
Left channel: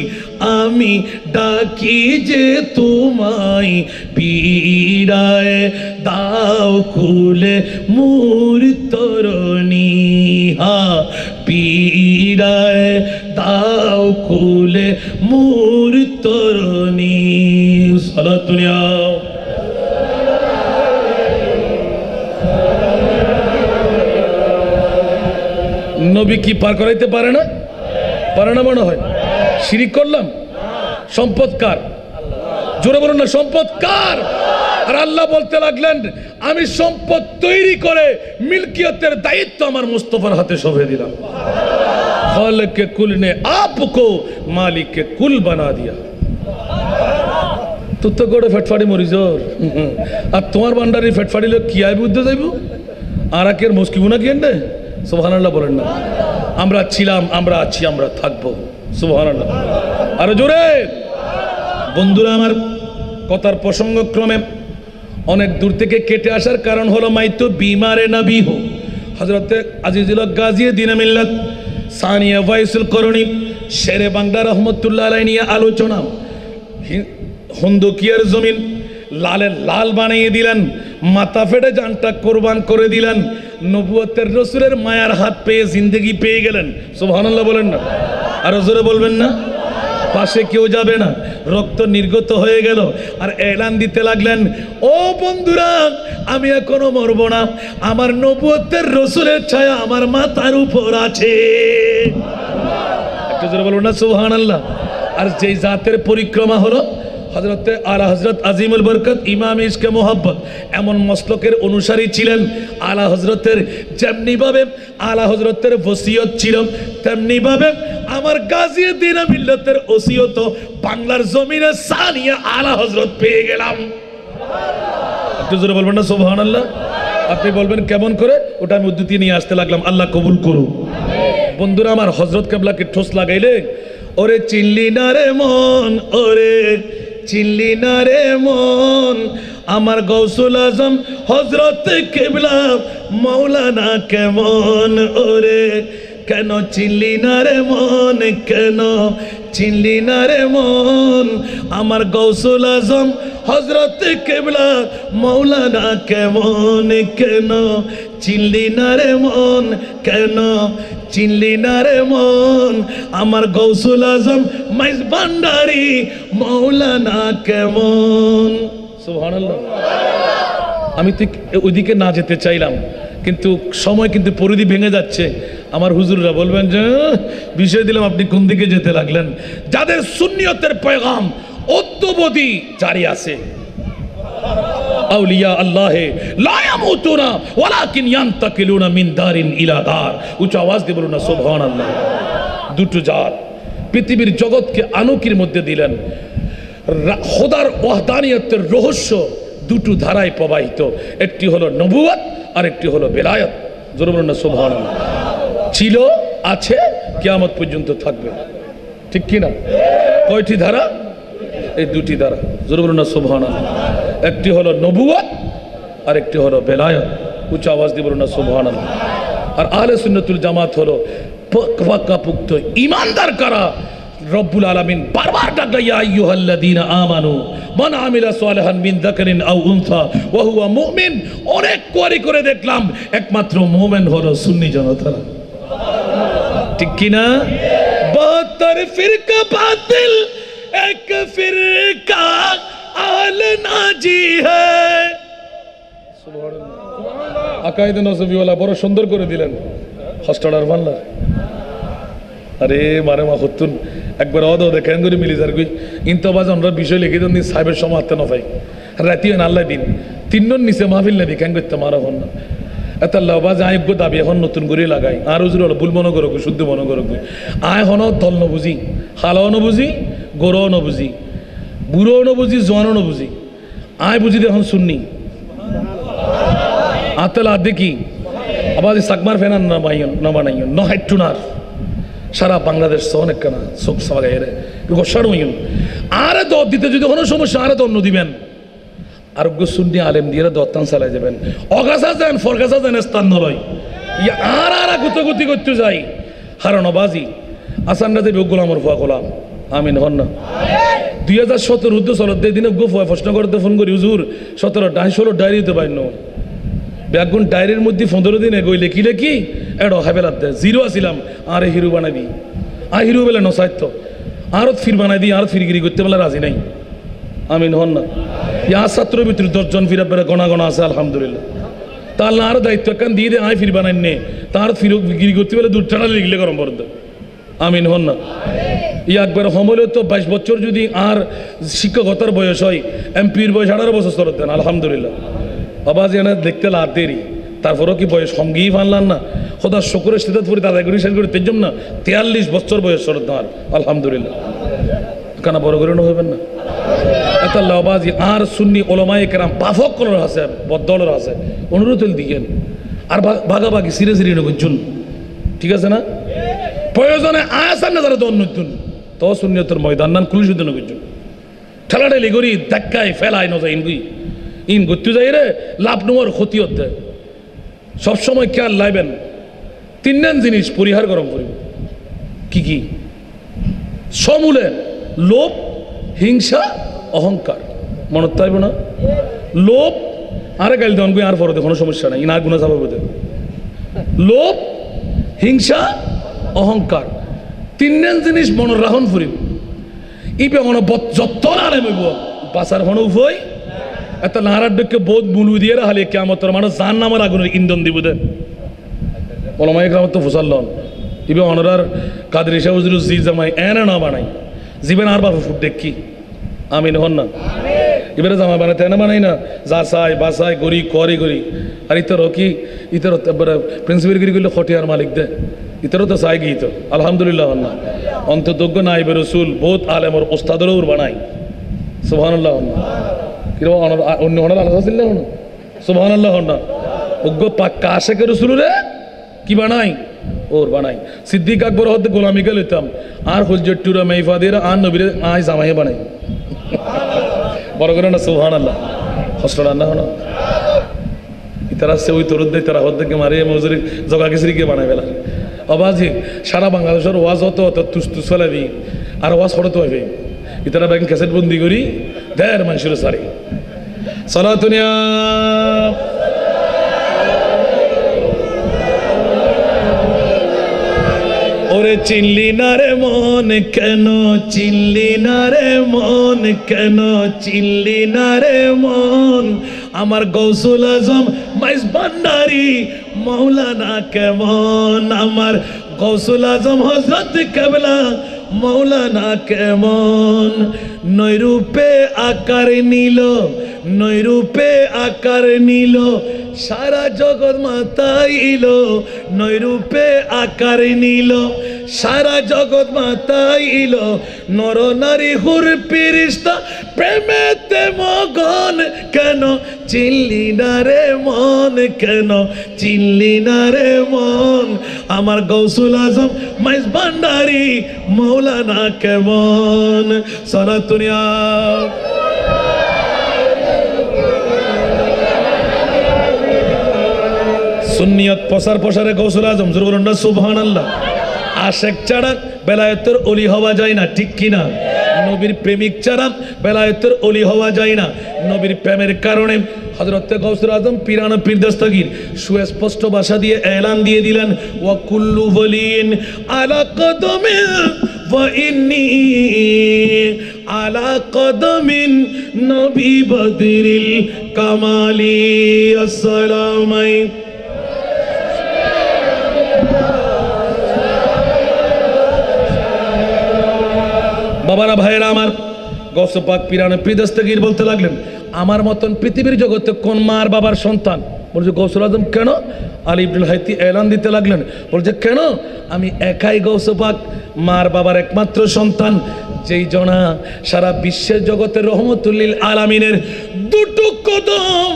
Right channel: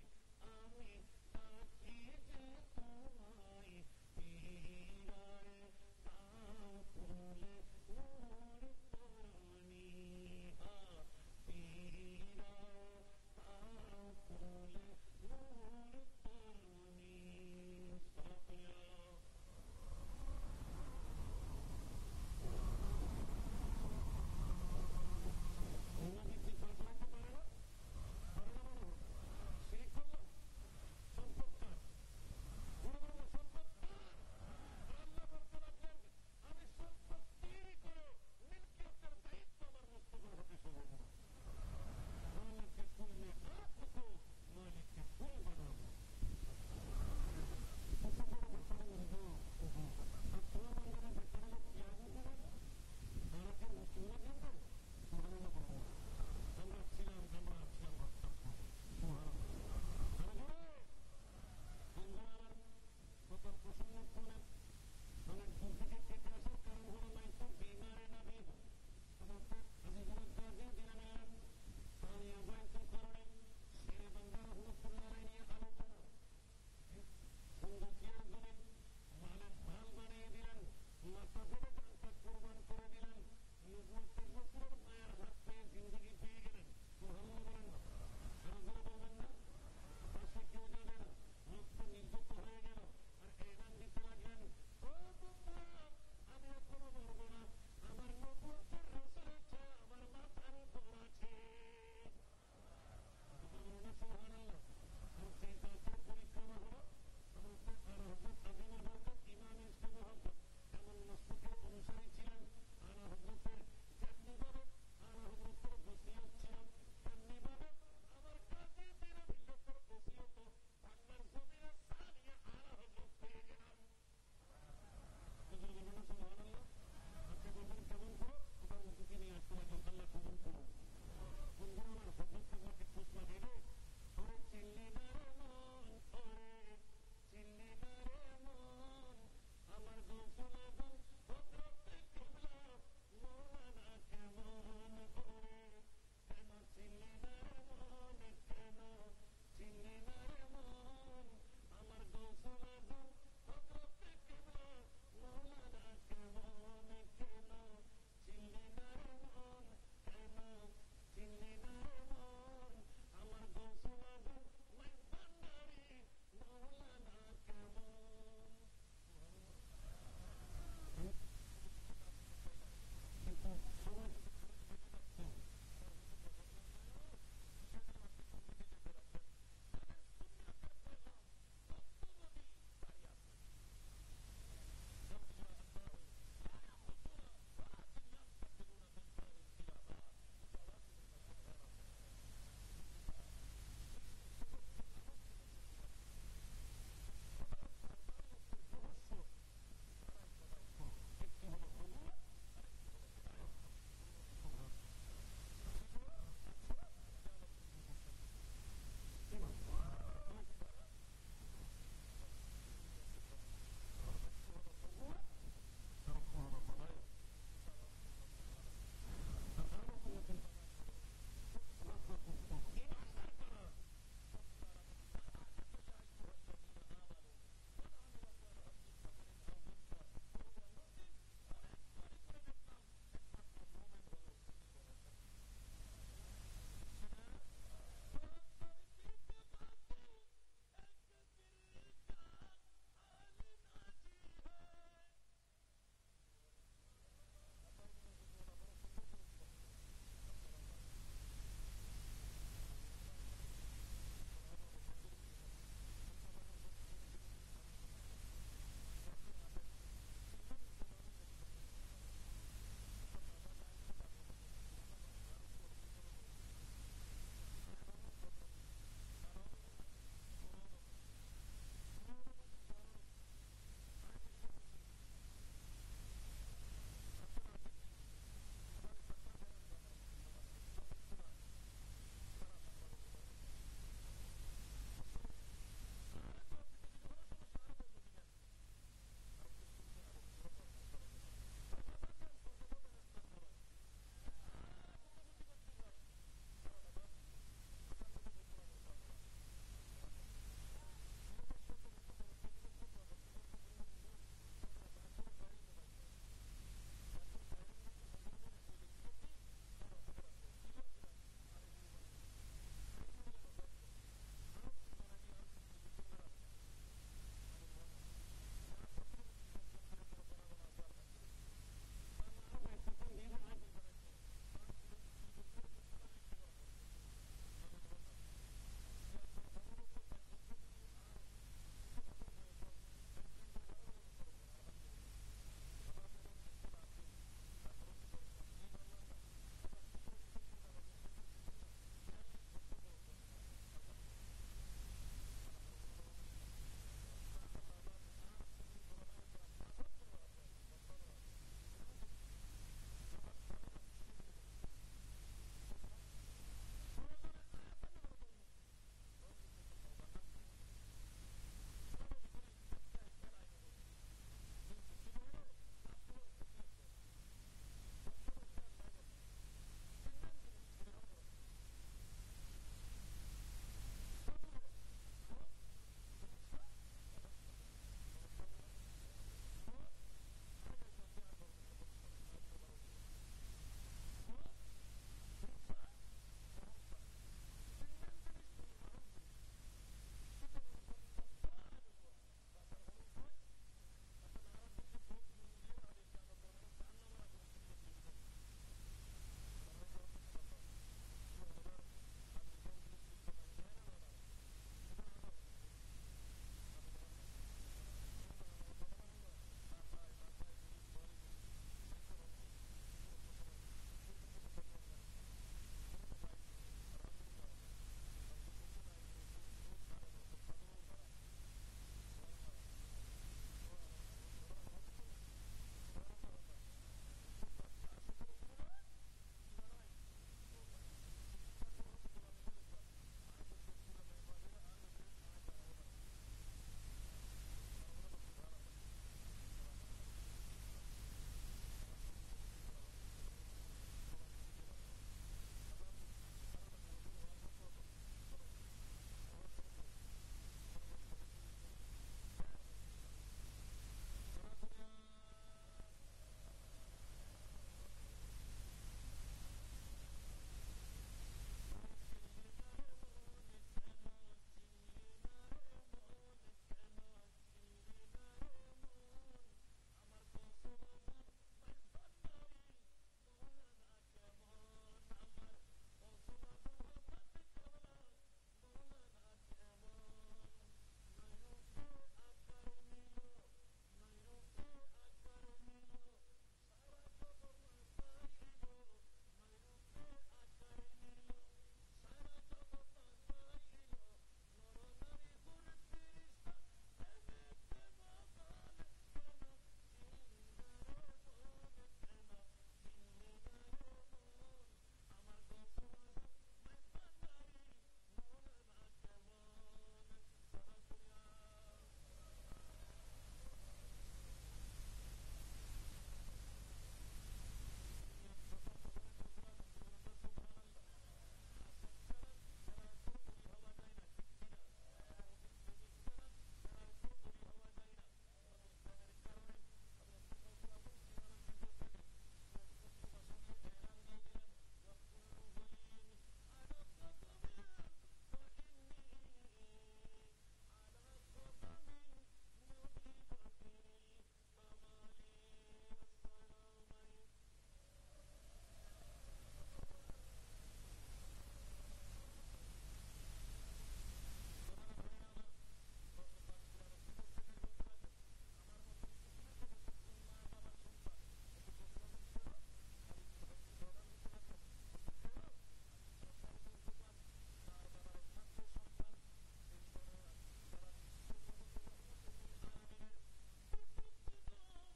আমি ডাকি যে তোমায়, পীড়ায় দাও খুলে মোর তরণী, হা পীড়ায় দাও খুলে মোর তরণী। সালাতুনিয়া নবী কি পার করাইতে পারে না? পারে না মনে হয়। শিরিক করলাম। সম্পদ কার? জোরে বলুন না, সম্পদ কার? আর আল্লাহ বলতে লাগলেন আমি সম্পদ তৈরি করে মিলকিয়তের দায়িত্ব আমার মুস্তাফার হাতে সঁপে দিলাম। খালিক কে কুল ने आपको मालिक के कुल बना दिया। তো তো গড়ে ফেটফাড়ি মরিজর, আর তোমার বান্ডারি ফেটফাড়ি লোক কি আইব উদ্দে যাইব আর একের মুশকিল না কি এন্ডে। সুবহানাল্লাহ বলেন না। আমরা ছিলাম, আমরা আছি, আমরা থাকবো। সুবহানাল্লাহ। আর জোরে বন্ধুরা আমার, কথার প্রসঙ্গক্রমে অনেক দূর থেকে কেটে আসার কারণ হলো মাইতো বিমারে নবী হো হযরতে আজিজুল গাজী দিনে মিল্লাত সানিয়া ওয়াইসুল করণী শেরে বাংলা রহমতুল্লাহ আলাইহি নিয়ে আলোচনা। হুন্দুকিয়ার জমিন লালে লাল বানিয়ে দিলেন, মাথা ফেটে জানটা কোরবান করে দিলেন, নবুয়তের রসুলের মায়ার হাত পেয়ে জিন্দেগি পেয়ে গেলেন। সুবহানাল্লাহ বলেন না, আর জোরে বলবেন না। পাশে কেউ যাবে না, রক্ত নির্গত হয়ে গেল। আর এলান দিতে লাগলেন ও বন্ধুরা আমি এখনো মরব না, আমার নবুয়তের রসুলের ছায়া আমার মাথার উপর আছে। একটু জোরে বলবেন না সুবহানাল্লাহ। আর যেই জাতের পরিক্রমা হলো হযরতে আলা হযরত আজিমুল বরকত ইমাম ইশকে মোহাব্বত এমন মসলকের অনুসারী ছিলেন। আলা হযরতের যেমনি ভাবে আলা হযরতের ওসিয়ত ছিল, তেমনি ভাবে আমার গাজী দিন মিল্লাতের ওসিয়ত বাংলার জমিনে সানিয়া আলা হযরত পেয়ে গেলাম। একটু জোরে বলবেন না সুবহানাল্লাহ। আপনি বলবেন কেমন করে, ওটা আমি উদ্ধৃতি নিয়ে আসতে লাগলাম। আল্লাহ কবুল করুন। বন্ধুরা আমার, হযরত কেবলাকে ঠোস লাগাইলে ওরে চিল্লি না রে মন, ওরে চিল্লি না রে মন, আমার গৌসুল আজম হযরত কেবলা মৌলানা কেমন ওরে কেন চিনলি না রে মন কেন চিনলি না রে মন আমার গৌসুল আজম হযরত কিবলা মৌলানা কেমন কেন চিনলি না রে মন কেন চিনলি না রে মন আমার গৌসুল আজম মাইজ ভান্ডারী মৌলানা কেমন সুবহানাল্লাহ। আমি ঠিক ওইদিকে না যেতে চাইলাম কিন্তু সময় কিন্তু পরিধি ভেঙে যাচ্ছে। আমার হুজুররা বলবেন যে বিষয় দিলাম আপনি কোন দিকে যেতে লাগলেন। যাদের সুন্নিয়তের পয়গাম অদ্যবধি জারি আছে, আউলিয়া আল্লাহে লা ইয়ামুতুনা ওয়ালাকিন ইয়ান্তাকিলুনা মিন দারিন ইলা দার। উচ্চ আওয়াজ দিয়ে বলুন না সুবহানাল্লাহ। দুটো জাত পৃথিবীর জগৎকে আলোকের মধ্যে দিলেন। খোদার ওয়াহদানিয়তের রহস্য দুটো ধারায় প্রবাহিত, একটি হলো নবুয়ত আর একটি হলো বেলায়েত। জোরে বলুন না সুবহানাল্লাহ। ছিল, আছে, কিয়ামত পর্যন্ত থাকবে, ঠিক কি না? কয়টি ধারা? এই দুটি ধারা। জোরে বলুন না সুবহানাল্লাহ। একটি হলো নবুয়ত আর একটি হলো বেলায়েত। উচ্চ আওয়াজ দিয়ে বলুন না সুবহানাল্লাহ। আর আহলে সুন্নাতুল জামাত হলো পাকাপোক্ত ঈমানদার কারা? রব্বুল আলামিন বারবার ডাকলেন ইয়া আইয়ুহাল্লাযীনা আমানু মান আমিলা সালিহান মিন যাকারিন আও উনসা ওয়া হুয়া মুমিন। অনেক কোয়ারি করে দেখলাম একমাত্র মুমিন হলো সুন্নি জনতা, ঠিক কি না? 72 ফিরকা বাতিল এক ফিরকা আহলে নাজি হ্যায়। সুবহানাল্লাহ। আকায়েদ নজবিওয়ালা বড় সুন্দর করে দিলেন হস্টাডার বাংলা। আরে মারে মা হতুন একবার অদ দেখেন করে মিলি যার গই ইন্তবাজ আমরা বিষয় লিখে দেন সাহেবের সমাতে না ভাই রাতি আল্লাহ দিন তিনজন নিচে মাহফিল না দেখেন করতে মারা হন না এত আল্লাহ বাজ আয়োগ্য দাবি এখন নতুন করে লাগাই আর উজুর হলো ভুল মনে করো শুদ্ধ মনে করো আয় হন দল ন বুঝি হালাও ন বুঝি গরও ন বুঝি বুড়ো ন বুঝি জোয়ানও ন বুঝি আয় বুঝি এখন শুননি আতলা দেখি আবার সাকমার ফেনান না বানাইন ন হাইটুনার সারা বাংলাদেশ অনেক কেনা চোখ সাবাগাই রে গোসার হইন আরে দর দিতে যদি কোনো সমস্যা আরে দণ্ড দিবেন আরোগ্য শুননি আলেম দিয়ে দত্তান চালাই যাবেন অগাছা যান ফরগাছা যান স্থান নলয় ইয়া আর আর গুতগুতি করতে যাই হারানো বাজি আসানরা দেবে গোলামর ফুয়া গোলাম আমিন হন না 2017 উদ্দ চলত দিনে গো ফুয়া প্রশ্ন করতে ফোন করি হুজুর 17 ডায়েরি দিতে পারেন না ব্যাগুন ডায়েরির মধ্যে 15 দিনে গই লেখি লেখি এড়ো হাবেলাত দে জিরো আসিলাম আরে হিরো বানাই দি হিরো বেলে নসাইত আরো ফির বানাই দি আর ফিরগিরি করতে বেলা রাজি নাই আমিন হন না ইয়া ছাত্রের ভিতরে 10 জন ফিরা পেরে গণা গণা আছে আলহামদুলিল্লাহ তার আর দায়িত্ব কান দিয়ে দে ফির বানাই নে তার ফিরগিরি করতে বেলা দূর টানা লিখলে গরম বরদ আমিন হন না ইয়া একবার সমলে তো 22 বছর যদি আর শিক্ষকতার বয়স হয় এমপির বয়স 18 বছর চলত দেন আলহামদুলিল্লাহ আবাজ এনে দেখতে লাভ দেরি তারপরেও কি বয়স সঙ্গেই ফানলাম না খোদা শুক্রের সাথে পড়ি তাদের করে শেষ করে তেজম না 43 বছর বয়স শরৎ আমার আলহামদুলিল্লাহ কানা বড় করে হইবেন না এত আবাজ আর সুন্নি ওলামায়ে কেরাম পাফক করার আছে বদলের আছে অনুরোধ দিকেন আর ভাগাভাগি সিরে সিরে নগুন ঠিক আছে না প্রয়োজনে আসান না যারা দন্নতুন তো সুন্নিয়তের ময়দান নান কুলিশুদ্ধ নগুন ঠেলাঠেলি করি ধাক্কায় ফেলায় ন যায় ইন করতে যাই রে লাভ নেওয়ার ক্ষতি হতে সবসময় খেয়াল লাইবেন তিনজন জিনিস পরিহার গরম করিব কি কি সমূলে লোভ হিংসা অহংকার মনত তাইব না লোভ আরে গাইল দেন আর পরে কোনো সমস্যা নাই ইনার গুণা যাবে বোধ লোভ হিংসা অহংকার তিনজন জিনিস মনের রাহন ফুরিব ইবে মনে যত আলেম হইব বাসার হন উভয় এত নারার ডেকে বোধ মুলু দিয়ে হালে কেমন মানুষ জান নামার আগুনের ইন্ধন দিব দেন ওলামায়ে কেরাম তো ফুসাল লন ইবে অনরার কাদের ইসা হুজুর জি জামাই এনে না বানাই জীবন আর বাবা ফুট দেখি আমিন হন না এবারে জামা বানাতে এনে বানাই না যা চাই বাসাই গড়ি করি গড়ি আর ইতর কি ইতর প্রিন্সিপাল গিরি করলে খটিয়ার মালিক দে ইতরও তো চাই গিয়ে তো আলহামদুলিল্লাহ হন না অন্তযোগ্য নাইবে রসুল বহুত আলেমর ওস্তাদেরও বানাই সুবহানাল্লাহ হন না কিরকম অন্য হনার আলাদা ছিল না হন সুবহানাল্লাহ হন না অজ্ঞ পাক্কা আশেকের রসুল রে কি বানাই ওর বানাই সিদ্দিক আকবর হতে গোলামিকে লইতাম আর হুজুরটুরা মেহফাদিরা আর নবীরে আই জামাই বানাই বড় করে না সুবহানাল্লাহ হসরা না হন তারা সে ওই তরুণ দেয় তারা হদ্দেরকে মারে মজুরি জগা খিচড়িকে বানায় বেলা অবাজি সারা বাংলাদেশের ওয়াজ হতো অত তুস তুস ফেলাবি আর ওয়াজ হতো হবে ইতারা ব্যাংক ক্যাসেট বন্দি করি দেয় মানুষের সারি সালাতুনিয়া ওরে চিনলি না রে মন কেন চিনলি না রে মন কেন চিনলি না রে মন আমার গৌসুল আজম মাইজ ভান্ডারি মৌলানা কেমন আমার গৌসুল আজম হযরত কেবলা মৌলানা কেমন নৈরূপে আকার নিল নৈরূপে আকার নিল সারা জগৎ মাতাইল নৈরূপে আকার নিল সারা জগৎ মাতাইল নর নারী হুর ফেরেশতা প্রেমেতে মগন কেন চিনলি না রে মন কেন চিনলি না রে মন আমার গৌসুল আজম মাইজ ভান্ডারি মৌলানা কেমন সালাতুনিয়া সুন্নিয়ত প্রসার প্রসারে গৌসুল আজম জোরে বলুন না সুবহানাল্লাহ আশেক ছাড়া বেলায়েতের ওলি হওয়া যায় না ঠিক কিনা নবীর প্রেমিক ছাড়া বেলায়েতের ওলি হওয়া যায় না নবীর প্রেমের কারণে হযরত গৌসুল আজম পিরানা পীর দস্তগীর সুস্পষ্ট ভাষা দিয়ে এলান দিয়ে দিলেন ওয়া কুল্লু ওয়ালিন আলা কদমিন ওয়া ইন্নী আলা কদমিন নবী বদরিল কামালি আসসালামু আলাইকুম বাবারা ভাইয়েরা আমার গৌস পাক পিরানে পীর দস্তগীর বলতে লাগলেন আমার মতন পৃথিবীর জগতে কোন মার বাবার সন্তান বলছে গৌসুল আজম কেন আলী ইবনুল হাইতি এলান দিতে লাগলেন বলছে কেন আমি একাই গৌস পাক মার বাবার একমাত্র সন্তান যেই জনা সারা বিশ্বের জগতের রহমতুল লিল আলামিনের দুটো কদম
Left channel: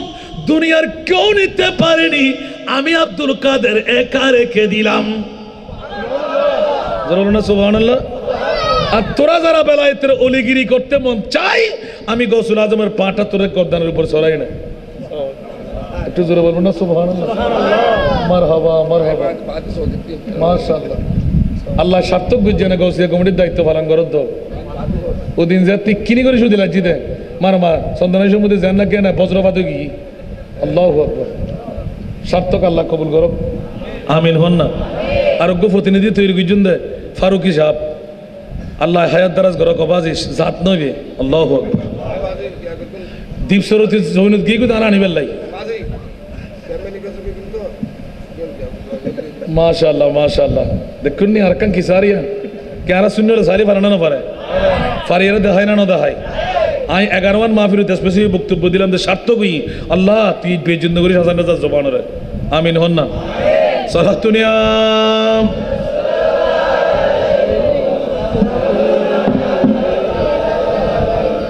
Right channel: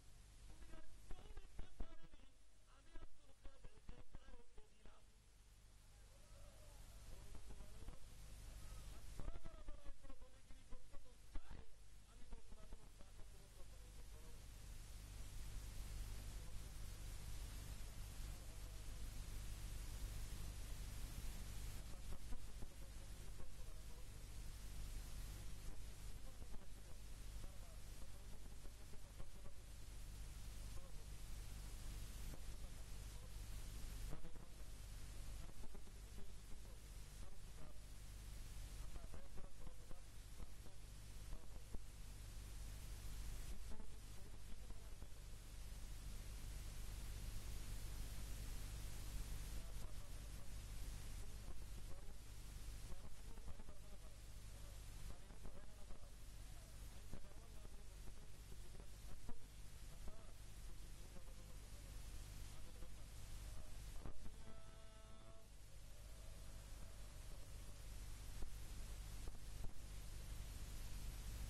দুনিয়ার কেউ নিতে পারেনি আমি আব্দুল কাদের একা রেখে দিলাম সুবহানাল্লাহ আর তোরা যারা বেলায়েতের অলিগিরি করতে মন চাই আমি গৌসুল আজমের পাটা তোরে গর্দানের উপর ছড়াই না একটু জোরে বলবো না সুবহানাল্লাহ মারহাবা মারহাবা মাশাআল্লাহ আল্লাহ সার্থক বুঝছে না গৌসিয়া কমিটির দায়িত্ব পালন করত ওদিন যে তুই কিনি করে শুধু লাগছি দে মার মা সন্তানের সম্বন্ধে জান না কেন বজ্রপাত কি আল্লাহু আকবার সার্থক আল্লাহ কবুল করো আমিন হন না আরোগ্য প্রতিনিধি তৈরি করছেন দে ফারুকি সাহেব আল্লাহ হায়াত দারাজ গর কবাজিস জাত নবে আল্লাহু আকবার দীপ সরতি জমিনত গিয়ে কোথায় আনিবেল লাই মাশাআল্লাহ মাশাআল্লাহ দেখুন নি আরকান কি সারিয়া ক্যারা সুন্নাহ সারি বানানো না পারে ফারিয়ারে দেখাই না দেখাই আই 11 মাহফিল স্পেসিফিক বক্তব্য দিলাম যে সার্থক হই আল্লাহ তুই বেজিন্দ করিস হাসান রাজা জবানরে আমিন হন না সালাতুনিয়া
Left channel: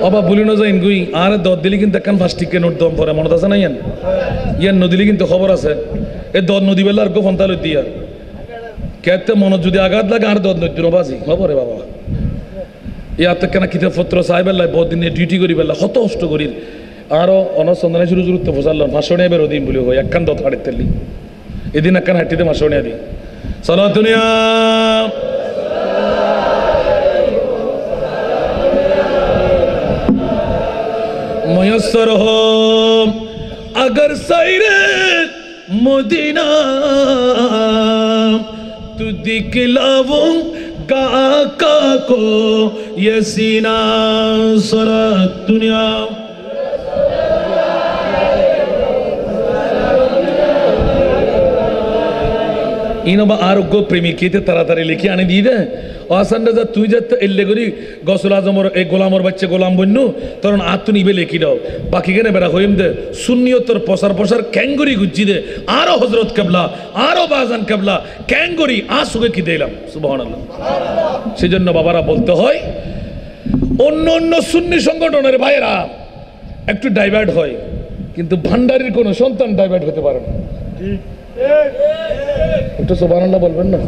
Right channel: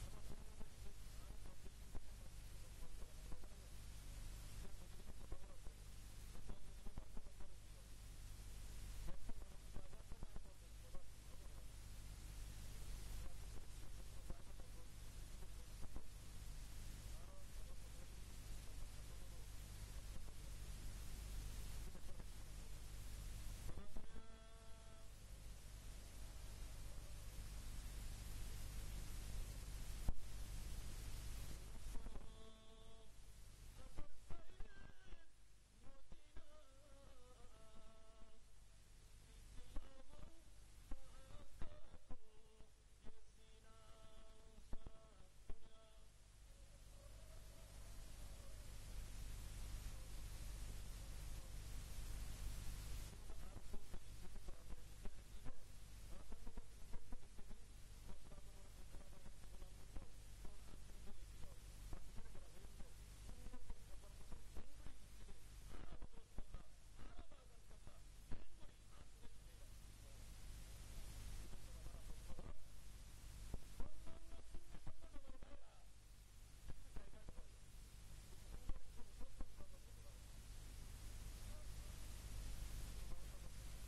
অবা বলি না যাইন গুই আর দর দিলি কিন্তু একখান ফাস্টিকে নোট দম পরে মনত আছে না ইয়ান নদিলি কিন্তু খবর আছে এ দর নদী বেলার গো ফন্তাল দিয়া কেতে মনত যদি আঘাত লাগে আর দর নদী বাজি খবরে বাবা ইয়াতে কেন কিতাব পত্র সাহেবেল্লাই বহুত দিনে ডিউটি করি বেলা কত কষ্ট করি আরো অনসন্ধানে শুরু শুরুতে ফসাল্লাম ভাষণে বেরো দিন বলি হয় একখান দত হাড়ে তেলি এদিন একখান হাঁটিতে ভাষণে দি সালাতুনিয়া ময়সর হো अगर सैरे मदीना तू दिखलाऊंगा आका को ये सीना सारा दुनिया इनोबा आरोग्य प्रेमी केते तारातारी लिखी आने दी दे आसंडा जा तुई जत इल्ले करी गौसुल आजम और एक गोलामर बच्चे गोलाम बन्नु तरण आत्तु निबे लिखी दाओ बाकी केने बेरा होइम दे सुन्नियतर प्रसार प्रसार कैंगुरी गुज्जी दे आरो हजरत केबला आरो बाजान केबला कैंगुरी आसुगे की दिलाम सुबहानाल्लाह सेजন্য বাবারা বলতে হয় অন্য অন্য সুন্নি সংগঠনের ভাইরা একটু ডাইভার্ট হয় কিন্তু ভান্ডারির কোনো সন্তান ডাইভার্ট হতে পারে না ঠিক একটু সুবহানাল্লাহ বলবেন না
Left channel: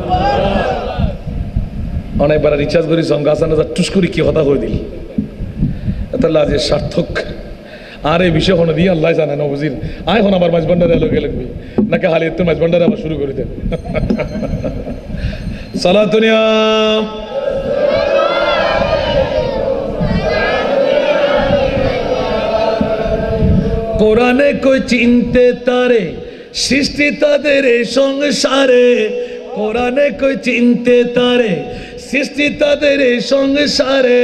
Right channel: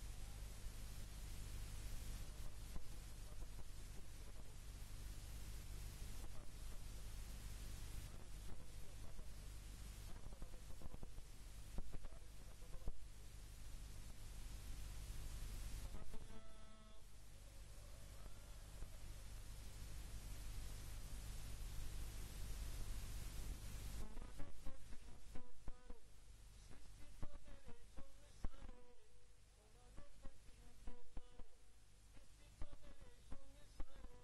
অনেকবার রিচার্জ করি সঙ্গে আসান টুস করি কি কথা হয়ে দিল তাহলে আজ সার্থক আর এই বিষয় হলো দিয়ে আল্লাহ জানে না বুঝিন আয় হন আবার মাছ ভান্ডারে লোকে লাগবে নাকি হালি তো মাছ ভান্ডারে আবার শুরু করে দেন সালাতুনিয়া কোরআনে কই চিনতে তারে সৃষ্টি তাদের সংসারে কোরআনে কই চিনতে তারে সৃষ্টি তাদের সংসারে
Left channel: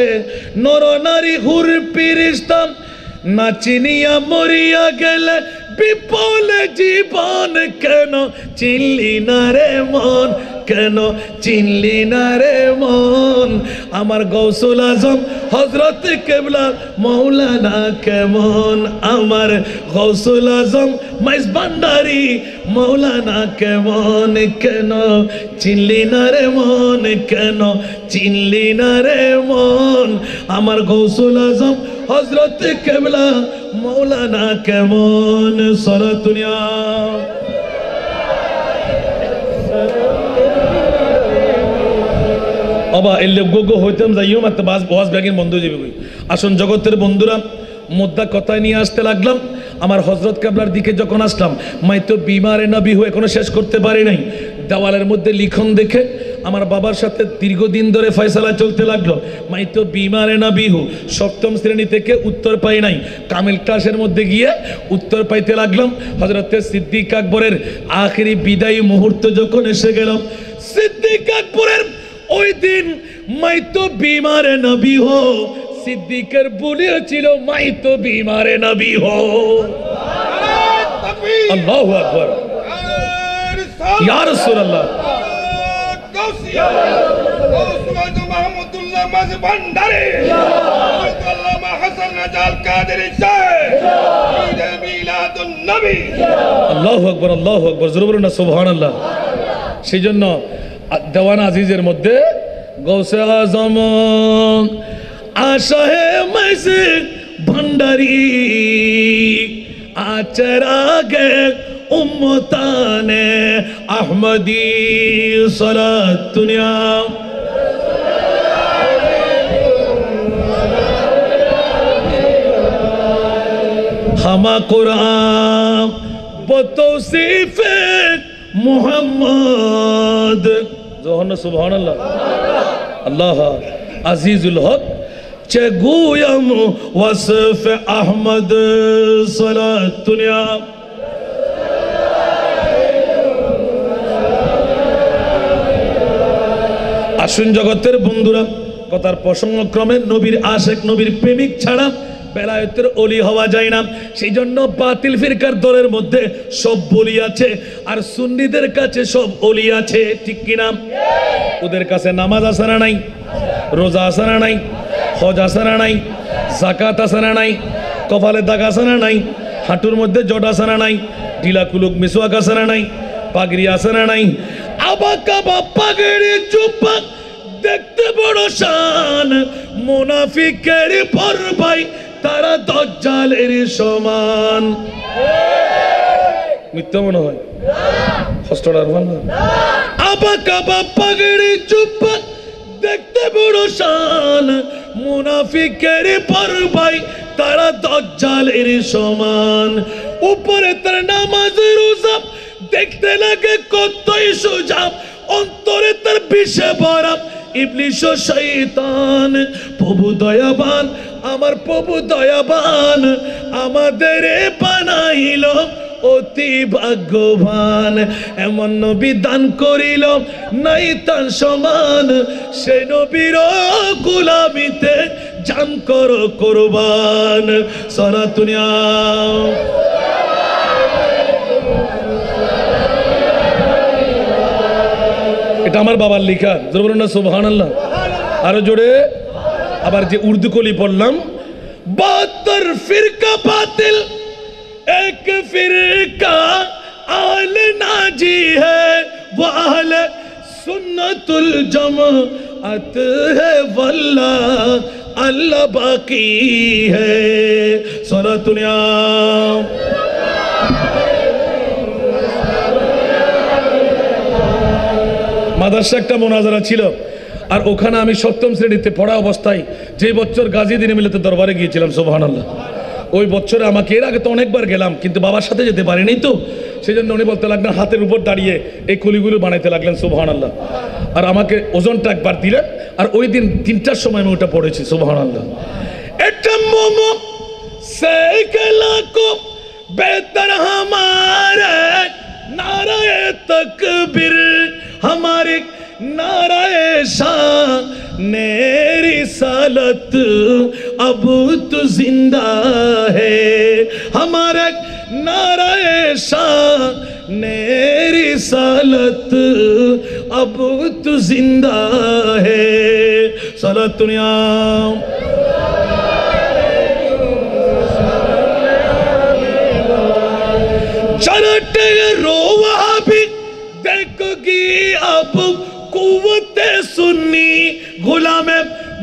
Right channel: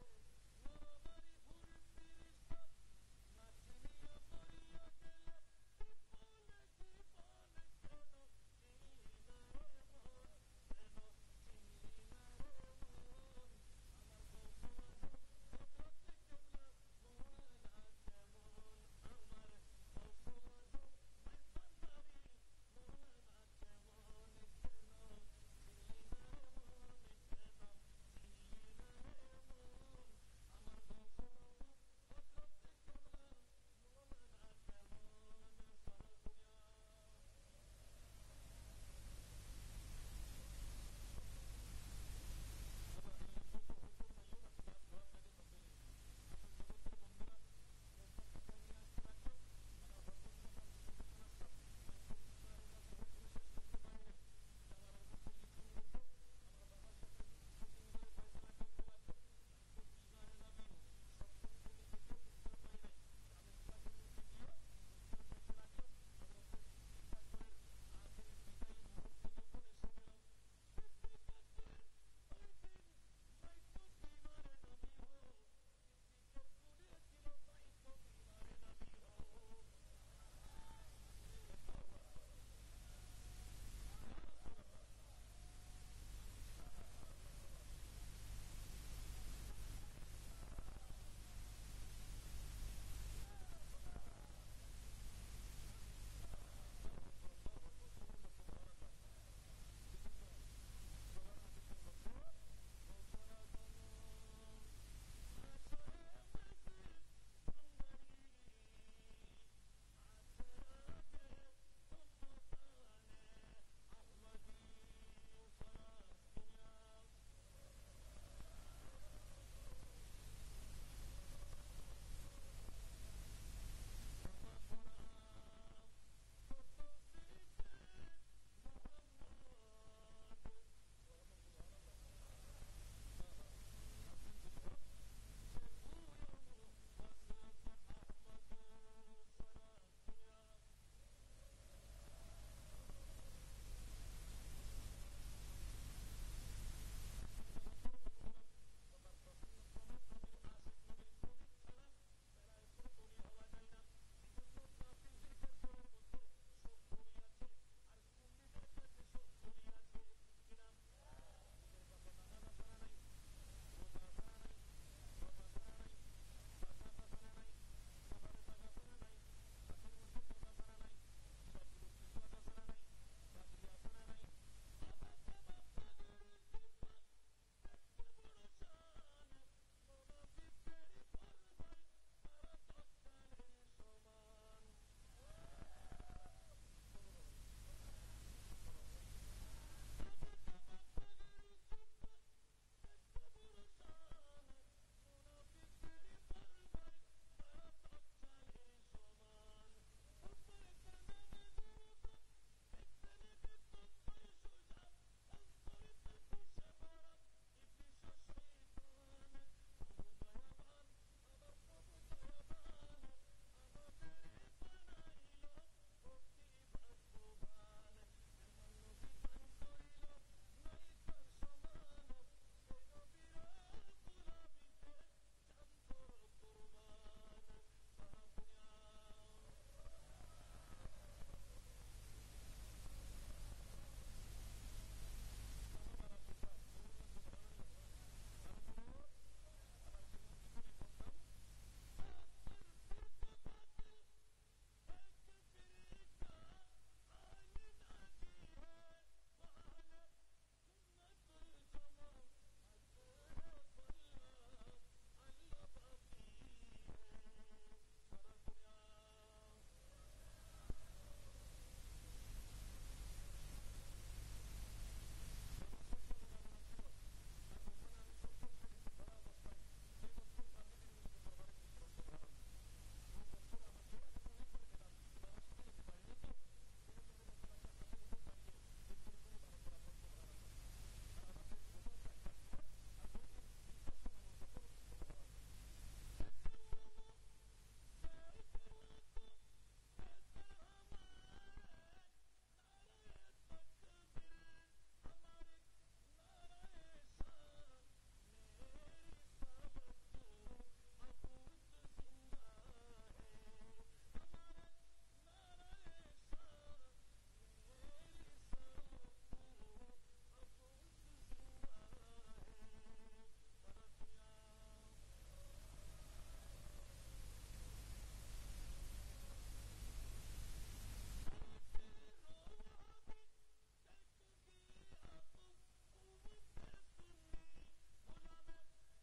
নর নারী হুর ফিরিস্তাম না চিনিয়া মরিয়া গেলে বিপলে জীবন কেন চিনলি না রে মন কেন চিনলি না রে মন আমার গৌসুল আজম হযরত কেবলা মৌলানা কেমন আমার গৌসুল আজম মাইজ ভান্ডারি মৌলানা কেমন কেন চিনলি না রে মন কেন চিনলি না রে মন আমার গৌসুল আজম হযরত কেবলা মৌলানা কেমন সরাতুনিয়া বাবা এলে গোগো হইতাম যাইও মাত্র বাস বস ব্যাগিন বন্ধ হয়ে যাবে আসুন জগতের বন্ধুরা মুদ্রা কথায় নিয়ে আসতে লাগলাম আমার হযরত কেবলার দিকে যখন আসলাম মাই তো বিমারে নবী হয়ে এখনো শেষ করতে পারি নাই দেওয়ালের মধ্যে লিখন দেখে আমার বাবার সাথে দীর্ঘদিন ধরে ফয়সালা চলতে লাগলো মাই তো বিমারে নবী হু সপ্তম শ্রেণী থেকে উত্তর পাই নাই কামিল ক্লাসের মধ্যে গিয়ে উত্তর পাইতে লাগলাম হযরত সিদ্দিক আকবরের আখেরি বিদায়ী মুহূর্ত যখন এসে গেল সিদ্দিক আকবরের ওই দিন মাই তো বিমারে নবী হো সিদ্দিকের বলেছিল মাই তো বিমারে নবী হো আল্লাহু আকবার ইয়া রাসূলুল্লাহ মাহমুদুল্লাহ মাঝ ভান্ডারি আল্লামা হাসান নাজাল কাদেরী সাহেব মিলাদুন নবী আল্লাহু আকবার জোরে বলুন না সুবহানাল্লাহ সেজন্য দেওয়ান আজিজের মধ্যে গৌসে আজম আশাহে মাইসে ভান্ডারি আচরাগে উম্মতানে আহমদি সালাতুনিয়া হামা কুরআন বতৌসিফে মুহাম্মদ জোহর সুবহানাল্লাহ আল্লাহ আজিজুল হক চেগুয়াম ওয়াসফ আহমদ সালাতুনিয়া আসুন জগতের বন্ধুরা কথার প্রসঙ্গক্রমে নবীর আশেক নবীর প্রেমিক ছাড়া বেলায়েতের ওলি হওয়া যায় না সেই জন্য বাতিল ফিরকার দলের মধ্যে সব বলি আছে আর সুন্নিদের কাছে সব ওলি আছে ঠিক কিনা ওদের কাছে নামাজ আছে না নাই রোজা আছে না নাই হজ আছে না নাই যাকাত আছে না নাই কপালে দাগ আছে না নাই হাঁটুর মধ্যে জট আছে না নাই ঢিলা কুলুক মিসওয়াক আছে না নাই পাগড়ি আছে না নাই আবাকাবা পাগড়ি চুপা দেখতে বড় শান মুনাফিকের পর ভাই তারা দাজ্জালের সমান মিথ্যা মনে হয় কষ্টটার ভালো আবাকাবা পাগড়ি চুপা দেখতে বড় শান মুনাফিকের পর ভাই তারা দাজ্জালের সমান উপরে তার নামাজ রোজা দেখতে লাগে কতই সোজা অন্তরে তার বিষে ভরা ইবলিশ ও শয়তান প্রভু দয়াবান আমার প্রভু দয়াবান আমাদের বানাইল অতি ভাগ্যবান এমন নবী দান করিল নাই তার সমান সে নবীর গোলামিতে জান করো কুরবান সালাতুনিয়া এটা আমার বাবার লেখা জোরে বলুন না সুবহানাল্লাহ আরো জোরে আবার যে উর্দু কলি পড়লাম 72 ফিরকা বাতিল এক ফিরকা আল নাজি হ্যায় वो अहल सुन्नतुल जमाअत है वल्लाह अल्लाह बाकी है सुन्नतुनिया মাদ্রাসা একটা মোনাজারা ছিল আর ওখানে আমি সপ্তম শ্রেণীতে পড়া অবস্থায় যে বছর গাজী দিনে মিলাতে দরবারে গিয়েছিলাম সুবহানাল্লাহ ওই বছরে আমাকে এর আগে তো অনেকবার গেলাম কিন্তু বাবার সাথে যেতে পারিনি তো, সেই জন্য উনি বলতে লাগলেন হাতের উপর দাঁড়িয়ে এই কুলিগুলো বানাইতে লাগলেন সুবহানাল্লাহ। আর আমাকে ওজনটা একবার দিলেন, আর ওই দিন 3টার সময় আমি ওটা পড়েছি সুবহানাল্লাহ। এটা মোমো সেকলা কো বেহতর हमारे नाराए तकबीर हमारे नाराए शान रिसालत अब तो जिंदा है हमारे नाराए शान रिसालत अब तो जिंदा है सलातुनिया चरटे रोवा भी देखोगी अब कुव्वत सुन्नी गुलाम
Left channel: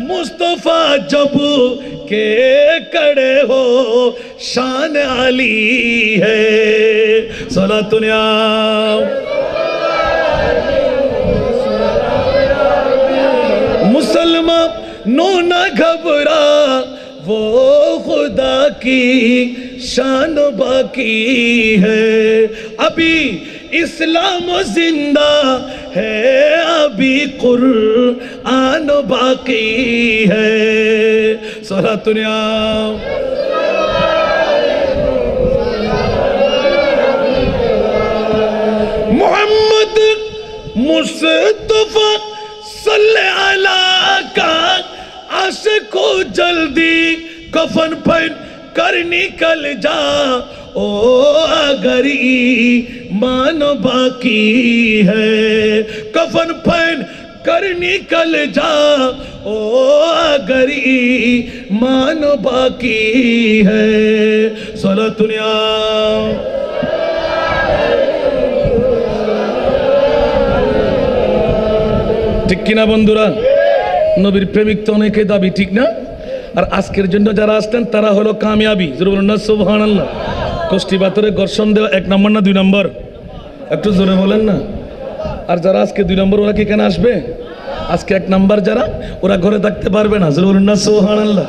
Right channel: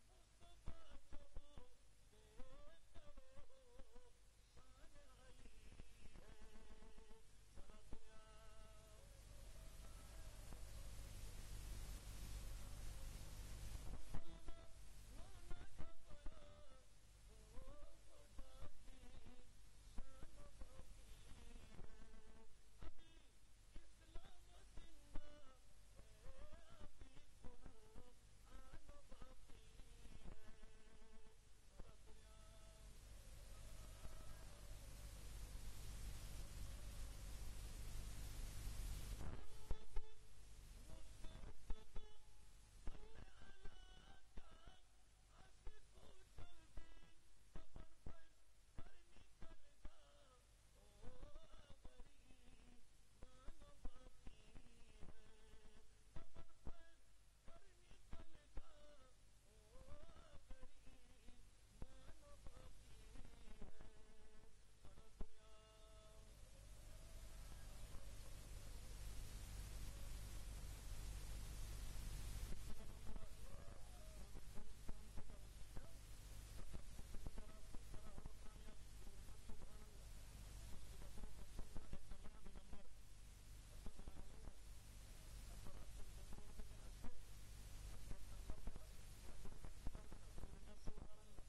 मुस्तफा जब के कड़े हो शान अली है सलातुनिया मुसलमान नो न घबरा वो खुदा की शान बाकी है अभी इस्लाम जिंदा है अभी कुरान बाकी है सलातुनिया मोहम्मद मुस्तफा सल्ले अला का आशिको जल्दी कफन पहन कर निकल जा ओ अगर ईमान बाकी है कफन पहन कर निकल जा ओ अगर ईमान बाकी है सलातुनिया ঠিক কিনা বন্ধুরা? নবীর প্রেমিক তো অনেকে দাবি, ঠিক না? আর আজকের জন্য যারা আসতেন তারা হলো কামিয়াবি, জোরে বলুন না সুবহানাল্লাহ। কষ্টি পাথরে ঘর্ষণ দেওয়া 1 নম্বর না 2 নম্বর? একটু জোরে বলেন না। আর যারা আজকে 2 নম্বর ওরা কি কেন আসবে? আজকে 1 নম্বর যারা ওরা ঘরে থাকতে পারবে না, জোরে বলুন না সুবহানাল্লাহ।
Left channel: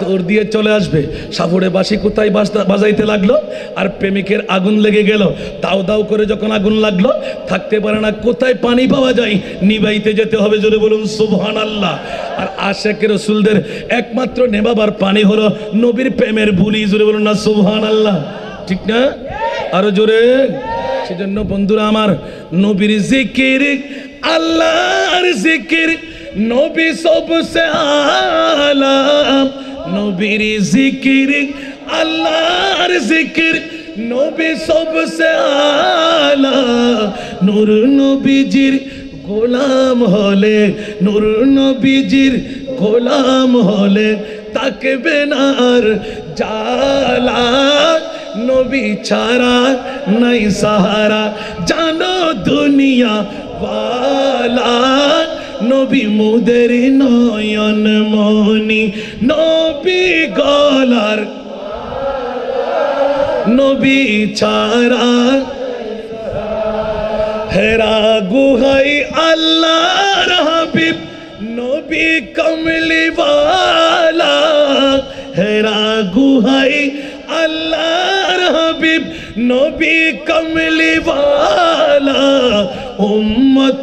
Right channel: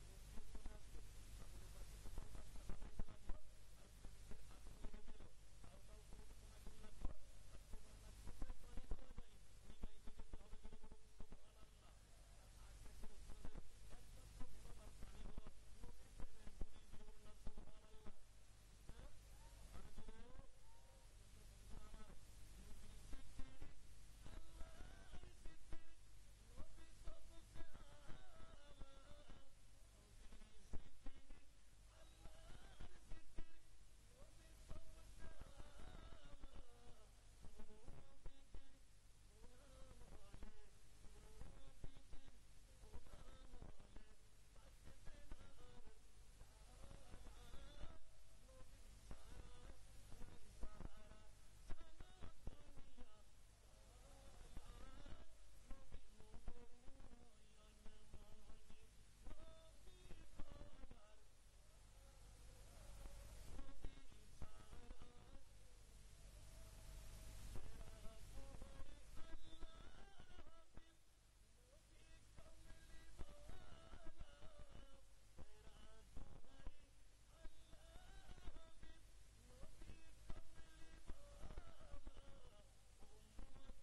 দৌড় দিয়ে চলে আসবে। সাপুড়ে বাঁশি কোথায় বাজাইতে লাগলো আর প্রেমিকের আগুন লেগে গেল। দাউ দাউ করে যখন আগুন লাগলো থাকতে পারে না, কোথায় পানি পাওয়া যায় নিবাইতে যেতে হবে, জোরে বলুন সুবহানাল্লাহ। আর আশিক রাসূলদের একমাত্র নেবাবার পানি হলো নবীর প্রেমের বুলি, জোরে বলুন না সুবহানাল্লাহ, ঠিক না? আরো জোরে। সেজন্য বন্ধুরা আমার, নবীর জিকির আল্লাহর জিকির নবী সবসে আলা, নবীর জিকির আল্লাহর জিকির নবী সবসে আলা। নূর নবীজির গোলাম হলে, নূর নবীজির গোলাম হলে তাকবে না আর জালা। নবী ছাড়া নাই সাহারা জানো দুনিয়া ওয়ালা। নবী মুদের নয়ন মনি নবী গলার, নবী ছাড়া হেরা গুহাই আল্লাহর হাবিব নবী কমলিওয়ালা। হেরা গুহাই আল্লাহর হাবিব নবী কমলিওয়ালা। উম্মত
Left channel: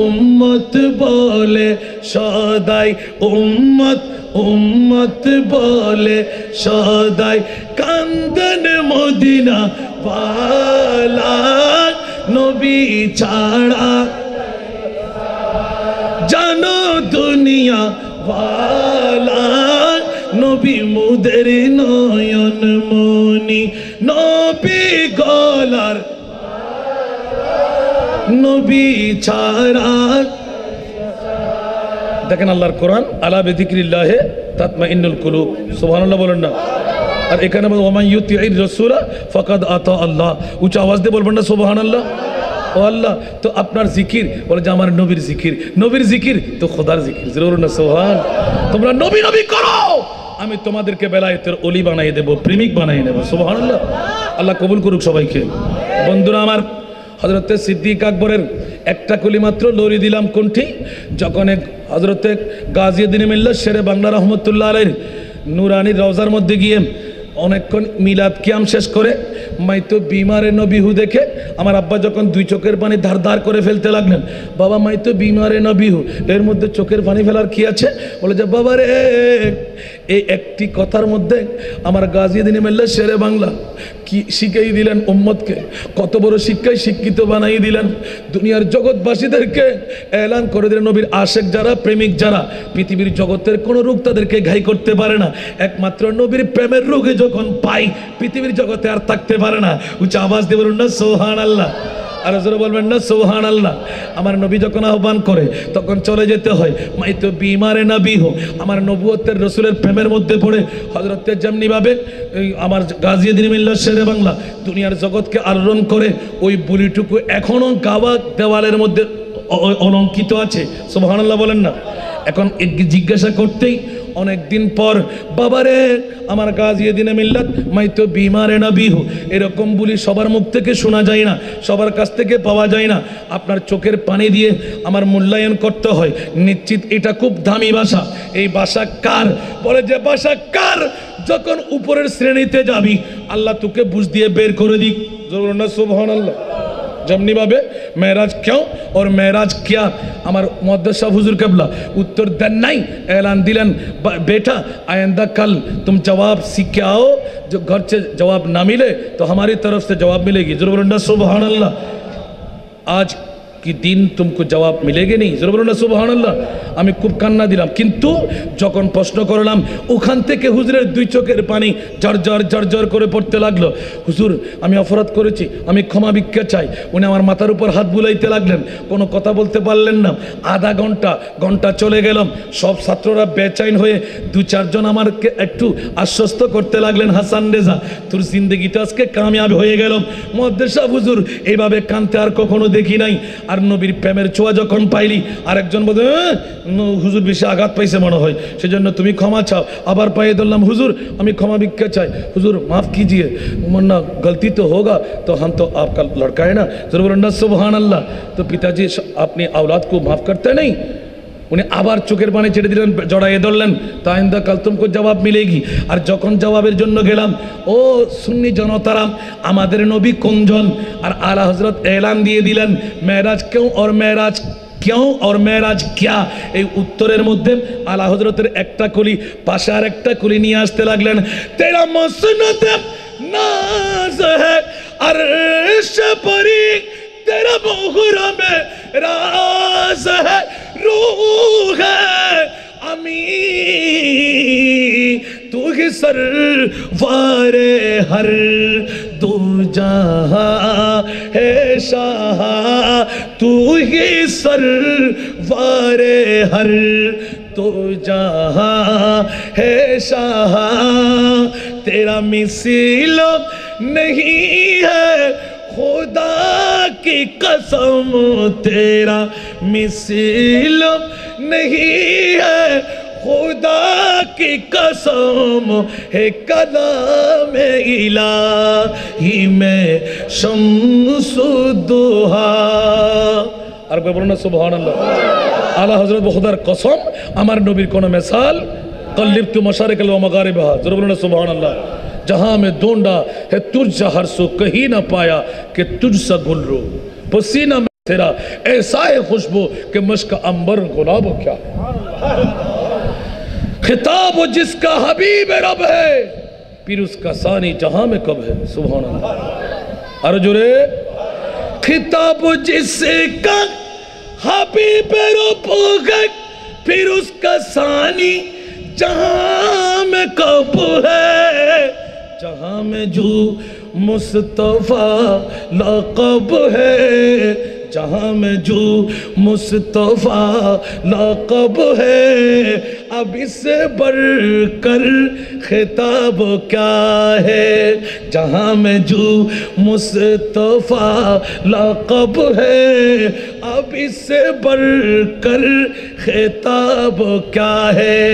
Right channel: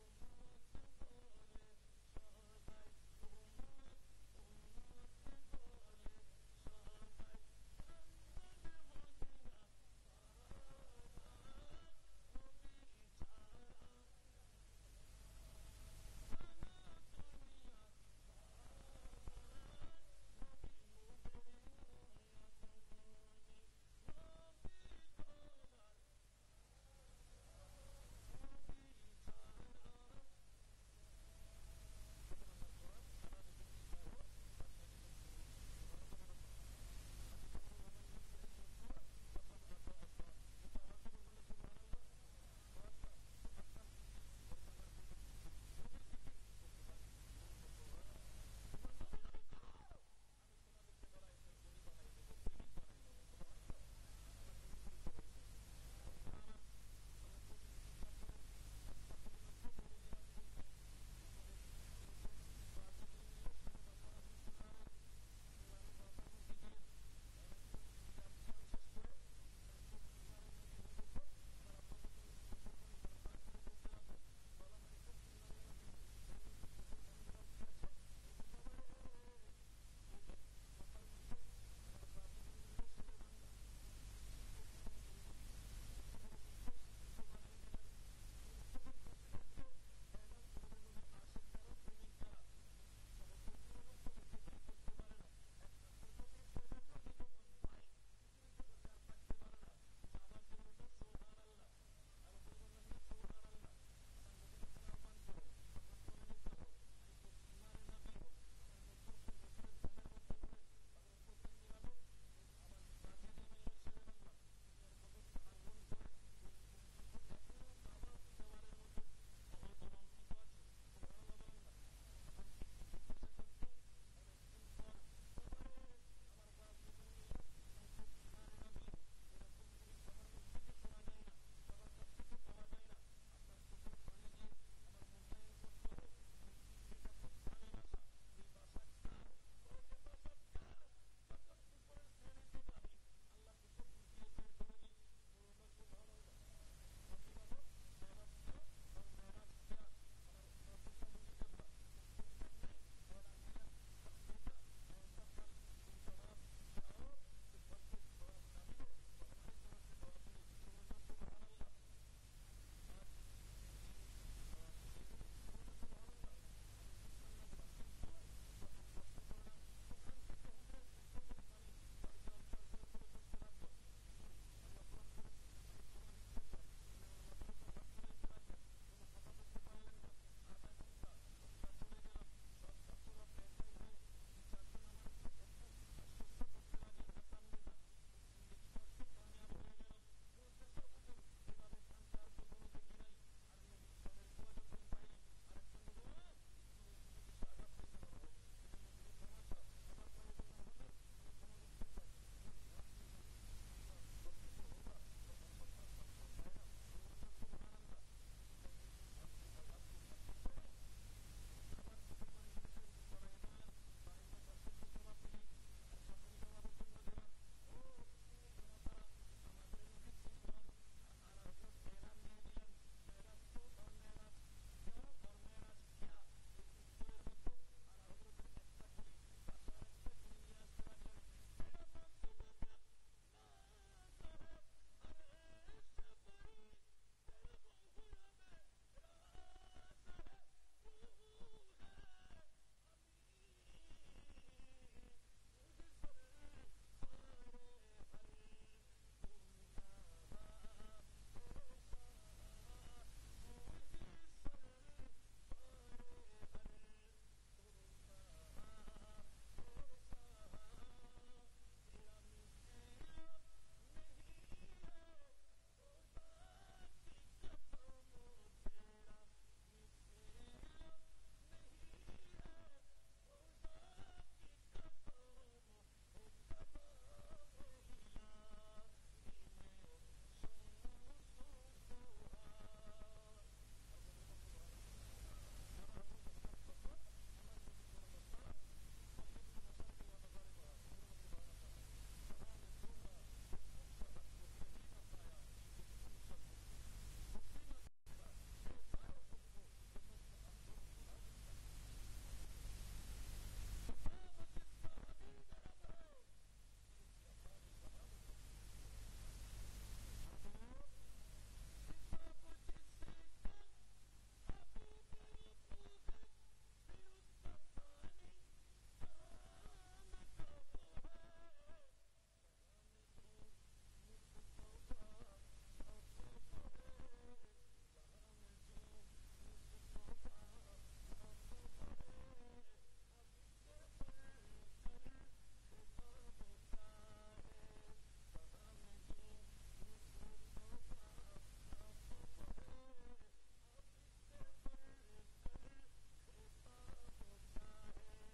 উম্মত বলে সদাই, উম্মত উম্মত বলে সদাই কান্দন মদিনা ওয়ালা। নবী ছাড়া জানো দুনিয়া ওয়ালা। নবী মুদের নয়ন মনি নবী গলার, নবী ছাড়া। দেখেন আল্লাহর কোরআন, আলা বিযিকরিল্লাহি তাতমাইন্নুল কুলুব, সুবহানাল্লাহ বলেন না। আর এখানে বলে ওয়া মান ইউতিইর রাসূলা ফাকাদ আতা আল্লাহ, উচ্চ আওয়াজ দিয়ে বলবেন না সুবহানাল্লাহ। ও আল্লাহ, তো আপনার জিকির বলে যে আমার নবীর জিকির, নবীর জিকির তো খোদার জিকির, জোরে না সুবহান। তোমরা নবী নবী করো, আমি তোমাদেরকে বেলায়েতের ওলি বানিয়ে দেব, প্রেমিক বানিয়ে দেব, সুবহানাল্লাহ। আল্লাহ কবুল করুক সবাইকে। বন্ধুরা আমার, হযরতে সিদ্দিক আকবরের একটা কলি মাত্র লড়ি দিলাম কোনটি, যখন হযরতে গাজীউদ্দিন মিল্লাত শেরে বাংলা রহমতুল্লাহ আলাইহির নুরানি রওজার মধ্যে গিয়ে অনেকক্ষণ মিলাদ কিয়াম শেষ করে মাই তো বিমারে নবিহু দেখে আমার আব্বা যখন দুই চোখের পানি ধার ধার করে ফেলতে লাগলেন, বাবা মাই তো বিমারে নবিহু, এর মধ্যে চোখের পানি ফেলার কি আছে? বলে যে বাবা রে, এই একটি কথার মধ্যে আমার গাজীউদ্দিন মোল্লা শেরে বাংলা কি শিখাই দিলেন উম্মতকে, কত বড় শিক্ষায় শিক্ষিত বানাই দিলেন। দুনিয়ার জগৎবাসীদেরকে এলান করে দিলেন নবীর আশেক যারা, প্রেমিক যারা, পৃথিবীর জগতের কোনো রোগ তাদেরকে ঘাই করতে পারে না, একমাত্র নবীর প্রেমের রোগে যখন পাই পৃথিবীর জগতে আর থাকতে পারে না। উচ্চ আওয়াজ দিয়ে বলুন না সুবহানাল্লাহ, আর জোরে বলবেন না সুবহানাল্লাহ। আমার নবী যখন আহ্বান করে তখন চলে যেতে হয়। মাই তো বিমারে নবী হো, আমার নবুয়তের রসুলের প্রেমের মধ্যে পড়ে হযরতের যেমনি ভাবে আমার গাজীউদ্দিন মোল্লা শেরে বাংলা দুনিয়ার জগৎকে আলোড়ন করে, ওই বুলিটুকু এখনো গাওয়া দেওয়ালের মধ্যে অলঙ্কিত আছে। সুবহানাল্লাহ বলেন না। এখন জিজ্ঞাসা করতেই অনেক দিন পর, বাবারে আমার গাজীউদ্দিন মিল্লাত মাই তো বিমারে নবী হো, এরকম বলি সবার মুখ থেকে শোনা যায় না, সবার কাছ থেকে পাওয়া যায় না। আপনার চোখের পানি দিয়ে আমার মূল্যায়ন করতে হয়। নিশ্চিত এটা খুব দামি ভাষা। এই ভাষা কার? বলে যে ভাষা কার? যখন উপরের শ্রেণীতে যাবি আল্লাহ তোকে বুঝ দিয়ে বের করে দিক। জরুর না সুবহানাল্লাহ। যেমনি ভাবে মেরাজ কেউ और মেরাজ क्या, আমার মুহাদ্দিস সাহেব হুজুর কেবলা उत्तर देन नहीं, ऐलान दिलन बेटा आइंदा कल तुम जवाब सीख के आओ, जो घर से जवाब ना मिले तो हमारी तरफ से जवाब मिलेगी। जरूर बोलना सुभान अल्लाह। आज কি দিন तुमको জবাব মিলেগে নেই। জোরে বলুন না সুবহানাল্লাহ। আমি খুব কান্না দিলাম, কিন্তু যখন প্রশ্ন করলাম ওখান থেকে হুজুরের দুই চোখের পানি ঝরঝর ঝরঝর করে পড়তে লাগলো। হুজুর আমি অপরাধ করেছি, আমি ক্ষমা ভিক্ষা চাই। উনি আমার মাথার উপর হাত বুলাইতে লাগলেন, কোনো কথা বলতে পারলেন না। আধা ঘন্টা চলে গেলাম। সব ছাত্ররা বেচাইন হয়ে দু চারজন আমাকে একটু আশ্বস্ত করতে লাগলেন, হাসান রেজা তোর জিন্দগিতে আজকে কামিয়াব হয়ে গেলাম। মুহাদ্দিস সাহেব হুজুর এইভাবে কাঁদতে আর কখনো দেখি নাই। আর নবীর প্রেমের ছোঁয়া যখন পাইলি, আরেকজন বলে হুজুর বেশি আঘাত পাইছে মনে হয়, সেজন্য তুমি ক্ষমা চাও। আবার পাইয়ে ধরলাম, হুজুর আমি ক্ষমা ভিক্ষা চাই, হুজুর মাফ कीजिए, वरना गलती तो होगा तो हम तो आपका लड़का है ना। जरूर बोलना सुभान अल्लाह। तो पिताजी अपनी औलाद को माफ करते नहीं। उन्हें आबार चोखेर पानी छेड़े दिलेन, जड़ाइए धरलेन, तो आइंदा कल तुमको जवाब मिलेगी। और जखन जवाबेर जन्य गेलाम, ओ सुन्नी जनतारा आमादेर नबी कोनजन, और आला हजरत ऐलान दिए दिलेन मेराज क्यों और मेराज क्यों और मेराज क्या। এই উত্তরের মধ্যে আলা হযরতের একটা কলি পাশে আর একটা কলি নিয়ে আসতে লাগলেন। তেরা মসনদ নাজ है अर्श परी, तेरा मुहरा में राज है, रूह है अमी, तू ही सरवारे हर दो जहां है शाह, तू ही सरवारे हर तो जहां है शाह, तेरा मिसाल नहीं है खुदा की कसम, तेरा मिसाल नहीं है खुदा की कसम, है कलाम इलाही में शम्सुद्दुहा। আর কই বলুন না সুবহানাল্লাহ। আলা হযরত খুদার কসম আমার নবীর কোন মিসাল কল্লিবতু মাশারিকাল ওয়া মাগারিবাহা। জোরে বলুন না সুবহানাল্লাহ। जहां में ढूंढा है तुझ हर सो कहीं ना पाया कि तुझसा गुलरू, पसीना में तेरा ऐसा है खुशबू कि मश्क अंबर गुलाब क्या। खिताब जिसका हबीब रब है, फिर उसका सानी जहां में कब है। सुभान अल्लाह। अरे जोरे खिताब जिसका हबीब रब है, फिर उसका सानी जहां में कब है। जहां में जो मुस्तफा लक़ब है, जहां में जो मुस्तफा लक़ब है, अब इससे बढ़कर खिताब क्या है। जहां में जो मुस्तफा लक़ब है, अब इससे बढ़कर खिताब क्या है।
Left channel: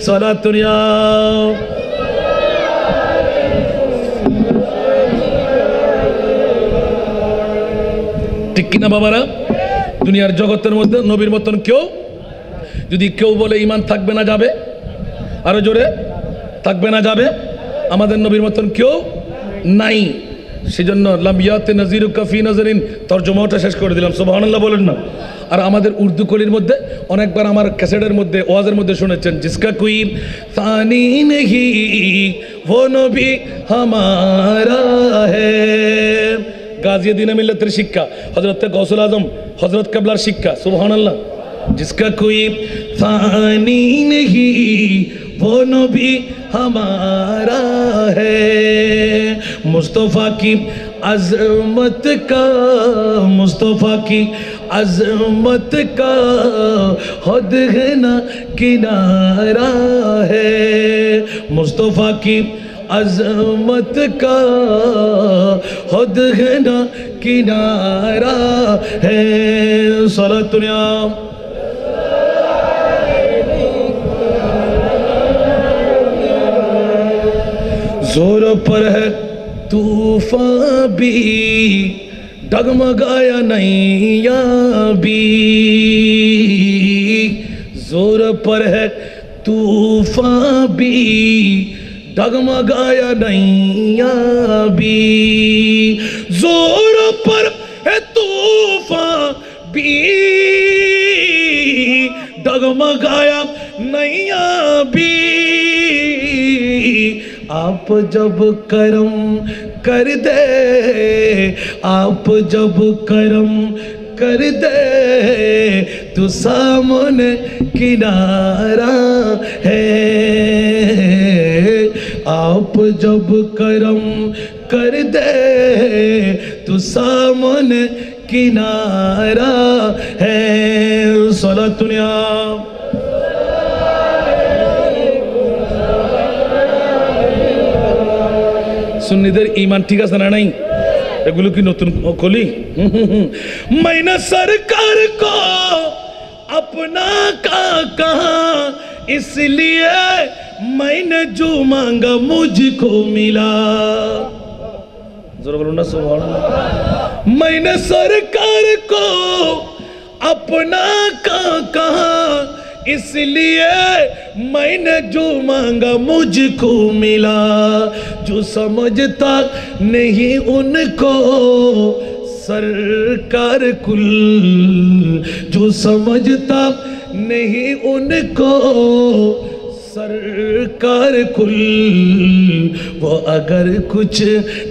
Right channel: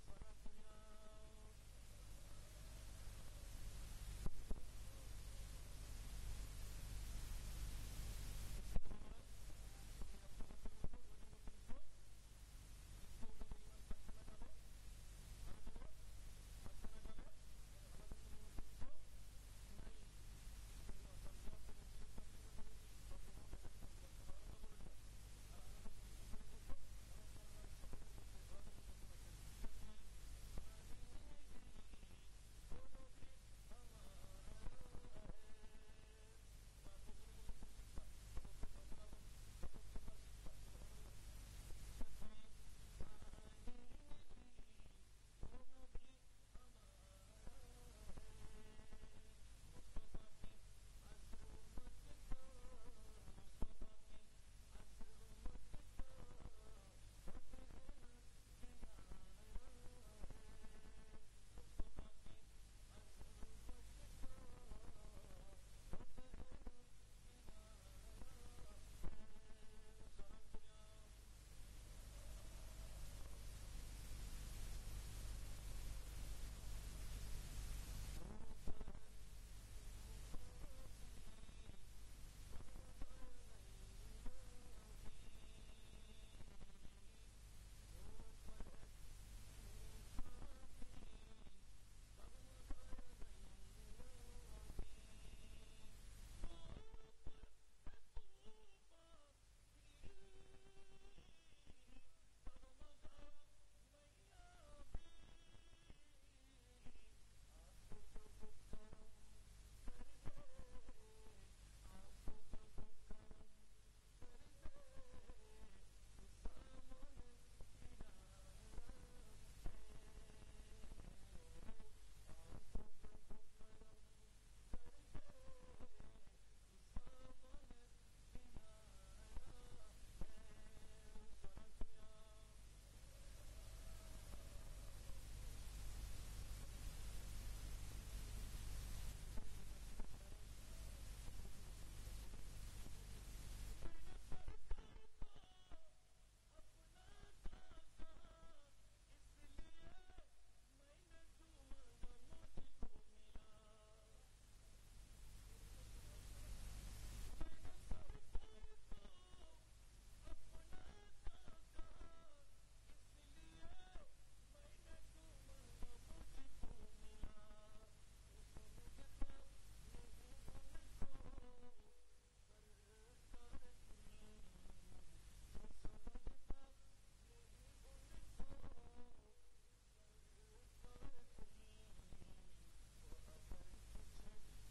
सलातुन या ঠিক কিনা বাবারা। দুনিয়ার জগতের মধ্যে নবীর মতন কেউ যদি কেউ বলে ঈমান থাকবে না যাবে, আরো জোরে থাকবে না যাবে, আমাদের নবীর মতন কেউ নাই। সেজন্য লামিয়াতে নজিরু কাফি নজরিন তর্জমাটা শেষ করে দিলাম, সুবহানাল্লাহ বলেন না। আর আমাদের উর্দু কলির মধ্যে অনেকবার আমার ক্যাসেটের মধ্যে ওয়াজের মধ্যে শুনেছেন, জিসকা কোই সানি নেহি वो नबी हमारा है। গাজিয়া দিনে মিল্লাতের শিক্ষা, হযরত গৌসুল আজম হযরত কেবলার শিক্ষা, সুবহানাল্লাহ। जिसका कोई फानी नहीं वो नबी हमारा है। मुस्तफ़ा की अज़मत का, मुस्तफ़ा की अज़मत का खुद है ना किनारा है। मुस्तफ़ा की अज़मत का खुद है ना किनारा है। सलातुनिया जोर पर है तूफान भी, डगमगाया नैया भी। जोर पर है तूफान भी, डगमगाया नैया भी। जोर पर है तूफान भी, डगमगाया नैया भी। आप जब करम कर दे, आप जब करम कर दे तो सामने किनारा है। आप जब करम कर दे तो सामने किनारा है। सलातुनिया सुन्नीদের ईमान ठीक আছে না নাই? এগুলো কি নতুন কলি? मैंने सरकार को अपना का कहा, इसलिए मैंने जो मांगा मुझको मिला। जरा बोलो ना सुभान अल्लाह। मैंने सरकार को अपना का कहा, इसलिए मैंने जो मांगा मुझको मिला। जो समझता नहीं उनको सरकार कुल, जो समझता नहीं उनको सरकार कुल, वो अगर कुछ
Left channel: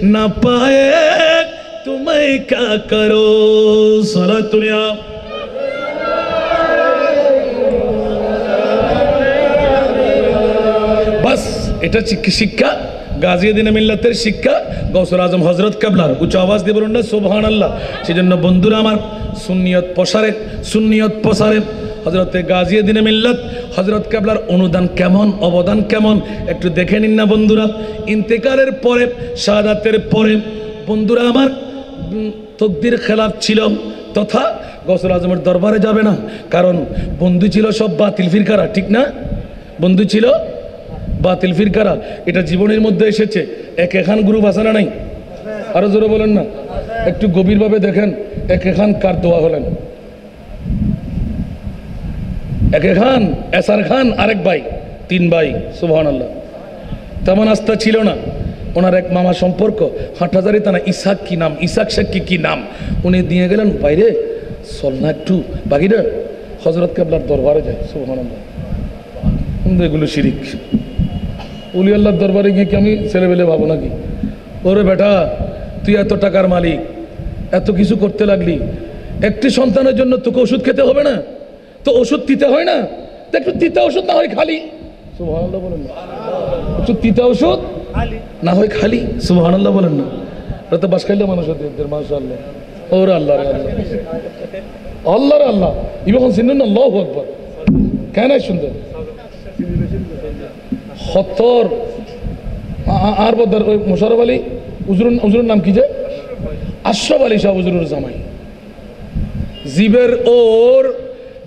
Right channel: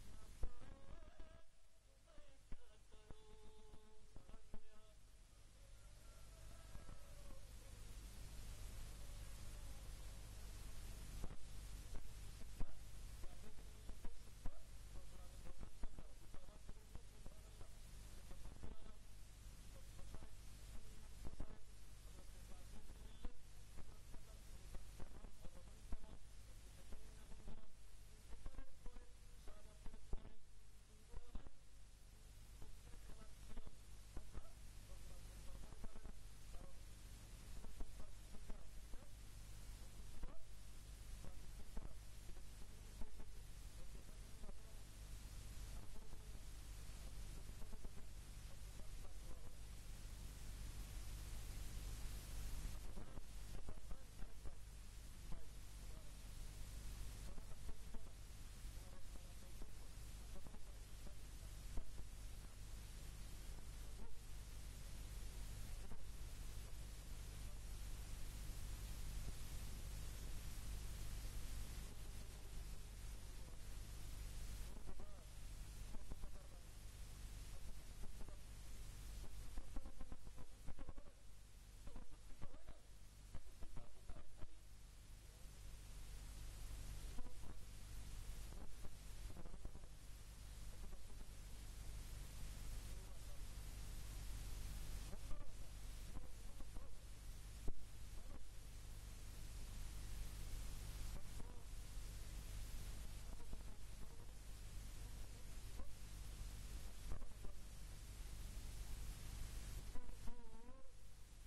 न पाए तो मैं क्या करो। सलातुनिया बस এটা শিক্ষা, গাজিয়া দিনে মিল্লাতের শিক্ষা, গৌসুল আজম হযরত কেবলার। উচ্চ আওয়াজ দিয়ে বলুন না সুবহানাল্লাহ। সেজন্য বন্ধুরা আমার, সুন্নিয়ত প্রসারে, সুন্নিয়ত প্রসারে হযরতে গাজিয়া দিনে মিল্লাত হযরত কেবলার অনুদান কেমন, অবদান কেমন একটু দেখে নিন না বন্ধুরা। ইন্তেকালের পরে, শাহাদাতের পরে বন্ধুরা আমার তকদির খেলাফ ছিল, তথা গৌসুল আজমের দরবারে যাবে না, কারণ বন্ধু ছিল সব বাতিল ফিরকারা, ঠিক না? বন্ধু ছিল বাতিল ফিরকারা। এটা জীবনের মধ্যে এসেছে। এক এখান গ্রুপ আছে না নাই? আরো জোরে বলেন না, একটু গভীরভাবে দেখেন। এক এখান কার দোয়া হলেন? এক এখান এসার খান, আরেক ভাই, তিন ভাই, সুবহানাল্লাহ। তেমন আস্থা ছিল না। ওনার এক মামা সম্পর্ক হাটহাজারি থানা, ইসাক কি নাম, ইসাক শেখ কি নাম, উনি দিয়ে গেলেন বাইরে চল না একটু বাকিরা হযরত কেবলার দরবারে যায়। সুবহানাল্লাহ। এগুলো শিরিক। উলি আল্লাহর দরবারে গিয়ে কি আমি ছেলেবেলে ভাবো নাকি? ওরে বেটা, তুই এত টাকার মালিক, এত কিছু করতে লাগলি, একটি সন্তানের জন্য তোকে ওষুধ খেতে হবে না? তো ওষুধ দিতে হয় না? একটু তিতা ওষুধ না হয় খালি, সুবহানাল্লাহ বলেন না। একটু তিতা ওষুধ না হয় খালি, সুবহানাল্লাহ বলেন না। ওরা তো বাস খাইলে মানুষ হতে, মাশাআল্লাহ। ওরে আল্লাহ রে আল্লাহ, আল্লাহ রে আল্লাহ। ইবন সিন্নুন আল্লাহু আকবার। কেন সুন্দর হতর আর বদর ওই মোশাররফ আলী হুজুরের নাম কি যে? আশরাফ আলী শাহ হুজুরের জামাই। জীবের ওর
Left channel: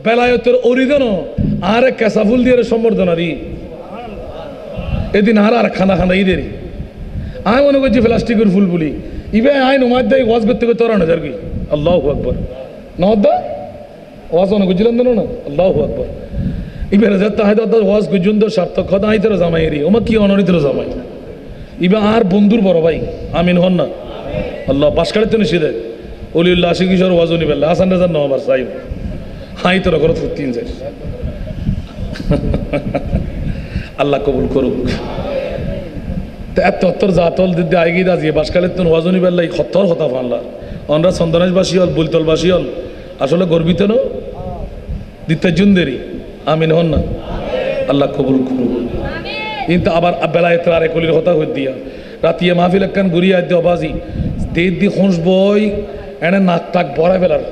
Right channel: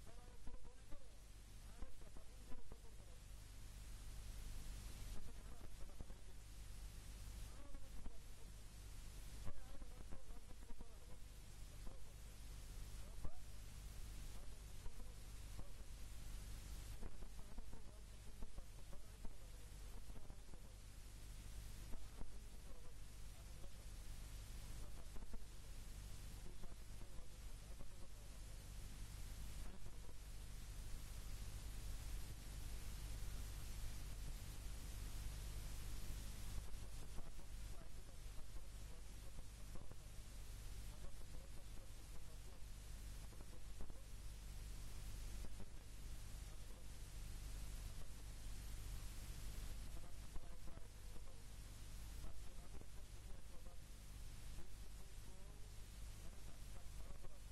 বেলায়তের অরিদন আর কেসাফুল দিয়ে সম্বর্ধনারি এদিন আর খানা খানা ঈদেরই আমি মনে করছি প্লাস্টিকের ফুল বলি ইবে আইন উমাদ দেয় ওয়াজ করতে করতে ওরা নজর কি আল্লাহু আকবার নহদ্দা ওয়াজ অনেক বুঝলেন না আল্লাহু আকবার ইবে রাজাত তাহাদ ওয়াজ গুজুন্দ সার্থক খদা আইতর জামাইরি ওমা কি অনরিতর জামাই ইবা আর বন্ধুর বড় ভাই আমিন হন না আল্লাহ বাসকালে তো নিষেধে অলিউল্লাহ আশি কিশোর ওয়াজনি বেল্লা হাসান রাজার নবার সাইব হাই তোরা করো তিন চাই আল্লাহ কবুল করুক এত জাতল দিদি আইগি দাজি বাসকালে তো ওয়াজনি বেল্লাই খত্তর হতা ফানলা অনরা চন্দনেশবাসী হল বুলতলবাসী হল আসলে গর্বিত ন দিতে জুনদেরই আমিন হন না আল্লাহ কবুল করুক কিন্তু আবার বেলায় তার একলির কথা হয়ে দিয়া রাতিয়ে মাহফিল একখান ঘুরিয়ে আজ অবাজি দেড় দি খোঁজ বই এনে নাক টাক ভরা ফেলার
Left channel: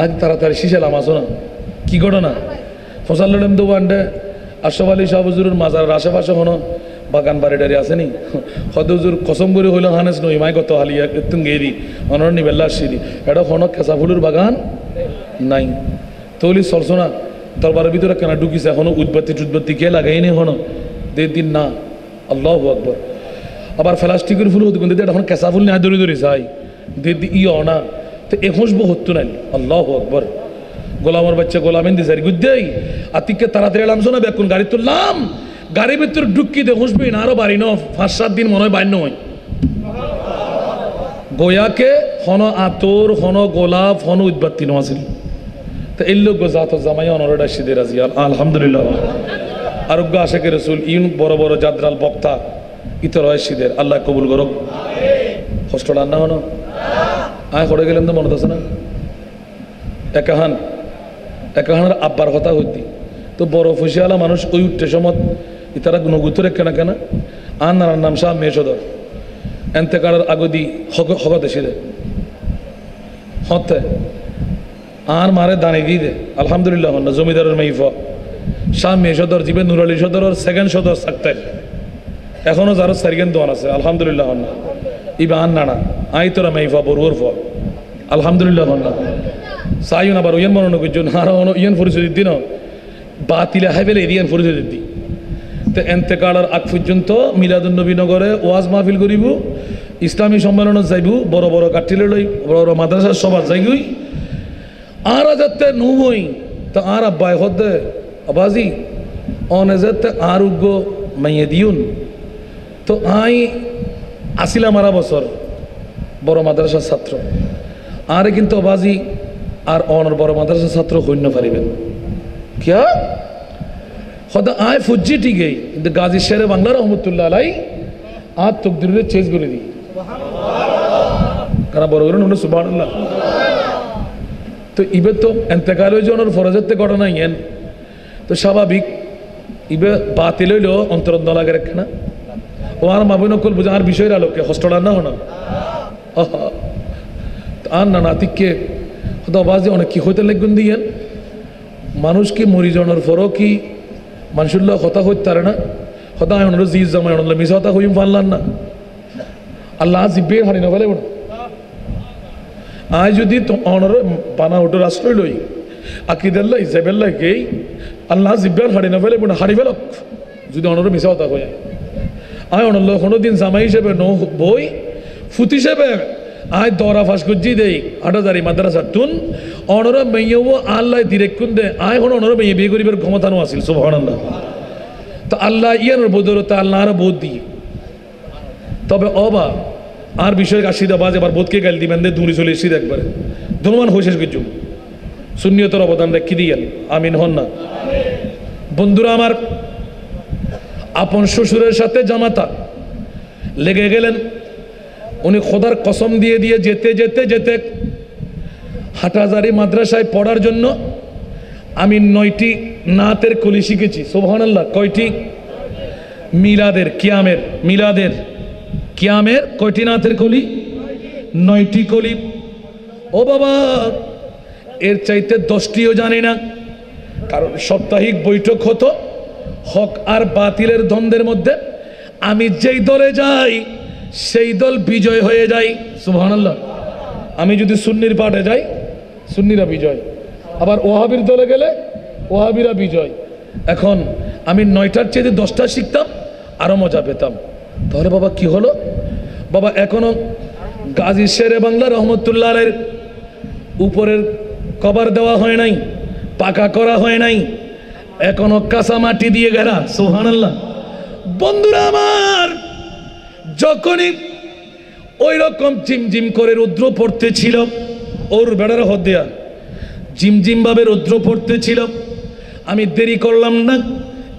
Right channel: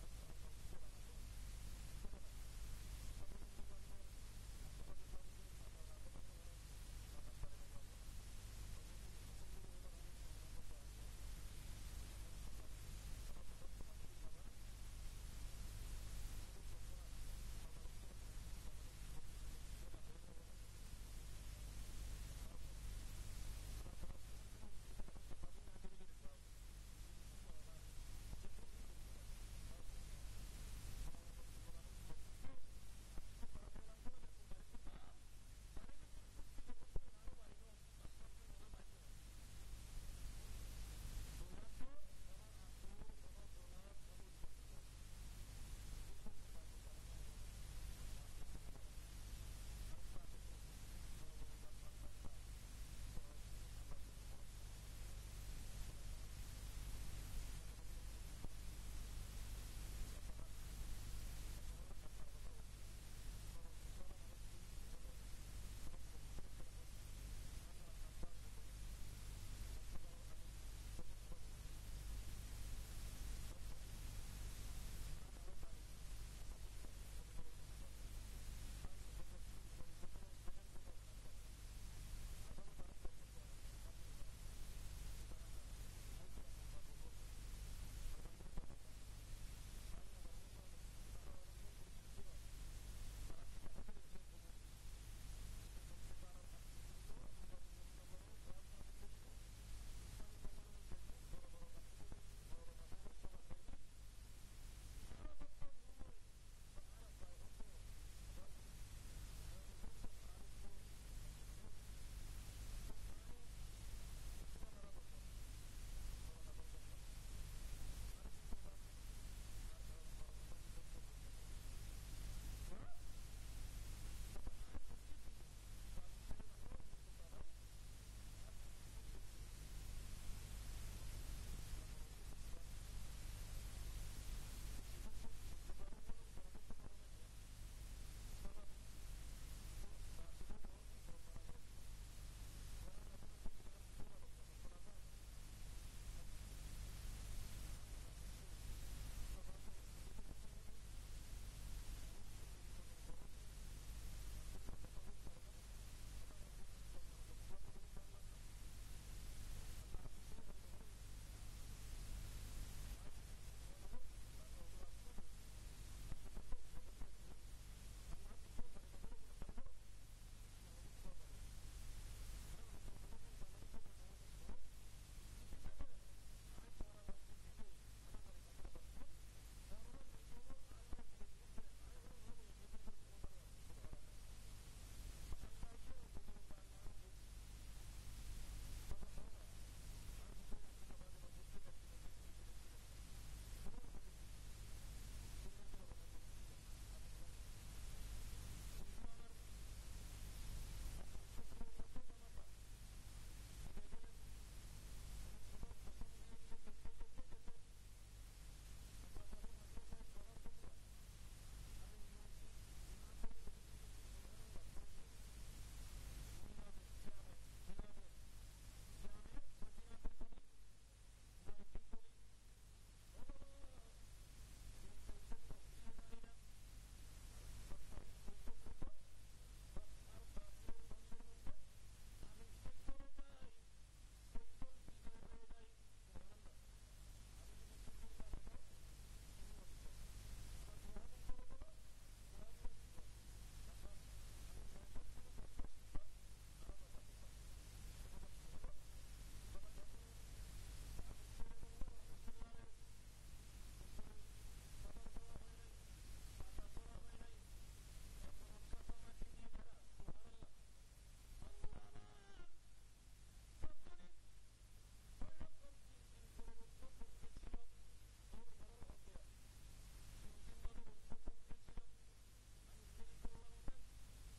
আজ তাড়াতাড়ি শিশালাম আসো না কি ঘটনা ফসাল লড়েম তো ওয়ান্ডে আশরাফ আলী শাহ হুজুরের মাজারের আশেপাশে হনো বাগান বাড়ি টাড়ি আসেনি হদ হুজুর কসম করে হইল হানেস নই মাই কত হালিয়া একটু গেরি অনর নিবেল্লা আসিনি এটা হনো কেঁচা ফুলের বাগান নাই তৈলি চলছো না দরবারের ভিতরে কেনা ঢুকিছে এখনো উৎপত্তি কে লাগাইনি হনো দেড় দিন না আল্লাহ আকবর আবার প্লাস্টিকের ফুল হতো কিন্তু এখন কেঁচা ফুল নেয় দৌড়ি চাই দেড় দিন ইয় না তো এখন হতো নাই আল্লাহ আকবর গোলামের বাচ্চা গোলামেন দিছে গুদ্দেই আতিককে তাড়াতাড়ি এলাম শোনা বেকুন গাড়ি তুললাম গাড়ির ভিতরে ঢুকি দে হুসবি না আরো বাড়ি ন 5-7 দিন মনে হয় বাইর নয় গোয়াকে হন আতর হন গোলাপ হন উৎপত্তি নছিল তো এই লোক জাত জামাই অনরডা সিদে রাজি আলহামদুলিল্লাহ আরোগ্য আশেকের রসুল ইউন বড় বড় জাদরাল বক্তা ইতর হয় সিদের আল্লাহ কবুল করক কষ্ট রান্না হনো আয় করে গেলেন তো মনে আছে না একাহানের আব্বার কথা হইতি তো বড় ফুসিয়ালা মানুষ ওই উঠতে সমত ইতারা নগুতরে কেনা কেনা আর নানার নাম শাহ মেয়েসদর এনতেকারের আগদি হগতে সিদে হতে আর মারে দানে গিয়ে দে আলহামদুলিল্লাহ না জমিদারের মেইফ শাহ মেয়ে সদর জিবে নুর আলী সদর সেকেন্ড সদর সাকতাই এখনো যারো সারিগেন দোয়ান আছে আলহামদুলিল্লাহ না ইবা আন নানা আই তোরা মেইফা বরুর ফ আলহামদুলিল্লাহ না সাইন আবার ওয়ান মনন কইজন আর ওন ইয়ান পরিচয় দিন বাতিলে হাইবেলে এরিয়ান পরিচয় দি তো এন্তেকালের আগ পর্যন্ত মিলাদুন নবী নগরে ওয়াজ মাহফিল করিব ইসলামী সম্মেলনত যাইব বড় বড় কাঠিলে লই বড় বড় মাদ্রাসার সভা যাইগই আর যাতে নুই তো আর আব্বাই হদে আবাজি অনে যাতে আর উগ্র মাইয়ে দিউন তো আই আসিলাম আরা বছর বড় মাদ্রাসার ছাত্র আরে কিন্তু আবাজি আর অনর বড় মাদ্রাসার ছাত্র হইন্য পারিবেন কিয়া হদা আয় ফুজি ঠিকই কিন্তু গাজী শেরে বাংলা রহমতুল্লাহ আলাই আর তকদিরে চেঞ্জ করে দিই কারা বড় করে নুন সুবহানাল্লাহ তো ইবে তো এতেকাল হয়ে যাওয়ার ফরজের ঘটনা ইয়েন তো স্বাভাবিক ইবে বাতিল হইল অন্তরত নলাগের একখানা ও আর মাবই নকল বুঝে আর বিষয়ের আলোকে হস্টল না হনা আর না নাতিককে হয়তো আবাজে অনেক কি হইতে লাগবেন দিয়েন মানুষ কি মরি যাওয়ার পরও কি মানুষুল্লাহ কথা হইতে পারে না হয়তো আমি ওনার জিজ জামাই ওনার মিশা হতা হইম পারলাম না আল্লাহ জিব্বে হারি না ফেলে আয় যদি অনর বানা ওটো রাষ্ট্রই লই আকিদাল্লাহ ইসাবেল্লাহ গেই আল্লাহ জিব্বার হারি না ফেলে হারি ফেলক যদি অনর মিশা হতা হয়ে আয় অনল্লাহ কোনোদিন জামাই হিসেবে ন বই ফুত হিসেবে আয় দরা ফাঁস করছি দেই 8,000 মাদ্রাসা টুন অনর মেয়েও আল্লাহ দিরেকুন দে আয় হন অনর মেয়ে বিয়ে করিবার ক্ষমতা নো আসিল সুবহানাল্লাহ তো আল্লাহ ইয়ানোর বদরতে আল্লাহ আর বোধ দিই তবে অবা আর বিষয় আসিদা বাজ এবার বোধকে গাল দিবেন দে দূরে চলে এসে একবারে ধন্যবাদ হয়েছে কিছু শূন্যতর অবদান রেখে দিয়েন আমিন হন না বন্ধুরা আমার আপন শ্বশুরের সাথে জামাতা লেগে গেলেন উনি খোদার কসম দিয়ে দিয়ে যেতে যেতে যেতে হাটহাজারী মাদ্রাসায় পড়ার জন্য আমি 9টি নাতের কলি শিখেছি সুবহানাল্লাহ কয়টি মিলাদের কিয়ামের কয়টি নাথের কলি 9টি কলি ও বাবা এর চাইতে 10টিও জানি না কারণ সাপ্তাহিক বৈঠক হতো হক আর বাতিলের দ্বন্দ্বের মধ্যে আমি যেই দলে যাই সেই দল বিজয় হয়ে যায় সুবহানাল্লাহ আমি যদি সুন্নির পাটে যাই সুন্নিরা বিজয় আবার ওয়াহাবির দলে গেলে ওয়াহাবিরা বিজয় এখন আমি 9টার চেয়ে 10টা শিখতাম আরো মজা পেতাম তাহলে বাবা কি হলো বাবা এখনো গাজী শেরে বাংলা রহমতুল্লাহ আলাইহির উপরের কভার দেওয়া হয় নাই পাকা করা হয় নাই এখনো কাঁচা মাটি দিয়ে ঘেরা সুবহানাল্লাহ বন্ধুরা আমার যখনই ওই রকম ঝিমঝিম করে রুদ্র পড়তেছিল, ওর বেড়ার হদ্দেয়া ঝিমঝিম ভাবে রুদ্র পড়তেছিল, আমি দেরি করলাম না,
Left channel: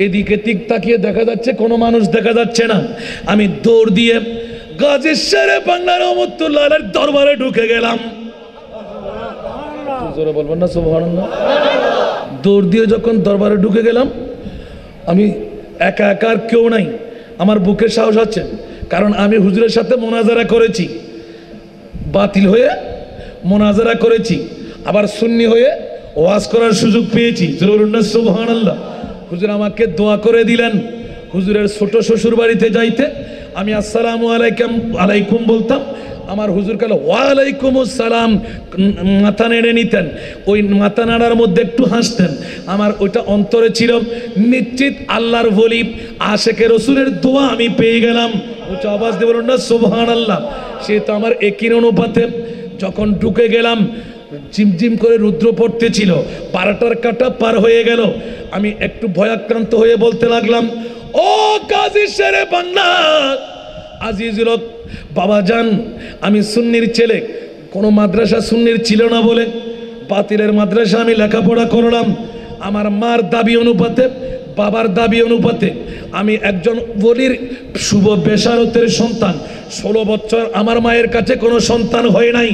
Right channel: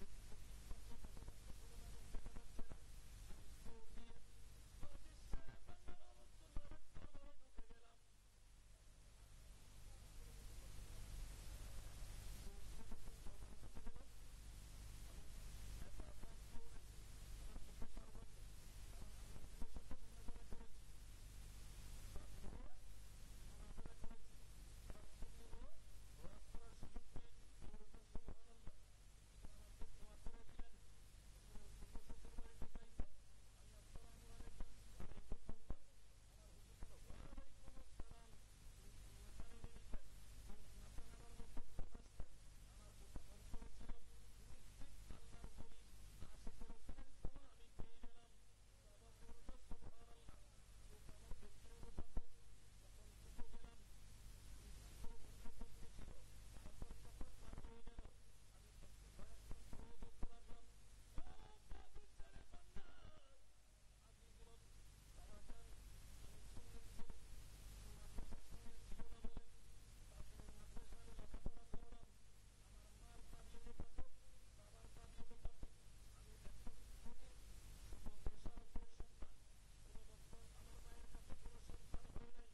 এদিকে দিক তাকিয়ে দেখা যাচ্ছে কোনো মানুষ দেখা যাচ্ছে না, আমি দৌড় দিয়ে গাজী শেরে বাংলা রহমতুল্লাহ আলাইহির দরবারে ঢুকে গেলাম। জোরে বলবেন না সুবহানাল্লাহ। দৌড় দিয়ে যখন দরবারে ঢুকে গেলাম, আমি একা একা আর কেউ নাই, আমার বুকে সাহস আছে, কারণ আমি হুজুরের সাথে মোনাজারা করেছি, বাতিল হয়ে মোনাজারা করেছি, আবার সুন্নি হয়ে ওয়াজ করার সুযোগ পেয়েছি। সুবহানাল্লাহ। হুজুর আমাকে দোয়া করে দিলেন। হুজুরের ছোট শ্বশুর বাড়িতে যাইতে আমি আসসালামু আলাইকুম বলতাম, আমার হুজুর কালে ওয়ালাইকুম আসসালাম মাথা নেড়ে নিতেন, ওই মাথা নাড়ার মধ্যে একটু হাসতেন। আমার ওইটা অন্তরে ছিল, নিশ্চিত আল্লাহর ওলি আশেকে রসুলের দোয়া আমি পেয়ে গেলাম। উচ্চ আওয়াজ দিয়ে বলুন না সুবহানাল্লাহ। সে তো আমার একই অনুপাতে যখন ঢুকে গেলাম, ঝিমঝিম করে রুদ্র পড়তেছিল, 12টার কাঁটা পার হয়ে গেল, আমি একটু ভয়াক্রান্ত হয়ে বলতে লাগলাম, ও গাজী শেরে বাংলা আজিজুল হক বাবাজান, আমি সুন্নির ছেলে, কোনো মাদ্রাসা সুন্নির ছিল না বলে বাতিলের মাদ্রাসা আমি লেখাপড়া করলাম, আমার মার দাবি অনুপাতে বাবার দাবি অনুপাতে আমি একজন ওলির শুভ বেশারতের সন্তান। 16 বছর আমার মায়ের কাছে কোনো সন্তান হয় নাই।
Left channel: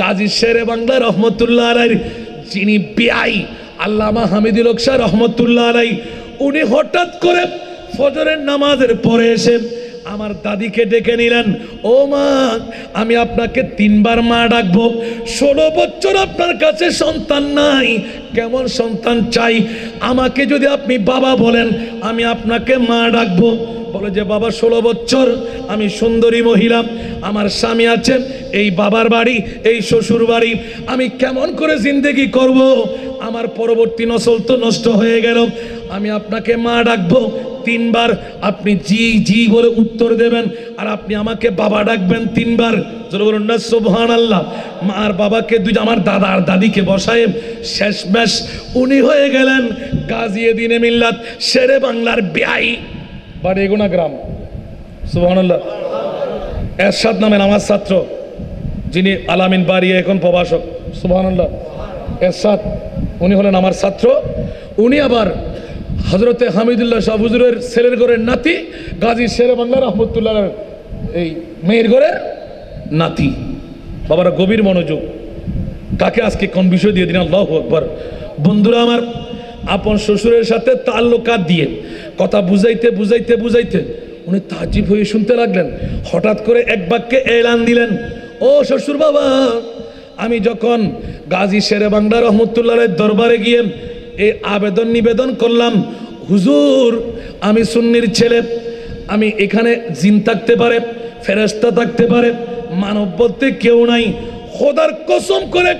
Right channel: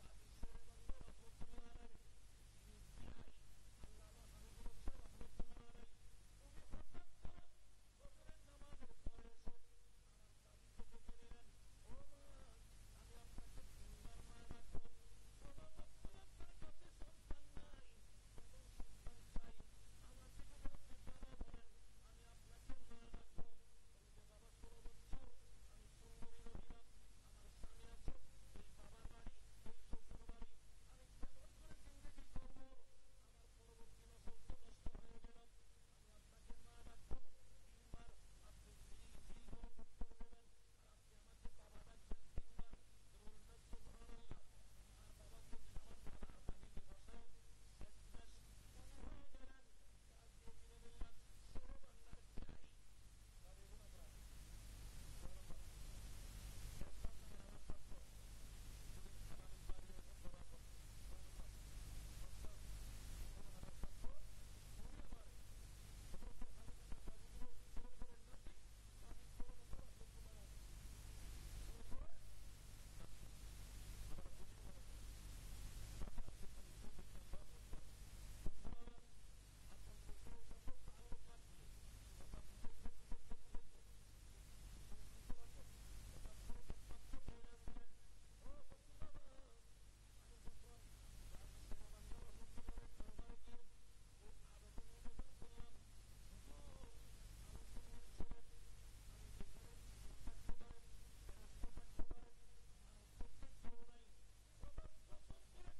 গাজী শেরে বাংলা রহমতুল্লাহ আলাইহির যিনি বিআই আল্লামা হামিদুল হক শাহ রহমতুল্লাহ আলাইহি, উনি হঠাৎ করে ফজরের নামাজের পরে এসে আমার দাদিকে ডেকে নিলেন, ও মা, আমি আপনাকে 3 বার মা ডাকবো, 16 বছর আপনার কাছে সন্তান নাই, কেমন সন্তান চাই, আমাকে যদি আপনি বাবা বলেন আমি আপনাকে মা ডাকবো। বলে যে বাবা 16 বছর, আমি সুন্দরী মহিলা, আমার স্বামী আছেন, এই বাবার বাড়ি, এই শ্বশুর বাড়ি, আমি কেমন করে জিন্দেগি করব, আমার পরবর্তী নসল তো নষ্ট হয়ে গেল, আমি আপনাকে মা ডাকবো 3 বার, আপনি জি জি বলে উত্তর দেবেন, আর আপনি আমাকে বাবা ডাকবেন 3 বার। জোরে বলুন না সুবহানাল্লাহ। মা আর বাবাকে আমার দাদা আর দাদিকে বসায় শেষমেশ উনি হয়ে গেলেন গাজী মিল্লাত শেরে বাংলার বিআই, বাড়ি এগুনা গ্রাম। সুবহানাল্লাহ। এরশাদ নামের আমার ছাত্র, যিনি আলামিন বাড়ি এখন প্রভাষক। সুবহানাল্লাহ। এরশাদ উনি হলেন আমার ছাত্র, উনি আবার হযরতে হামিদুল্লাহ শাহ হুজুরের ছেলের ঘরের নাতি, গাজী শেরে বাংলা রহমতুল্লাহ এই মেয়ের ঘরের নাতি। বাবারা গভীর মনোযোগ, কাকে আজকে কোন বিষয় দিয়ে দিন, আল্লাহু আকবার। বন্ধুরা আমার, আপন শ্বশুরের সাথে তাল্লুকাত দিয়ে কথা বুঝাইতে বুঝাইতে বুঝাইতে উনি তাজিব হয়ে শুনতে লাগলেন। হঠাৎ করে এক বাক্যে এলান দিলেন, ও শ্বশুর বাবা, আমি যখন গাজী শেরে বাংলা রহমতুল্লাহের দরবারে গিয়ে এই আবেদন নিবেদন করলাম, হুজুর আমি সুন্নির ছেলে, আমি এখানে জিন থাকতে পারে, ফেরেশতা থাকতে পারে, মানব বলতে কেউ নাই, খোদার কসম করে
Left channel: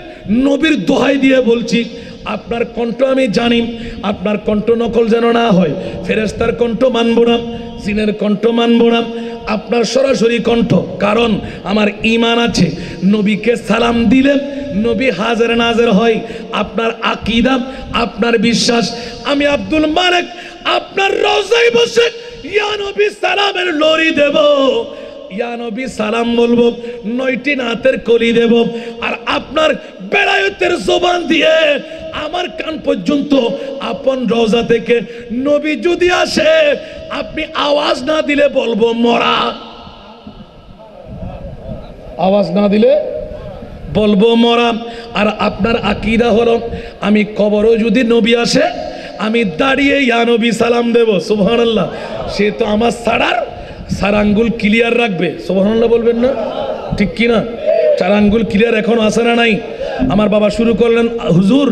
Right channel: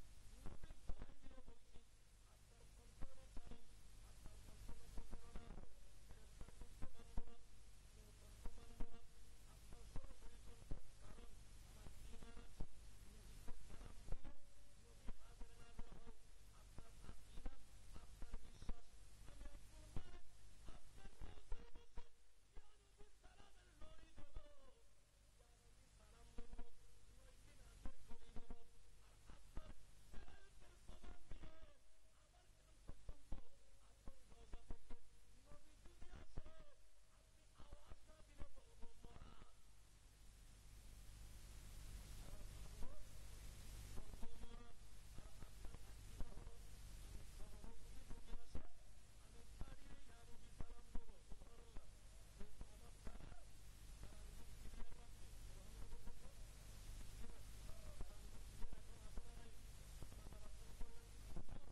নবীর দোহাই দিয়ে বলছি, আপনার কণ্ঠ আমি জানি, আপনার কণ্ঠ নকল যেন না হয়, ফেরেশতার কণ্ঠ মানব না, জিনের কণ্ঠ মানব না, আপনার সরাসরি কণ্ঠ, কারণ আমার ঈমান আছে, নবীকে সালাম দিলে নবী হাজির নাজির হয়, আপনার আকীদা, আপনার বিশ্বাস, আমি আব্দুল মালিক আপনার রওজায় বসে ইয়া নবী সালামের লরি দেব, ইয়া নবী সালাম বলবো, 9টি নাতের কলি দেব, আর আপনার বেলায়েতের জবান দিয়ে আমার কান পর্যন্ত আপন রওজা থেকে নবী যদি আসে, আপনি আওয়াজ না দিলে বলবো মরা, আওয়াজ না দিলে বলবো মরা। আর আপনার আকীদা হলো, আমি কবরও যদি নবী আসে আমি দাঁড়িয়ে ইয়া নবী সালাম দেব। সুবহানাল্লাহ। সে তো আমার চার আঙ্গুল ক্লিয়ার রাখবে। সুবহানাল্লাহ বলবেন না? ঠিক কি না? 4 আঙ্গুল ক্লিয়ার এখনো আসে না নাই? আমার বাবা শুরু করলেন, হুজুর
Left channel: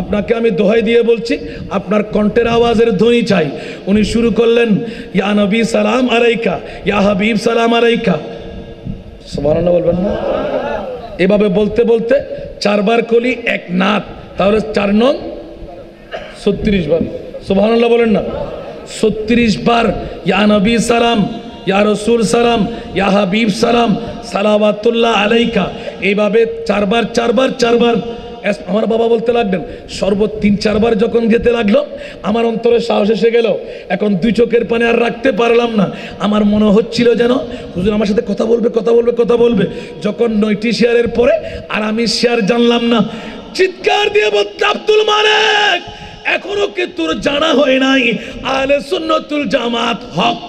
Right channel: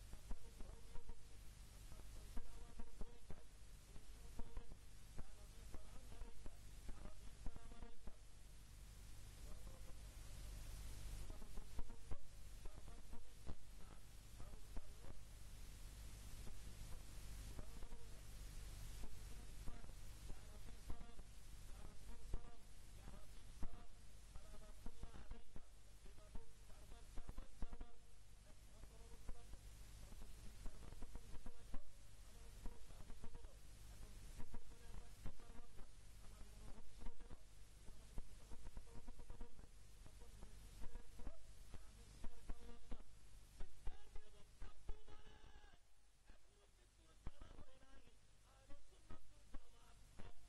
আপনাকে আমি দোহাই দিয়ে বলছি, আপনার কণ্ঠের আওয়াজের ধ্বনি চাই। উনি শুরু করলেন, ইয়া নবী সালাম আলাইকা, ইয়া হাবিব সালাম আলাইকা। সুবহানাল্লাহ বলবেন না? এভাবে বলতে বলতে 4 বার কলি 1 নাত, তাহলে 4 নং 36 বার। সুবহানাল্লাহ বলেন না? 36 বার ইয়া নবী সালাম, ইয়া রাসূল সালাম, ইয়া হাবিব সালাম, সালাওয়াতুল্লাহ আলাইকা, এইভাবে 4 বার আমার বাবা বলতে লাগলেন, শরবত 3-4 বার যখন যেতে লাগলো আমার অন্তরে সাহস এসে গেল, এখন 2 চোখের পানি আর রাখতে পারলাম না। আমার মনে হচ্ছিল যেন হুজুর আমার সাথে কথা বলবে কথা বলবে কথা বলবে। যখন 9টি শেয়ারের পরে আর আমি শেয়ার জানলাম না, চিৎকার দিয়ে বলতে, আব্দুল মালিক এখনো কি তোর জানা হয় নাই আহলে সুন্নাতুল জামাত হক?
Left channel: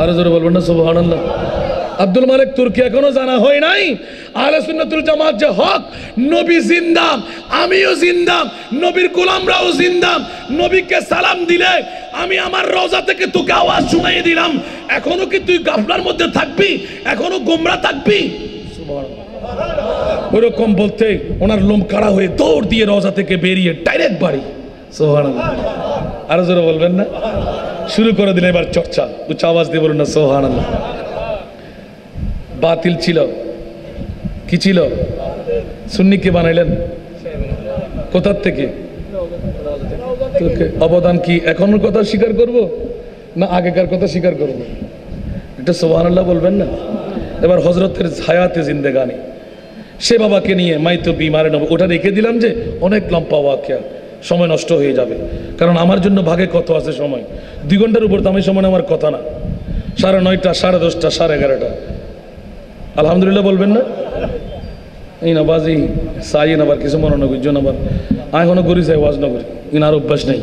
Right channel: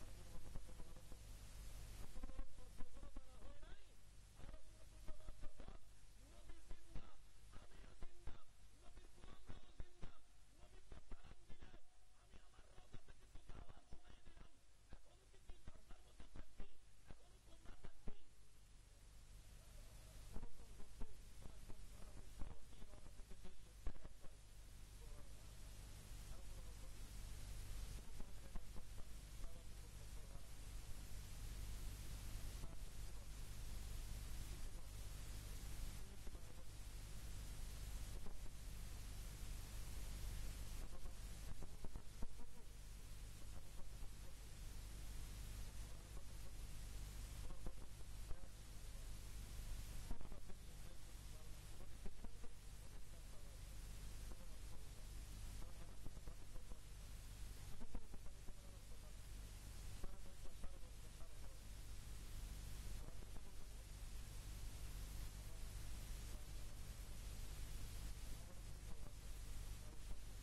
আরো জোরে বলবেন না সুবহানাল্লাহ। আব্দুল মালিক তোর কি এখনো জানা হয় নাই আহলে সুন্নাতুল জামাত যে হক? নবী জিন্দা, আমিও জিন্দা, নবীর গোলামরাও জিন্দা। নবীকে সালাম দিলে আমি আমার রওজা থেকে তোকে আওয়াজ শুনাই দিলাম। এখনো কি তুই গাফলার মধ্যে থাকবি? এখনো গোমরা থাকবি? সুবহানাল্লাহ। ওরকম বলতে ওনার লোম কাড়া হয়ে দৌড় দিয়ে রওজা থেকে বেরিয়ে ডাইরেক্ট বাড়ি। সুবহানাল্লাহ। আরো জোরে বলবেন না? শুরু করে দিলেন এবার চর্চা, উচ্চ আওয়াজ দিয়ে বলুন না সুবহানাল্লাহ। বাতিল ছিল, কি ছিল? সুন্নিকে বানাইলেন কোথার থেকে? অবদান কি এখনের কথা স্বীকার করব না আগেকার কথা স্বীকার করব? এটা সুবহানাল্লাহ বলবেন না? এবার হযরতের হায়াতে জিন্দেগানি, সে বাবাকে নিয়ে মাইতো বিমারে নব, ওটা রেখে দিলাম যে অনেক লম্বা ওয়াকিয়া, সময় নষ্ট হয়ে যাবে। কারণ আমার জন্য ভাগে কত আছে সময়, 2 ঘন্টার উপর দামি সময় আমার কথা না। 9:30, 10:30, 11:30। আলহামদুলিল্লাহ বলবেন না? এই না বাজি চাই না, আবার কিছু মনে নগর জন আবার এখনো করি চাই ওয়াজ নগরী, ইনার অভ্যাস নেই।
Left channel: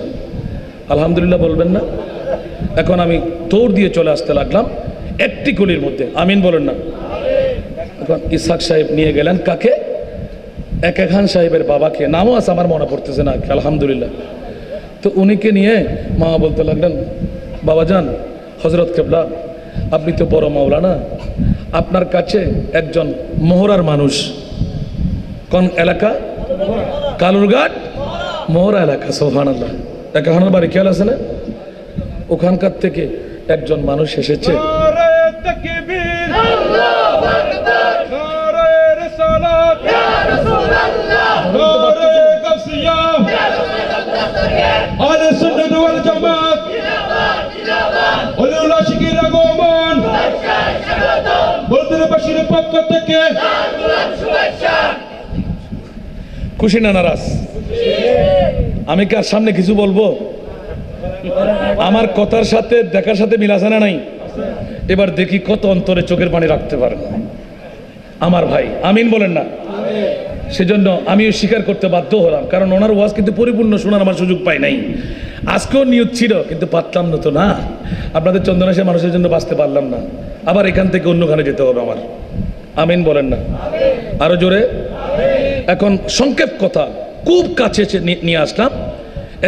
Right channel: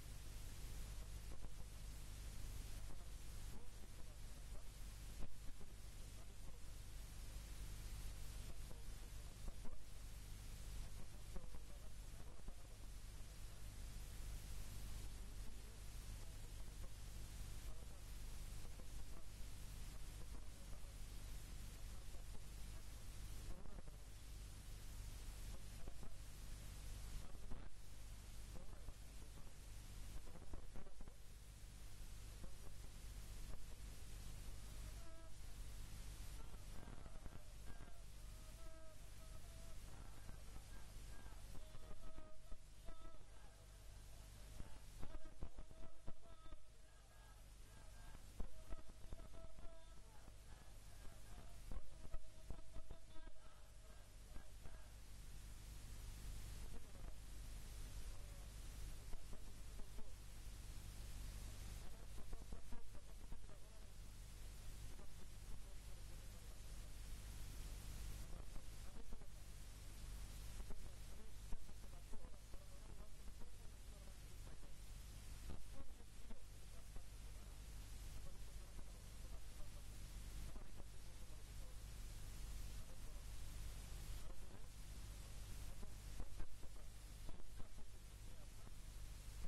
আলহামদুলিল্লাহ বলবেন না? এখন আমি দৌড় দিয়ে চলে আসতে লাগলাম একটি গলির মধ্যে। আমিন বলেন না? এখন ইসহাক সাহেব নিয়ে গেলেন কাকে? একে খান সাহেবের বাবাকে, নামও আছে আমার মনে পড়তেছে না। আলহামদুলিল্লাহ। তো উনিকে নিয়ে মা বলতে লাগলেন, বাবা যান, হযরত কেবলা আপনি তো বড় মাওলানা, আপনার কাছে একজন মোহরার মানুষ। কোন এলাকা? কালুরঘাট মোহরা এলাকা। সুবহানাল্লাহ। একাখানার বাড়ি খেয়াল আছে না? ওখানকার থেকে একজন মানুষ এসেছে। খুশি না নারাজ? আমি কার সামনে কিছু বলবো? আমার কথার সাথে দেখার সাথে মিল আছে না নাই? এবার দেখি কত অন্তরে চোখের পানি রাখতে পারেন আমার ভাই। আমিন বলেন না? সেজন্য আমিও স্বীকার করতে বাধ্য হলাম, কারণ ওনার ওয়াজ কিন্তু পরিপূর্ণ শোনার আমার সুযোগ পাই নাই। আজকেও নিয়ত ছিল কিন্তু পারতাম না তো না। আপনাদের চন্দনাশে মানুষের জন্য বাঁচতে পারলাম না, আবার এখান থেকে অন্যখানে যেতে হবে আমার। আমিন বলেন না? আরো জোরে। এখন সংক্ষেপ কথা খুব কাছে নিয়ে আসলাম।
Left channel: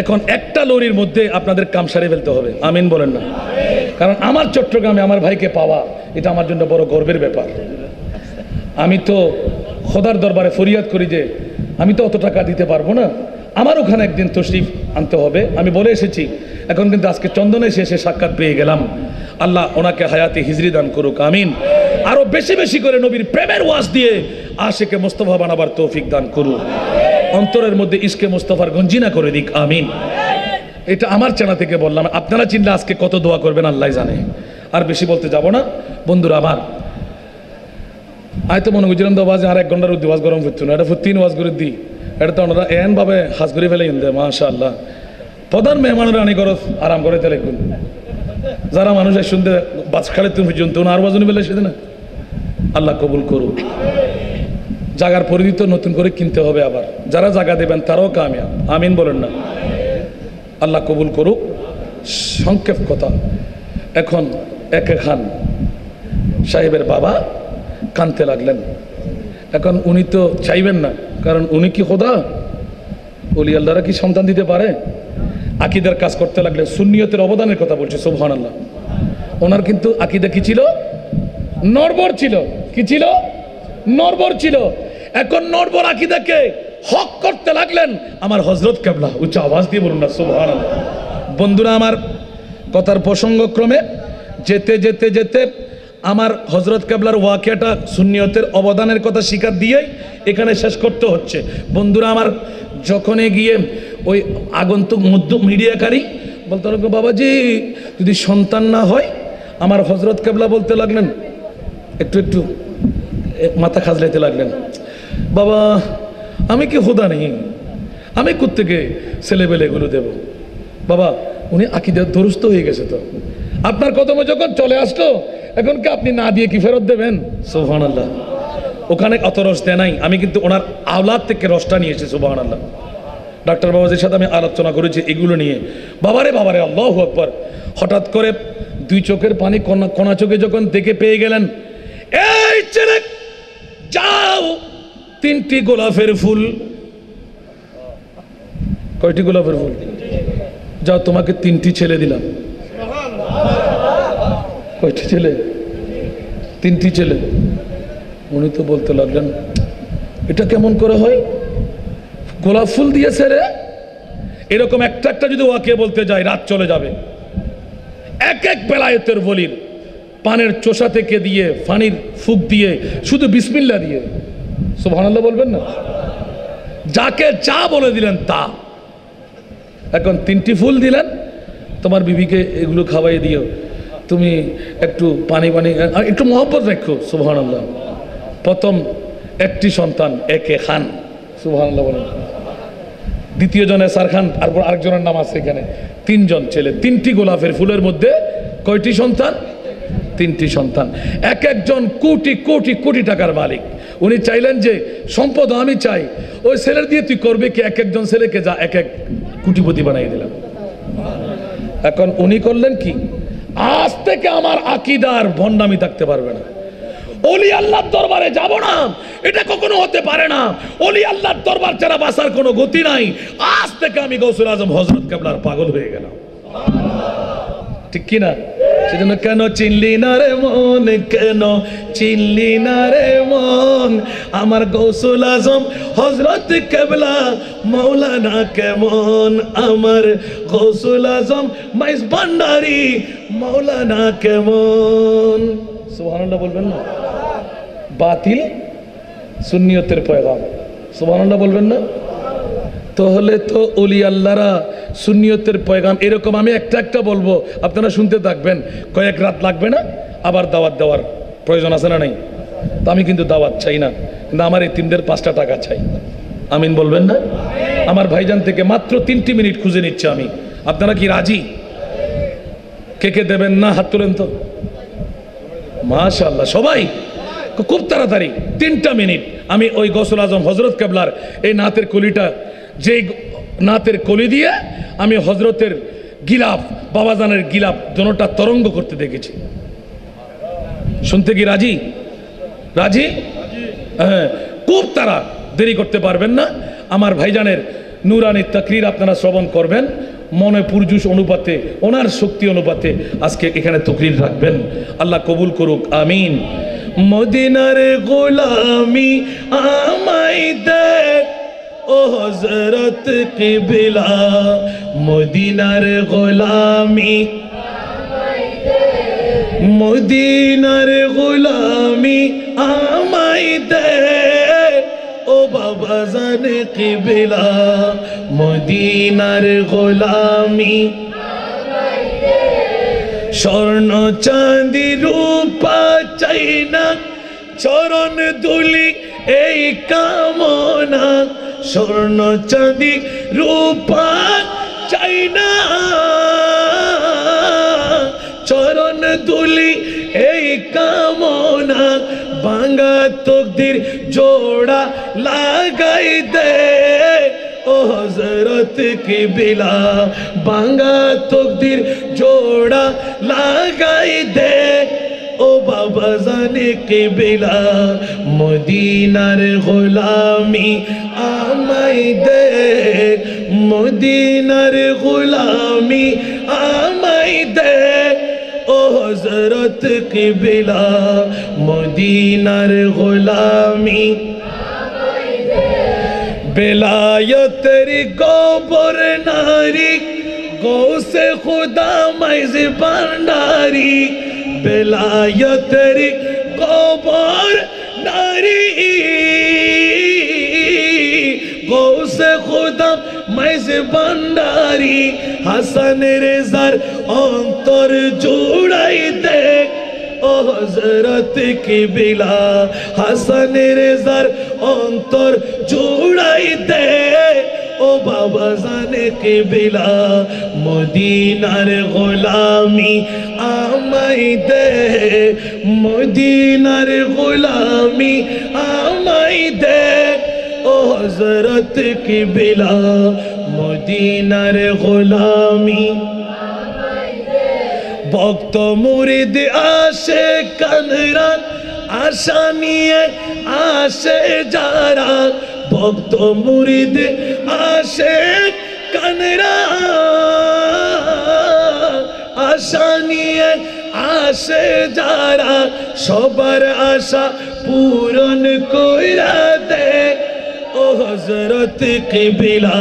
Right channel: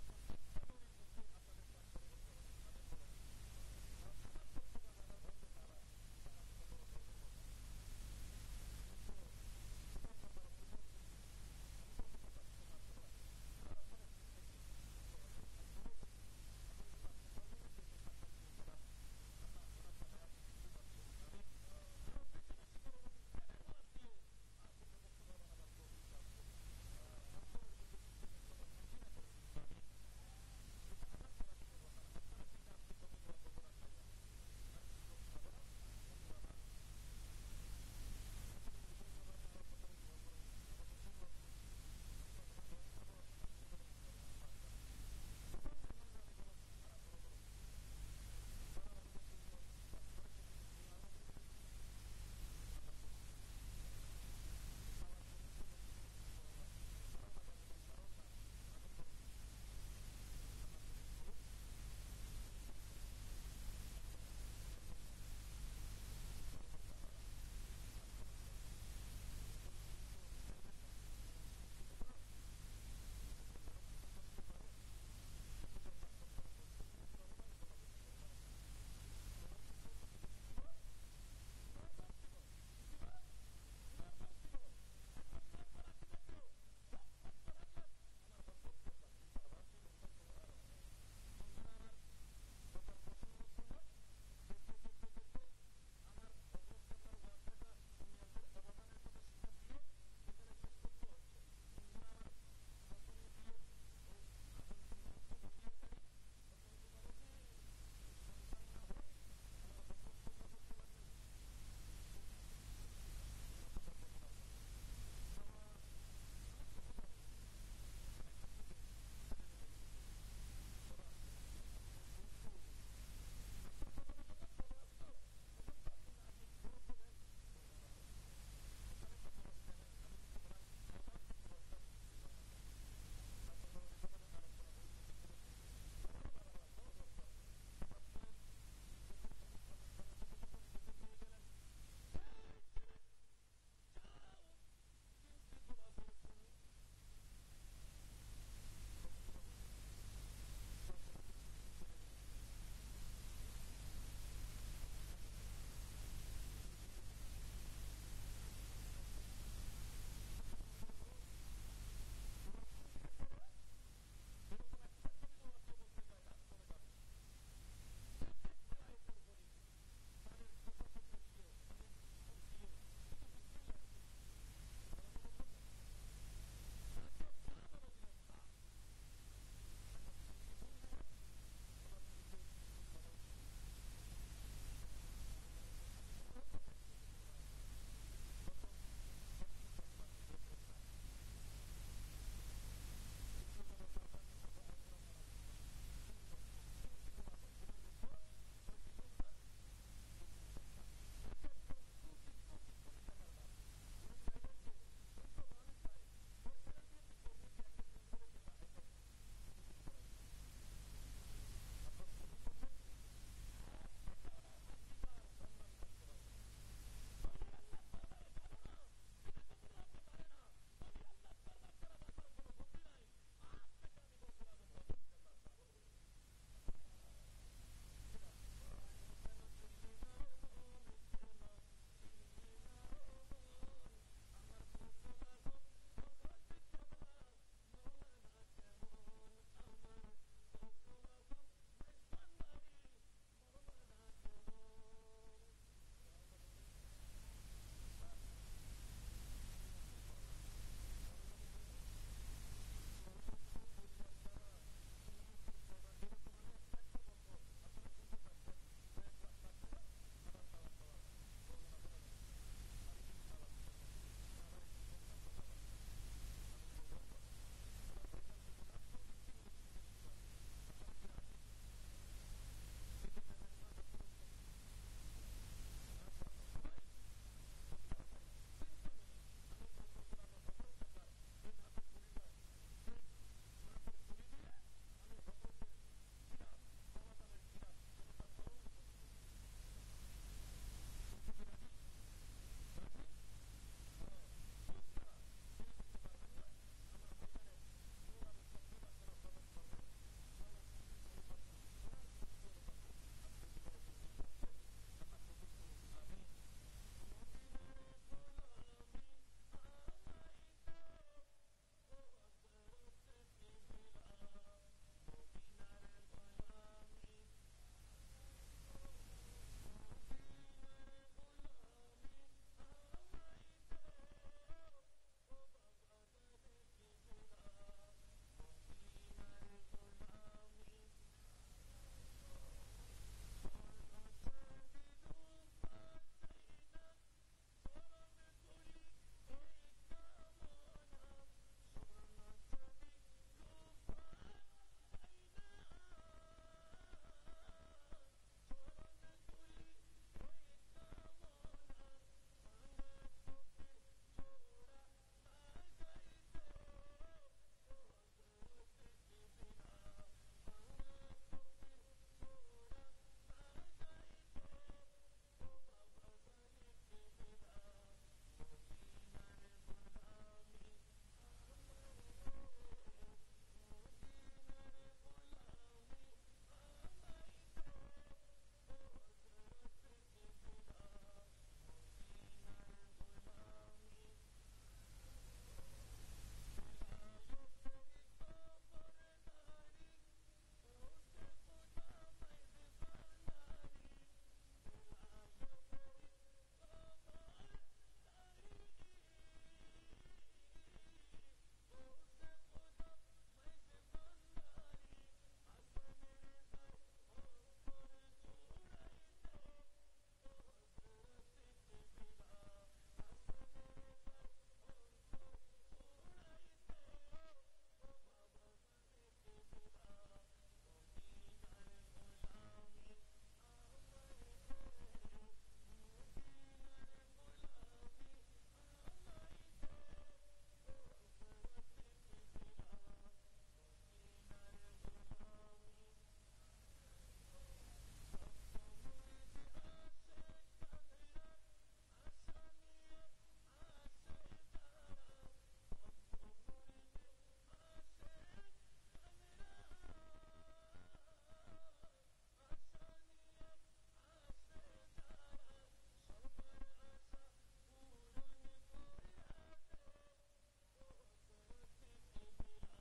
এখন একটা লরির মধ্যে আপনাদের কাম সারিয়ে ফেলতে হবে। আমিন বলেন না? কারণ আমার চট্টগ্রামে আমার ভাইকে পাওয়া এটা আমার জন্য বড় গর্বের ব্যাপার। আমি তো খোদার দরবারে ফরিয়াদ করি যে আমি তো অত টাকা দিতে পারবো না, আমার ওখানে একদিন তশরিফ আনতে হবে। আমি বলে এসেছি, এখন কিন্তু আজকে চন্দনে এসে সাক্ষাৎ পেয়ে গেলাম। আল্লাহ ওনাকে হায়াতে হিজরি দান করুক। আমিন। আরো বেশি বেশি করে নবীর প্রেমের ওয়াজ দিয়ে আশিকে মুস্তাফা বানাবার তৌফিক দান করুক। অন্তরের মধ্যে ইশকে মুস্তাফার গঞ্জিনা করে দিক। আমিন। এটা আমার চেনা থেকে বললাম, আপনারা চিনলে আজকে কত দোয়া করবেন আল্লাহ জানে। আর বেশি বলতে যাব না বন্ধুরা আমার। আয়তো মনে করছিলাম তো বাজে আর 1 ঘন্টার উদ্দি ওয়াজ গরম করতো না, এটা 3 ওয়াজ করে দিই। এটা তো ওনারা এন ভাবে হাজ করে ফেলে ইন্দে মাশাআল্লাহ। প্রধান মেহমানের আনি করো আরাম করে তেলে যারা মানুষ শুনতে বাজ খালে তুমি পর্যন্ত আর বাজনী বেলা সেদিন না। আল্লাহ কবুল করুক। জাগার পরিধি তো নতুন করে কিনতে হবে, আবার যারা জায়গা দেবেন তারাও কামিয়াব। আমিন বলেন না? আল্লাহ কবুল করুক। সংক্ষেপ কথা, এখন একে খান সাহেবের বাবা কানতে লাগলেন। এখন উনি তো চাইবেন না, কারণ উনি কি খোদা? ওলি আল্লাহরা কি সন্তান দিতে পারে? আকিদার কাজ করতে লাগলেন। সুন্নিয়তের অবদানের কথা বলছে। সুবহানাল্লাহ। ওনার কিন্তু আকিদা কি ছিল? নড়বড় ছিল। কি ছিল? নড়বড় ছিল। এখন নড়বড় আকিদাকে হক করতে লাগলেন আমার হযরত কেবলা। উচ্চ আওয়াজ দিয়ে বলুন না সুবহানাল্লাহ। বন্ধুরা আমার, কথার প্রসঙ্গক্রমে যেতে যেতে যেতে আমার হযরত কেবলার ওয়াকিয়াটা সুন্নিয়তের অবদানের কথা স্বীকার দিয়েই এখানে শেষ করতে হচ্ছে। বন্ধুরা আমার, যখনই গিয়ে ওই আগন্তুক মধ্য মিডিয়াকারী বলতে লাগলো, বাবাজি যদি সন্তান না হয়, আমার হযরত কেবলা বলতে লাগলেন, একটু একটু মাথা খাজলাইতে লাগলেন, বাবা আমি কি খোদা নেই, আমি কোত্থেকে ছেলেবেলে এগুলো দেব? বাবা উনি আকীদা দুরুস্ত হয়ে গেছে, তো আপনার কদমে যখন চলে আসলো এখন কি আপনি না দিয়ে কি ফেরত দেবেন? সুবহানাল্লাহ। ওখানে অত রস দেয় নাই, আমি কিন্তু ওনার আওলাদ থেকে রসটা নিয়েছি। সুবহানাল্লাহ। ডাক্তার বাবাজির সাথে আমি আলোচনা করেছি এগুলো নিয়ে। বাবারে বাবারে, আল্লাহু আকবার। হঠাৎ করে দুই চোখের পানি কোনা চোখে যখন দেখে পেয়ে গেলেন, এই ছেলে যাও, 3টি গোলাপের ফুল। কয়টি গোলাপের ফুল? যাও, তোমাকে 3টি ছেলে দিলাম। কয়টি ছেলে? 3টি ছেলে। উনি তো বলতে লাগলেন, এটা কেমন করে হয়? গোলাপ ফুল দিয়েছে রে। এরকম একটা একটা যদি ওয়াকে বলতে যায় রাত চলে যাবে। এক এক বেলায়েতের বলির পানের চোষা থেকে দিয়ে, ফানির ফুক দিয়ে, শুধু বিসমিল্লাহ দিয়ে সুবহানাল্লাহ বলবেন না? যাকে যা বলে দিলেন তা। এখন 3টি ফুল দিলেন, তোমার বিবিকে এগুলো খাওয়াই দিও, তুমি একটু পানি একটু মহব্বত রাখো। সুবহানাল্লাহ। প্রথম একটি সন্তান একে খান। সুবহানাল্লাহ বলেন। দ্বিতীয় জনে সার খান, তারপর আরেকজনের নাম আছে এখানে। 3 জন ছেলে, 3টি গোলাপের ফুলের মধ্যে কয়টি সন্তান? 3টি সন্তান। এক একজন কোটি কোটি কোটি টাকার মালিক। উনি চাইলেন যে সম্পদ আমি চাই, ওই ছেলের দিয়ে তুই করবে কি? এক একজন ছেলেকে যা এক এক কোটিপতি বানাই দিলাম। এখন উনি করলেন কি? আজ থেকে আমার আকীদার ভণ্ডামি থাকতে পারবে না। ওলি আল্লাহর দরবারে যাব না, এটা কখনো হতে পারে না। ওলি আল্লাহর দরবার ছাড়া বাঁচার কোনো গতি নাই। আজ থেকে আমি গৌসুল আজম হযরত কেবলার পাগল হয়ে গেলাম। ঠিক কি না? সেজন্য কেন চিনলি না রে মন, কেন চিনলি না রে মন, আমার গৌসুল আজম হযরত কেবলা মাওলানা কেমন, আমার গৌসুল আজম মাইজ ভান্ডারী মাওলানা কেমন। সুবহানাল্লাহ বলবেন না? বাতিল সুন্নিয়তের পয়গাম। সুবহানাল্লাহ বলবেন না? তাহলে তো ওলি আল্লাহরা সুন্নিয়তের পয়গাম এরকম আমি একটা একটা বলবো, আপনারা শুনতে থাকবেন। কয়েক রাত লাগবে না? আবার দাওয়াত দেওয়ার প্রয়োজন আছে না নাই? তো আমি কিন্তু দাওয়াত চাই না, কিন্তু আমার এতিমদের 5টা টাকা চাই। আমিন বলবেন না? আমার ভাইজান থেকে মাত্র 3টি মিনিট খুঁজে নিচ্ছে আমি। আপনারা কি রাজি? কে কে দেবেন না হাত তোলেন তো। মাশাআল্লাহ, সবাই খুব তাড়াতাড়ি। 3টা মিনিট আমি ওই গৌসুল আজম হযরত কেবলার এই নাতের কলিটা, যেই নাতের কলি দিয়ে আমি হযরতের গিলাফ, বাবাজানের গিলাফ দোনোটা তরঙ্গ করতে দেখেছি। শুনতে কি রাজি? রাজি? হ্যাঁ, খুব তারা দেরি করতে পারবেন না। আমার ভাইজানের নুরানি তাকরীর আপনারা শ্রবণ করবেন, মনে পুরজুশ অনুপাতে, ওনার শক্তি অনুপাতে আজকে এখানে তাকরীর রাখবেন। আল্লাহ কবুল করুক, আমিন। মদিনার গোলামি আমায় দে ও হযরত কিবলা, মদিনার গোলামি আমায় দে, মদিনার গোলামি আমায় দে ও বাবাজান কিবলা, মদিনার গোলামি আমায় দে। স্বর্ণ চাঁদি রূপা চাই না, চরণ ধুলি এই কামনা। স্বর্ণ চাঁদি রূপা চাই না, চরণ ধুলি এই কামনা। ভাঙা তকদির জোড়া লাগাই দে ও হযরত কিবলা, ভাঙা তকদির জোড়া লাগাই দে ও বাবাজান কিবলা, মদিনার গোলামি আমায় দে, মদিনার গোলামি আমায় দে ও হযরত কিবলা, মদিনার গোলামি আমায় দে। বেলায়েতের গোবর নারী, গৌসে খুদা মাইজ ভান্ডারী, বেলায়েতের গোবর নারী, গৌসে খুদা মাইজ ভান্ডারী। হাসান রেজার অন্তর জুড়াই দে ও হযরত কিবলা হাসান রেজার অন্তর জুড়াই দে ও বাবা জানে কিবলা মদিনার গোলামি আমায় দে মদিনার গোলামি আমায় দে ও হযরত কিবলা মদিনার গোলামি ভক্ত মুরিদ আসে কানরান আশা নিয়ে আসে যারা ভক্ত মুরিদ আসে কানরান আশা নিয়ে আসে যারা সবার আশা পূরণ কইরা দে ও হযরত কিবলা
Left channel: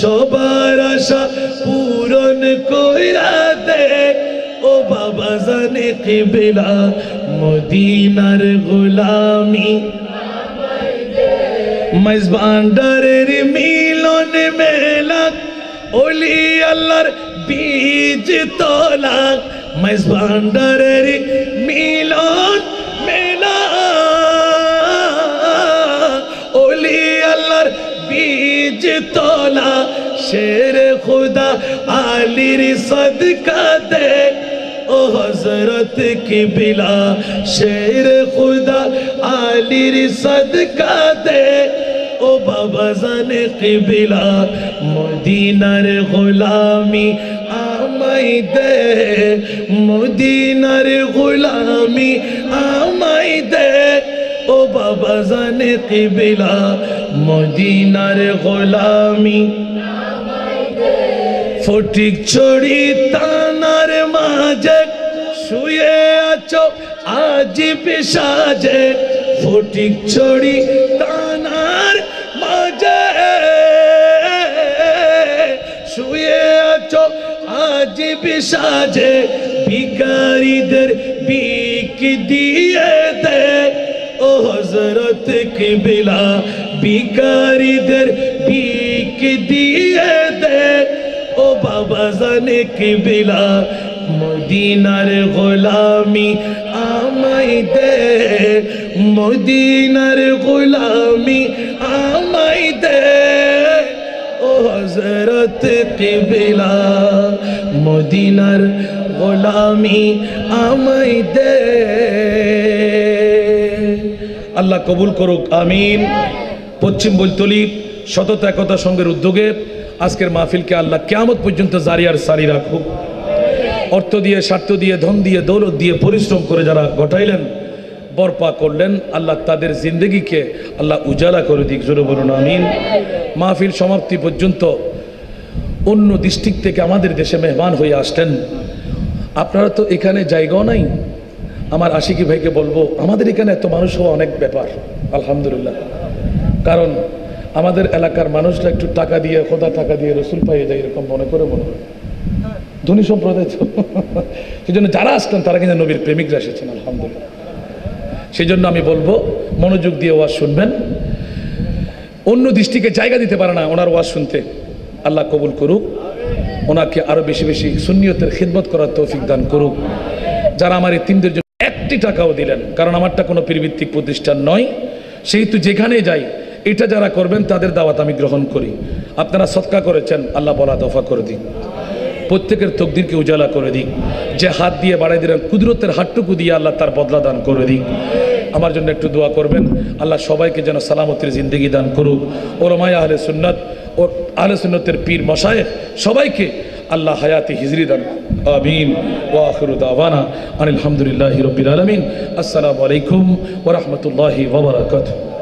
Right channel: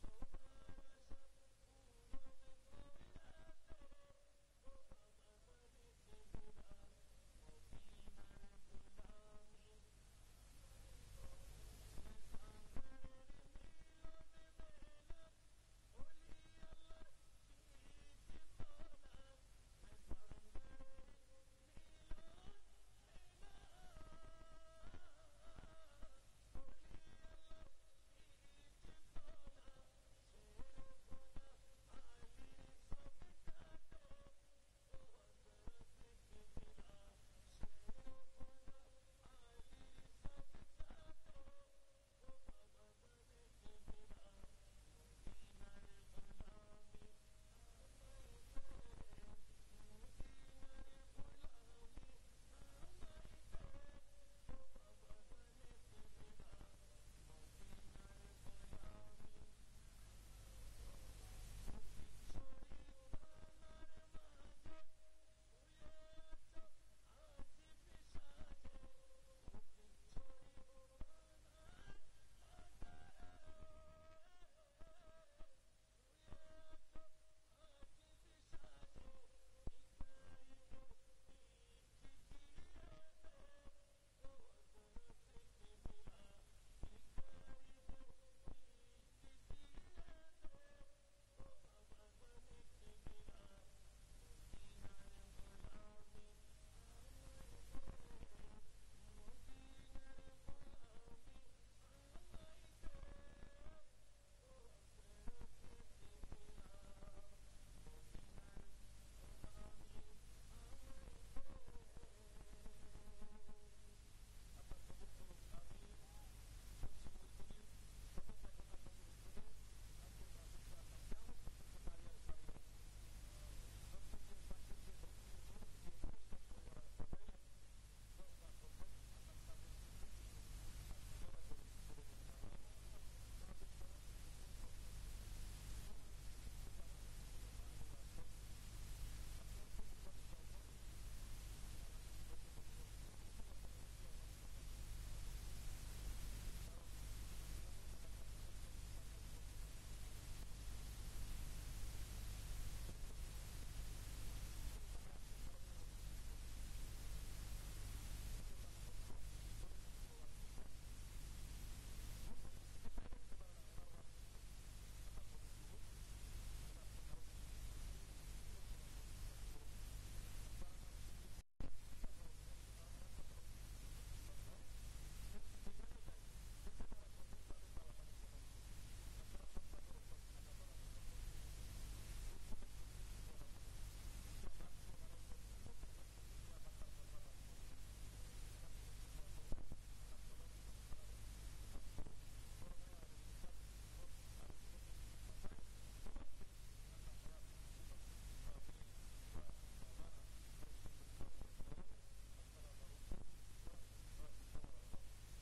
সবার আশা পূরণ কইরা দে ও বাবা জানে কিবলা মদিনার গোলামি মেজবান্ডারের মিলন মেলা ওলি আল্লাহর বীজ তোলা মেজবান্ডারের মিলন মেলা ওলি আল্লাহর বীজ তোলা শের খুদা আলীর সদকা দে ও হযরত কিবলা শের খুদা আলীর সদকা দে ও বাবা জানে কিবলা মদিনার গোলামি আমায় দে মদিনার গোলামি আমায় দে ও বাবা জানে কিবলা মদিনার গোলামি ফটিক ছড়ি তানার মাঝে শুয়ে আছো আজিব সাজে ফটিক ছড়ি তানার মাঝে শুয়ে আছো আজিব সাজে ভিখারিদের ভিক দিয়ে দে ও হযরত কিবলা ভিখারিদের ভিক দিয়ে দে ও বাবা জানে কিবলা মদিনার গোলামি আমায় দে মদিনার গোলামি আমায় দে ও হযরত কিবলা মদিনার গোলামি আমায় দে আল্লাহ কবুল করুক আমিন পশ্চিম বৈতলী সততা একতা সংঘের উদ্যোগে আজকের মাহফিলকে আল্লাহ কিয়ামত পর্যন্ত জারি আর সারি রাখুক অর্থ দিয়ে স্বার্থ দিয়ে ধন দিয়ে দৌলত দিয়ে পরিশ্রম করে যারা ঘটাইলেন বরপা করলেন আল্লাহ তাদের জিন্দগিকে আল্লাহ উজালা করে দিক জোরে বলুন আমিন মাহফিল সমাপ্তি পর্যন্ত অন্য ডিস্ট্রিক্ট থেকে আমাদের দেশে মেহমান হয়ে আসলেন আপনারা তো এখানে জায়গাও নাই আমার আশিকি ভাইকে বলবো আমাদের এখানে এত মানুষ হওয়া অনেক ব্যাপার আলহামদুলিল্লাহ কারণ আমাদের এলাকার মানুষরা একটু টাকা দিয়ে খোদা টাকা দিয়ে রসুল পাইয়ে যায় এরকম মনে করে মনে হয় ধনী সম্প্রদায় তো সেই জন্য যারা আসতেন তারা কিন্তু নবীর প্রেমিকরা এসেছেন আলহামদুলিল্লাহ সেই জন্য আমি বলবো মনোযোগ দিয়ে ওয়াজ শুনবেন অন্য দৃষ্টিকে জায়গা দিতে পারে না ওনার ওয়াজ শুনতে আল্লাহ কবুল করুক ওনাকে আরো বেশি বেশি সুন্নিয়তের খিদমত করার তৌফিক দান করুক যারা আমার এই তিনদের জন্য একটি টাকাও দিলেন কারণ আমারটা কোনো পীরভিত্তিক প্রতিষ্ঠান নয় সেহেতু যেখানে যাই এটা যারা করবেন তাদের দাওয়াত আমি গ্রহণ করি আপনারা সদকা করেছেন আল্লাহ বলা দফা করে দিন প্রত্যেকের তকদিরকে উজালা করে দিক যে হাত দিয়ে বাড়াই দিলেন কুদরতের হাতটুকু দিয়ে আল্লাহ তার বদলা দান করে দিক আমার জন্য একটু দোয়া করবেন আল্লাহ সবাইকে যেন সালামতের জিন্দেগি দান করুক ওলামায়ে আহলে সুন্নাত ও আহলে সুন্নতের পীর মাশায়েখ সবাইকে আল্লাহ হায়াতে হিজরি দান আমিন ওয়া আখিরু দাওয়ানা আলহামদুলিল্লাহি রাব্বিল আলামিন আসসালামু আলাইকুম ওয়া রাহমাতুল্লাহি ওয়া বারাকাতুহু